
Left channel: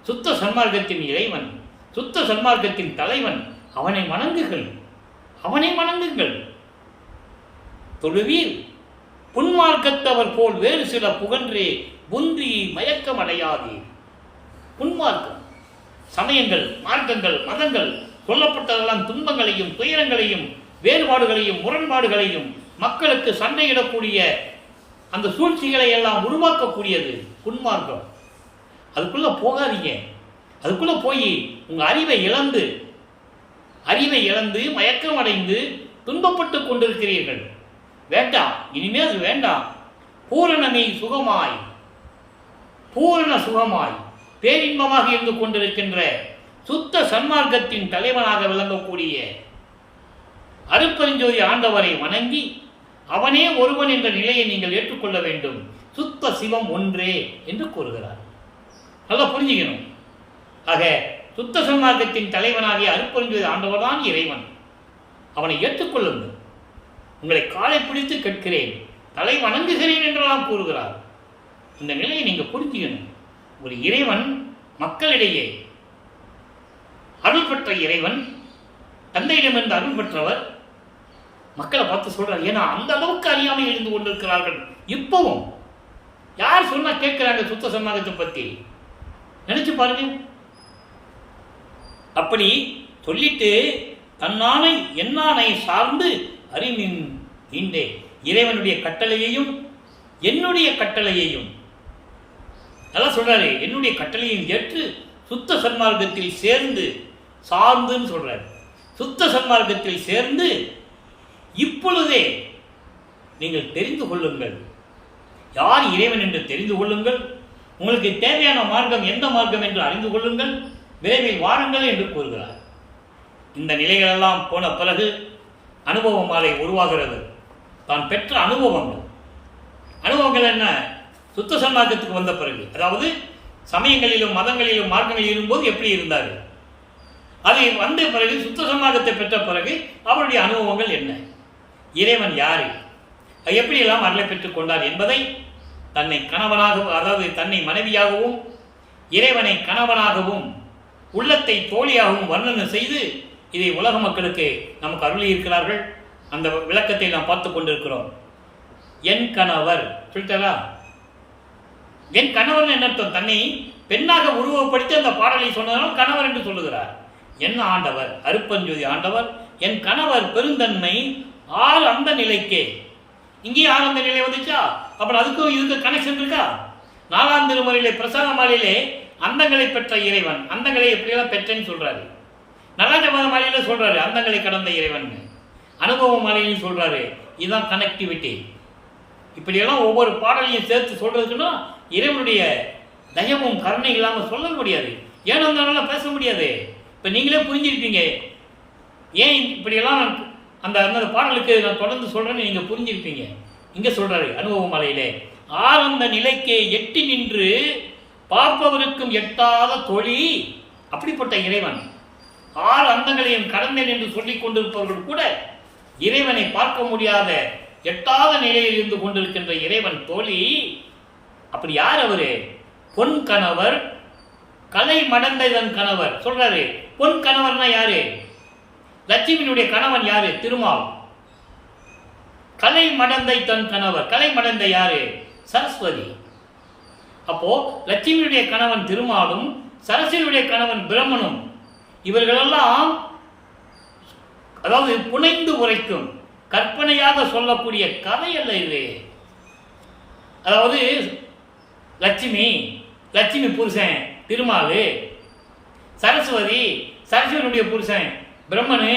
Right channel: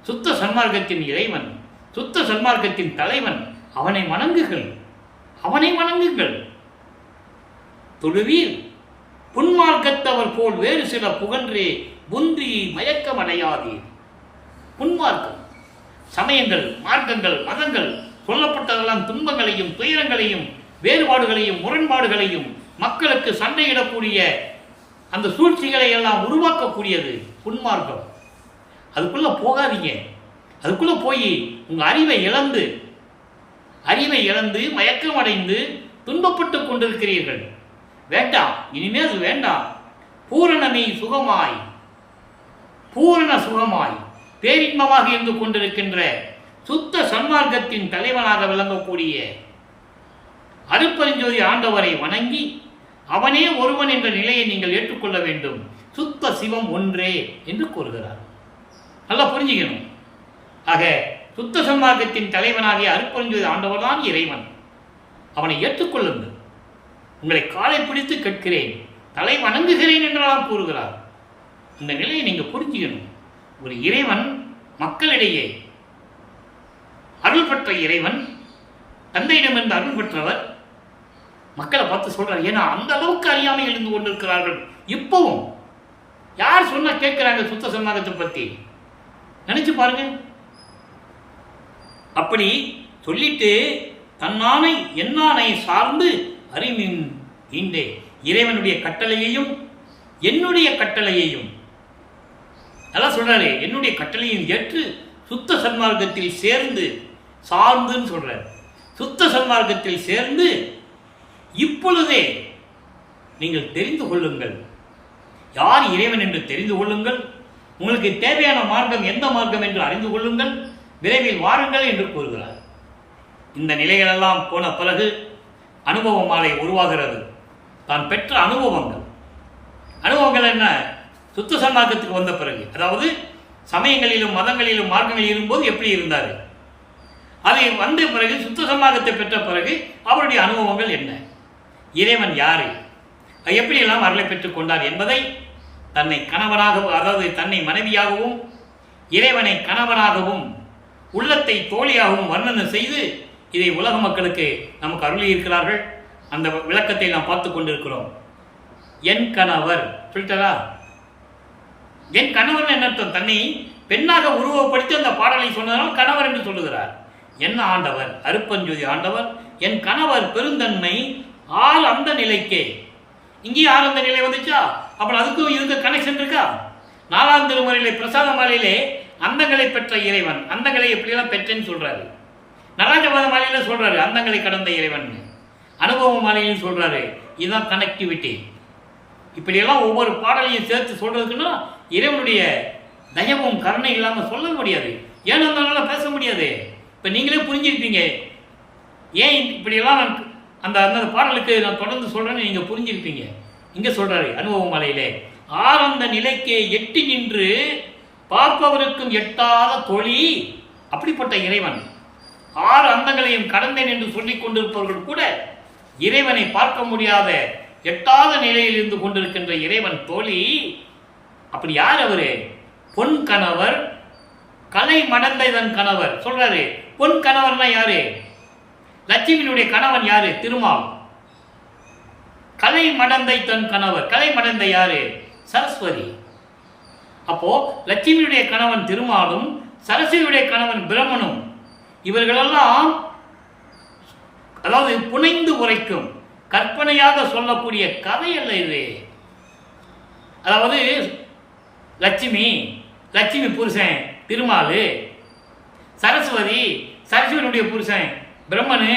சுத்த சன்மார்க்கத்தின் இறைவன், சுத்த சன்மார்க்கத்தின் தலைவன், அவனை வணங்குகள், அவனை வணங்குங்கள். தொழுவீர் புன்மார்க்கத்தவர் போல் வேறு சில புகன்றே புந்தி மயக்கம் அடையாதீர். புன்மார்க்கம், சமயங்கள், மார்க்கங்கள், மதங்கள் சொல்லப்பட்டதெல்லாம் துன்பங்களையும் துயரங்களையும் வேறுபாடுகளையும் முரண்பாடுகளையும் மக்களுக்கு சண்டையிடக்கூடிய அந்த சூழ்ச்சிகளை எல்லாம் உருவாக்கக்கூடியது புன்மார்க்கம். அதுக்குள்ள போகாதீங்க. அதுக்குள்ள போய் உங்க அறிவை இழந்து மயக்கம் அடைந்து துன்பப்பட்டு கொண்டிருக்கிறீர்கள். வேண்டாம், இனிமே அது வேண்டாம். பூரண சுகமாய் பேரின்பமாக இருந்து கொண்டிருக்கின்ற சுத்த சன்மார்க்கத்தின் தலைவனாக விளங்கக்கூடிய அருட்பெருஞ்சோதி ஆண்டவரை வணங்கி அவனே ஒருவன் என்ற நிலையை நீங்கள் ஏற்றுக்கொள்ள வேண்டும். சுத்த சிவம் ஒன்றே என்று கூறுகிறார். நல்லா புரிஞ்சுக்கணும். ஆக சுத்த சன்மார்க்கத்தின் தலைவனாகிய அருட்பெருஞ்சோதி ஆண்டவர் தான் இறைவன். அவனை ஏற்றுக்கொள்ளுங்கள். உங்களை காலை பிடித்து கேட்கிறேன், தலை வணங்குகிறேன் என்றெல்லாம் கூறுகிறார். இந்த நிலையை நீங்க புரிஞ்சுக்கணும். ஒரு இறைவன் மக்களிடையே அருள் பெற்ற இறைவன், தந்தையிடமிருந்து அருள் பெற்றவர், மக்களை பார்த்து சொல்றார். ஏன்னா அந்த அளவுக்கு அறியாமை இருந்து கொண்டிருக்கிறார்கள். இப்பவும் யார் சொன்னா கேட்கிறாங்க சுத்த சன்மார்க்கத்தை பத்தி? நினைச்சு பாருங்க. அப்படி சொல்லிட்டு தன்னானை என்னானை சார்ந்து அறிமின் ஈண்டே. இறைவனுடைய கட்டளையையும் என்னுடைய கட்டளையையும் நல்லா சொல்றாரு. என்னுடைய கட்டளையும் ஏற்று சுத்த சன்மார்க்கத்தில் சேர்ந்து, சார்ந்துன்னு சொல்றாரு, சுத்த சன்மார்க்கத்தில் சேர்ந்து இப்பொழுதே நீங்கள் தெரிந்து கொள்ளுங்கள். யார் இறைவன் என்று தெரிந்து கொள்ளுங்கள். உங்களுக்கு தேவையான மார்க்கம் எந்த மார்க்கம் என்று அறிந்து கொள்ளுங்கள். விரைவில் வாருங்கள் என்று கூறுகிறார். இந்த நிலைகளெல்லாம் போன பிறகு அனுபவ மாலை உருவாகிறது. தான் பெற்ற அனுபவங்கள் என்ன? சுத்த சன்மார்க்கத்துக்கு வந்த பிறகு, அதாவது சமயங்களிலும் மதங்களிலும் மார்க்கங்களில் இருக்கும்போது எப்படி இருந்தார், அதை வந்த பிறகு சுத்த சன்மார்க்கத்தை பெற்ற பிறகு அவருடைய அனுபவங்கள் என்ன, இறைவன் யாரு, எப்படியெல்லாம் அருளை பெற்றுக் கொண்டார் என்பதை தன்னை கணவனாகவும், அதாவது தன்னை மனைவியாகவும் இறைவனை கணவனாகவும் உள்ளத்தை தோழியாகவும் வர்ணனை செய்து இதை உலக மக்களுக்கு நமக்கு அருளி இருக்கிறார்கள். அந்த விளக்கத்தை நாம் பார்த்து கொண்டிருக்கிறோம். என் கணவர் சொல்லிட்டாரா? என் கணவர் என்ன அர்த்தம்? தன்னை பெண்ணாக உருவப்படுத்தி அந்த பாடலை சொன்னதால் கணவர் என்று சொல்லுகிறார். என்ன ஆண்டவர்? அருப்பஞ்சோதி ஆண்டவர் என் கணவர் பெருந்தன்மை ஆறு அந்த நிலைக்கே. இங்கேயும் ஆறு அந்த நிலை வந்துச்சா? அப்புறம் அதுக்கும் இதுக்கு கனெக்ஷன் இருக்கா? 4ஆம் திருமுறையிலே பிரசாத மாலையிலே அந்தங்களை பெற்ற இறைவன், அந்தங்களை எப்படியெல்லாம் பெற்றேன்னு சொல்றாரு. நடராஜபாத மாலையில சொல்றாரு அந்தங்களை கடந்த இறைவன். அனுபவ மாலையிலும் சொல்றாரு. இதுதான் கனெக்டிவிட்டி. இப்படியெல்லாம் ஒவ்வொரு பாடலையும் சேர்த்து சொல்றதுக்குன்னா இறைவனுடைய தயவும் கருணை இல்லாமல் சொல்ல முடியாது. ஏன்னு அதனால பேச முடியாது. இப்போ நீங்களே புரிஞ்சிருப்பீங்க ஏன் இப்படியெல்லாம் நான் அந்த அந்த பாடலுக்கு நான் தொடர்ந்து சொல்றேன்னு நீங்கள் புரிஞ்சிருப்பீங்க. இங்கே சொல்றாரு அனுபவ மாலையிலே ஆரந்த நிலைக்கே எட்டி நின்று பார்ப்பவருக்கும் எட்டாத தொழி. அப்படிப்பட்ட இறைவன் 6 அந்தங்களையும் கடந்தேன் என்று சொல்லிக் கொண்டிருப்பவர்கள் கூட இறைவனை பார்க்க முடியாத எட்டாத நிலையில் இருந்து கொண்டிருக்கின்ற இறைவன் தோழி. அப்படி யார் அவரு? பொன் கணவர் கலை மடந்தை தன் கணவர் சொல்றாரு. பொன் கணவர்னா யாரு? லட்சுமியினுடைய கணவன் யாரு? திருமால். கலை மடந்தை தன் கணவர், கலை மடந்தை யாரு? சரஸ்வதி. அப்போ லட்சுமியுடைய கணவன் திருமாலும் சரஸ்வதியுடைய கணவன் பிரம்மனும் இவர்களெல்லாம் அதாவது புனைந்து உரைக்கும் கற்பனையாக சொல்லக்கூடிய கதை அல்ல இது. அதாவது லட்சுமி புருஷன் திருமாலு, சரஸ்வதியுடைய புருஷன் பிரம்மனு,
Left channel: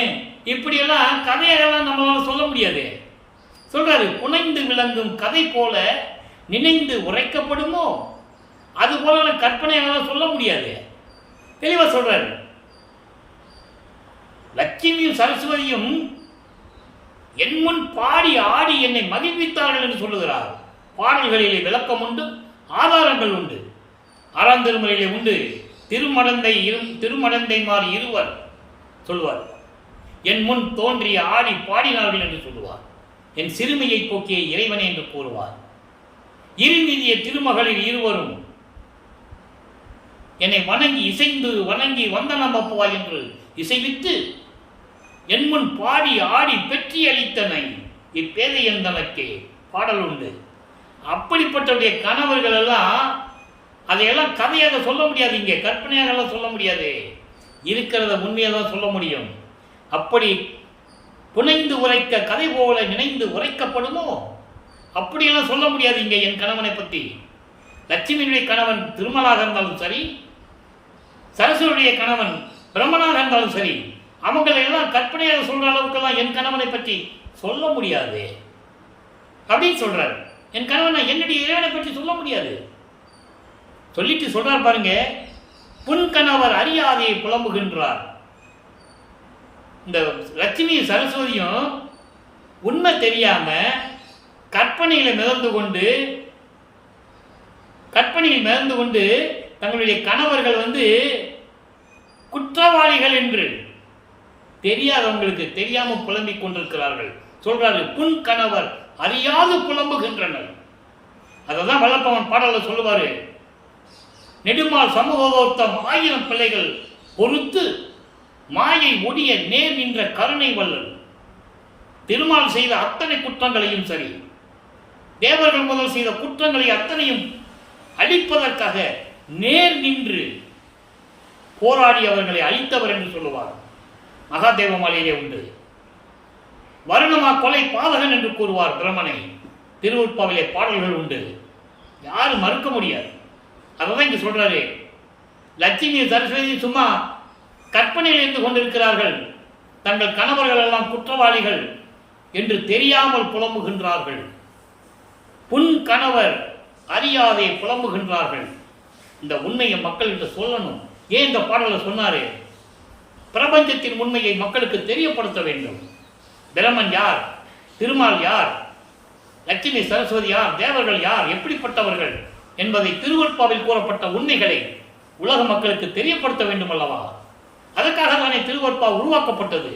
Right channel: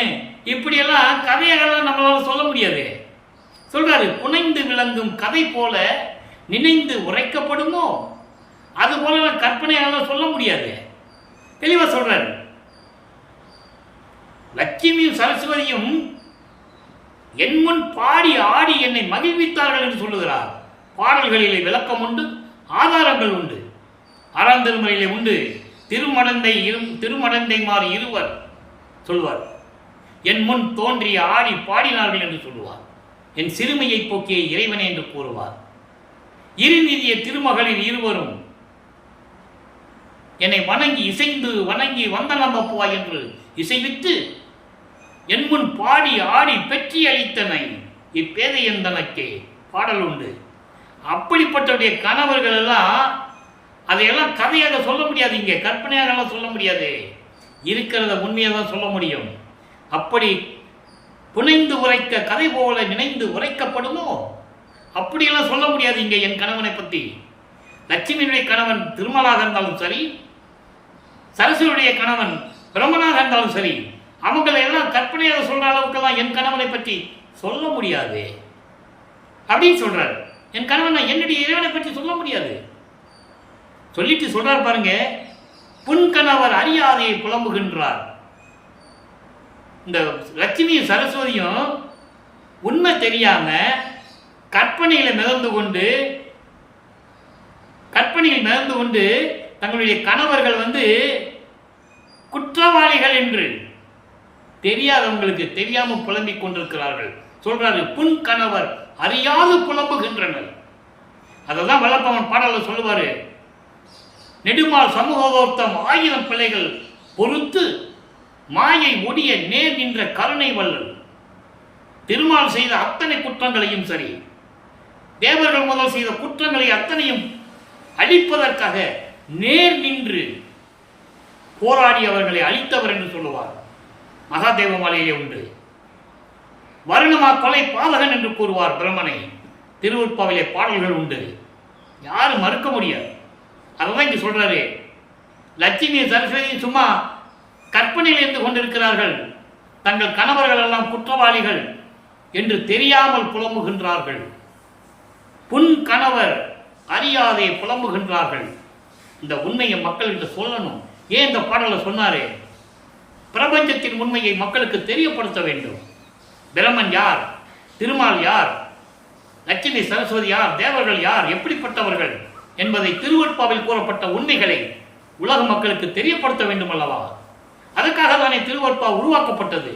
இப்படியெல்லாம் கதையெல்லாம் நம்மளால சொல்ல முடியாது. சொல்றாரு புனைந்து விளங்கும் கதை போல நினைந்து உரைக்கப்படுமோ அது போல கற்பனையால சொல்ல முடியாது. தெளிவா சொல்றாரு. லட்சுமியும் சரஸ்வதியும் என் முன் பாடி ஆடி என்னை மகிழ்வித்தார்கள் என்று சொல்லுகிறார். பாடல்களிலே விளக்கம் உண்டு, ஆதாரங்கள் உண்டு. 6ஆம் திருமுறையிலே உண்டு. திருமடந்தைமார் இருவர் சொல்வார். என் முன் தோன்றி ஆடி பாடினார்கள் என்று சொல்லுவார். என் சிறுமையை போக்கிய இறைவனே என்று கூறுவார். இருநிதிய திருமகளிர் இருவரும் என்னை வணங்கி வந்தனமப்புவாய் என்று இசைவித்து என் முன் பாடி ஆடி பெற்றி அளித்தனை இப்பேதையந்தனக்கே பாடல் உண்டு. அப்படிப்பட்டவருடைய கணவர்கள் எல்லாம் அதையெல்லாம் கதையாக சொல்ல முடியாது. இங்கே கற்பனையாக சொல்ல முடியாது. இருக்கிறத உண்மையாக தான் சொல்ல முடியும். அப்படி புனைந்து உரைக்க கதை போல நினைந்து உரைக்கப்படுமோ அப்படியெல்லாம் சொல்ல முடியாது. இங்கே என் கணவனை பற்றி லட்சுமியுடைய கணவன் திருமலாக இருந்தாலும் சரி, சரஸ்வதியுடைய கணவன் பிரம்மனாக இருந்தாலும் சரி, அவங்களை எல்லாம் கற்பனையாக சொல்ற அளவுக்கெல்லாம் என் கணவனை பற்றி சொல்ல முடியாது அப்படின்னு சொல்றாரு. என் கணவன் என்னுடைய இறைவனை பற்றி சொல்ல முடியாது சொல்லிட்டு சொல்றார் பாருங்க. புன் கணவர் அறியாதையை புலம்புகின்றார். இந்த லட்சுமியும் சரஸ்வதியும் உண்மை தெரியாம கற்பனையில் மிதந்து கொண்டு தங்களுடைய கணவர்கள் குற்றவாளிகள் என்று தெரியாதவங்களுக்கு தெரியாம புலம்பிக் கொண்டிருக்கிறார்கள். சொல்றாரு புன் கணவர் அறியாது புலம்புகின்றனர். அதெல்லாம் வல்லப்பவன் பாடல சொல்லுவாரு. நெடுமால் சமூகோத்தம் 1000 பிள்ளைகள் பொறுத்து மாயை ஒடிய நேர் நின்ற கருணை வள்ளல். திருமால் செய்த அத்தனை குற்றங்களையும் சரி, தேவர்கள் முதல் செய்த குற்றங்களை அத்தனையும் அழிப்பதற்காக நேர் நின்று போராடி அவர்களை அழித்தவர் என்று சொல்லுவார். மகாதேவ மாலையிலே உண்டு. வருணமா கொலை பாதகன் என்று கூறுவார் பிரம்மனை. திருவுட்பாவிலே பாடல்கள் உண்டு. யாரும் மறுக்க முடியாது. அதான் இங்க சொல்றாரு. லட்சுமி சரஸ்வதி சும்மா கற்பனையில் இருந்து கொண்டிருக்கிறார்கள். தங்கள் கணவர்கள் எல்லாம் குற்றவாளிகள் என்று தெரியாமல் புலம்புகின்றார்கள். புன் கணவர் அறியாதே புலம்புகின்றார்கள். இந்த உண்மையை மக்கள்கிட்ட சொல்லணும். ஏன் இந்த பாடலை சொன்னாரு? பிரபஞ்சத்தின் உண்மையை மக்களுக்கு தெரியப்படுத்த வேண்டும். பிரம்மன் யார், திருமால் யார், லட்சுமி சரஸ்வதி யார், தேவர்கள் யார், எப்படிப்பட்டவர்கள் என்பதை திருவருட்பாவில் கூறப்பட்ட உண்மைகளை உலக மக்களுக்கு தெரியப்படுத்த வேண்டும் அல்லவா? அதற்காக தானே திருவருட்பா உருவாக்கப்பட்டது.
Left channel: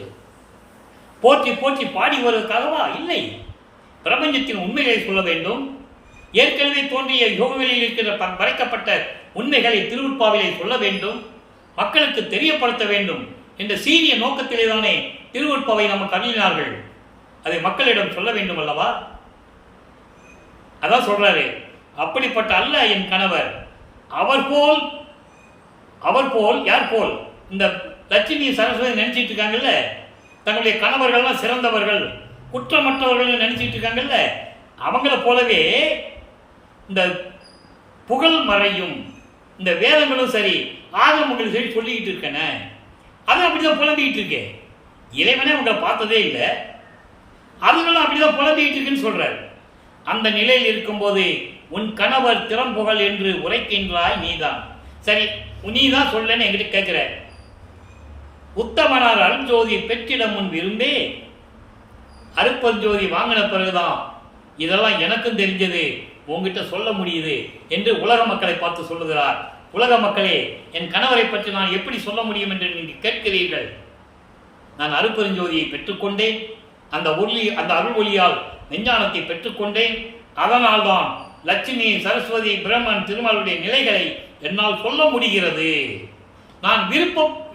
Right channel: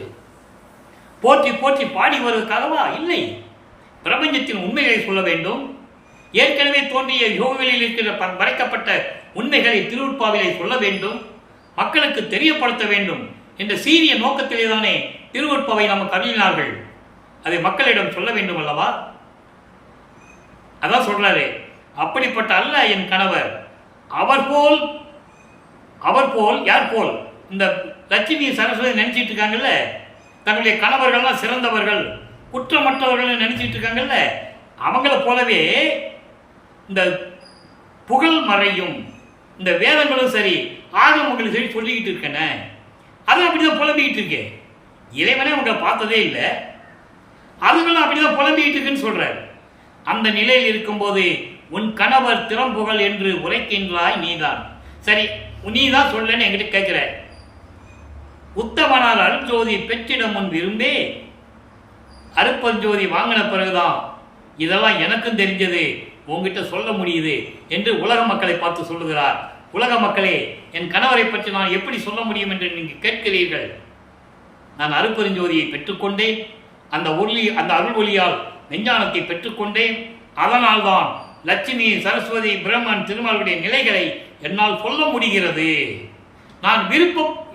போற்றி போற்றி பாடி வருவதற்காகவா? இல்லை. பிரபஞ்சத்தின் உண்மைகளை சொல்ல வேண்டும். ஏற்கனவே தோன்றிய யோகங்களில் இருக்கிற மறைக்கப்பட்ட உண்மைகளை திருவருட்பாவிலே சொல்ல வேண்டும். மக்களுக்கு தெரியப்படுத்த வேண்டும் என்ற சீரிய நோக்கத்திலே தானே திருவருட்பாவை நமக்கு அருளினார்கள். அதை மக்களிடம் சொல்ல வேண்டும் அல்லவா? அதான் சொல்றாரு, அப்படிப்பட்ட அல்ல என் கணவர். அவர் போல் யார் போல்? இந்த லட்சுமி சரஸ்வதி நினைச்சிட்டு இருக்காங்கல்ல, தங்களுடைய கணவர்கள்லாம் சிறந்தவர்கள், குற்றமற்றவர்கள் நினைச்சிட்டு இருக்காங்கல்ல, அவங்கள போலவே இந்த புகழ் மறையும் இந்த வேதங்களும் சரி, ஆகமங்களும் சரி சொல்லிக்கிட்டு இருக்கேனே, அது அப்படிதான் புலம்பிக்கிட்டு இருக்கேன். இறைவனே அவங்களை பார்த்ததே இல்லை, அதுங்களும் அப்படிதான் புலம்பிக்கிட்டு இருக்குன்னு சொல்றாரு. அந்த நிலையில் இருக்கும்போது உன் கணவர் திறம்புகழ் என்று உரைக்கின்றாய் நீதான். சரி, நீதான் சொல்லன்னு என்கிட்ட கேட்கிற. உத்தமனார் அருட்ஜோதி பெற்றிட முன் விரும்பே அருப்பஞ்சோதி வாங்கின பிறகுதான் இதெல்லாம் எனக்கும் தெரிஞ்சது, உங்ககிட்ட சொல்ல முடியுது என்று உலக மக்களை பார்த்து சொல்லுகிறார். உலக மக்களே, என் கணவரை பற்றி நான் எப்படி சொல்ல முடியும் என்று நீங்கள் கேட்கிறீர்கள். நான் அருப்பெருஞ்சோதியை பெற்றுக்கொண்டேன், அந்த அருள் ஒளியால் நெஞ்ஞானத்தை பெற்றுக்கொண்டேன். அதனால்தான் லட்சுமி சரஸ்வதி பிரம்மன் திருமாலுடைய நிலைகளை என்னால் சொல்ல முடிகிறது. நான்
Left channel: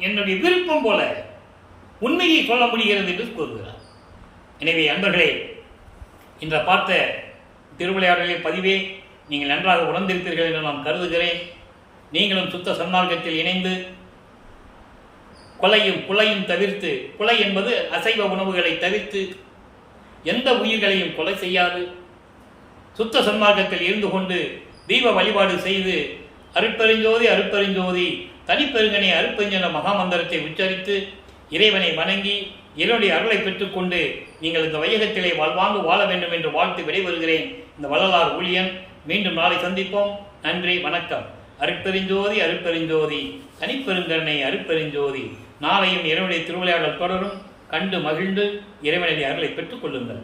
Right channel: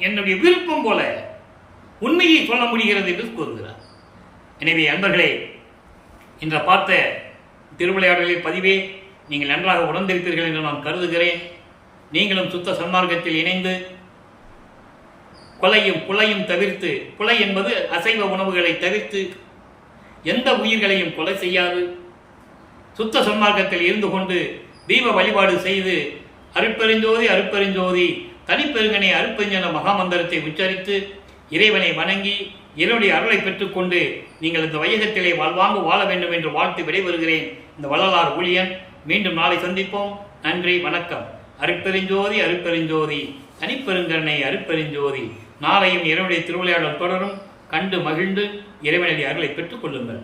என்னுடைய விருப்பம் போல உண்மையை சொல்ல முடிகிறது என்று கூறுகிறார். எனவே அன்பர்களே, இன்று பார்த்த திருவிளையாடலில் பதிவே நீங்கள் நன்றாக உணர்ந்திருப்பீர்கள் என்று நான் கருதுகிறேன். நீங்களும் சுத்த சன்மார்க்கத்தில் இணைந்து கொலையும் தவிர்த்து, கொலை என்பது அசைவ உணவுகளை தவிர்த்து எந்த உயிர்களையும் கொலை செய்யாது சுத்த சன்மார்க்கத்தில் இருந்து கொண்டு தீப வழிபாடு செய்து அருட்பெருஞ்சோதி தனிப்பெருங்கனை அருட்பெருஞ்சன மகாமந்திரத்தை உச்சரித்து இறைவனை வணங்கி இறைவனுடைய அருளை பெற்றுக்கொண்டு நீங்கள் இந்த வையகத்திலே வாழ்வாங்கு வாழ வேண்டும் என்று வாழ்த்து விடைபெறுகிறேன். இந்த வள்ளலார் ஊழியன். மீண்டும் நாளை சந்திப்போம். நன்றி, வணக்கம். அருட்பெருஞ்சோதி தனிப்பெருங்கருணை அருட்பெருஞ்சோதி. நாளையும் இறைவனுடைய திருவிளையாடல் தொடரும். கண்டு மகிழ்ந்து இறைவனுடைய அருளை பெற்றுக் கொள்ளுங்கள்.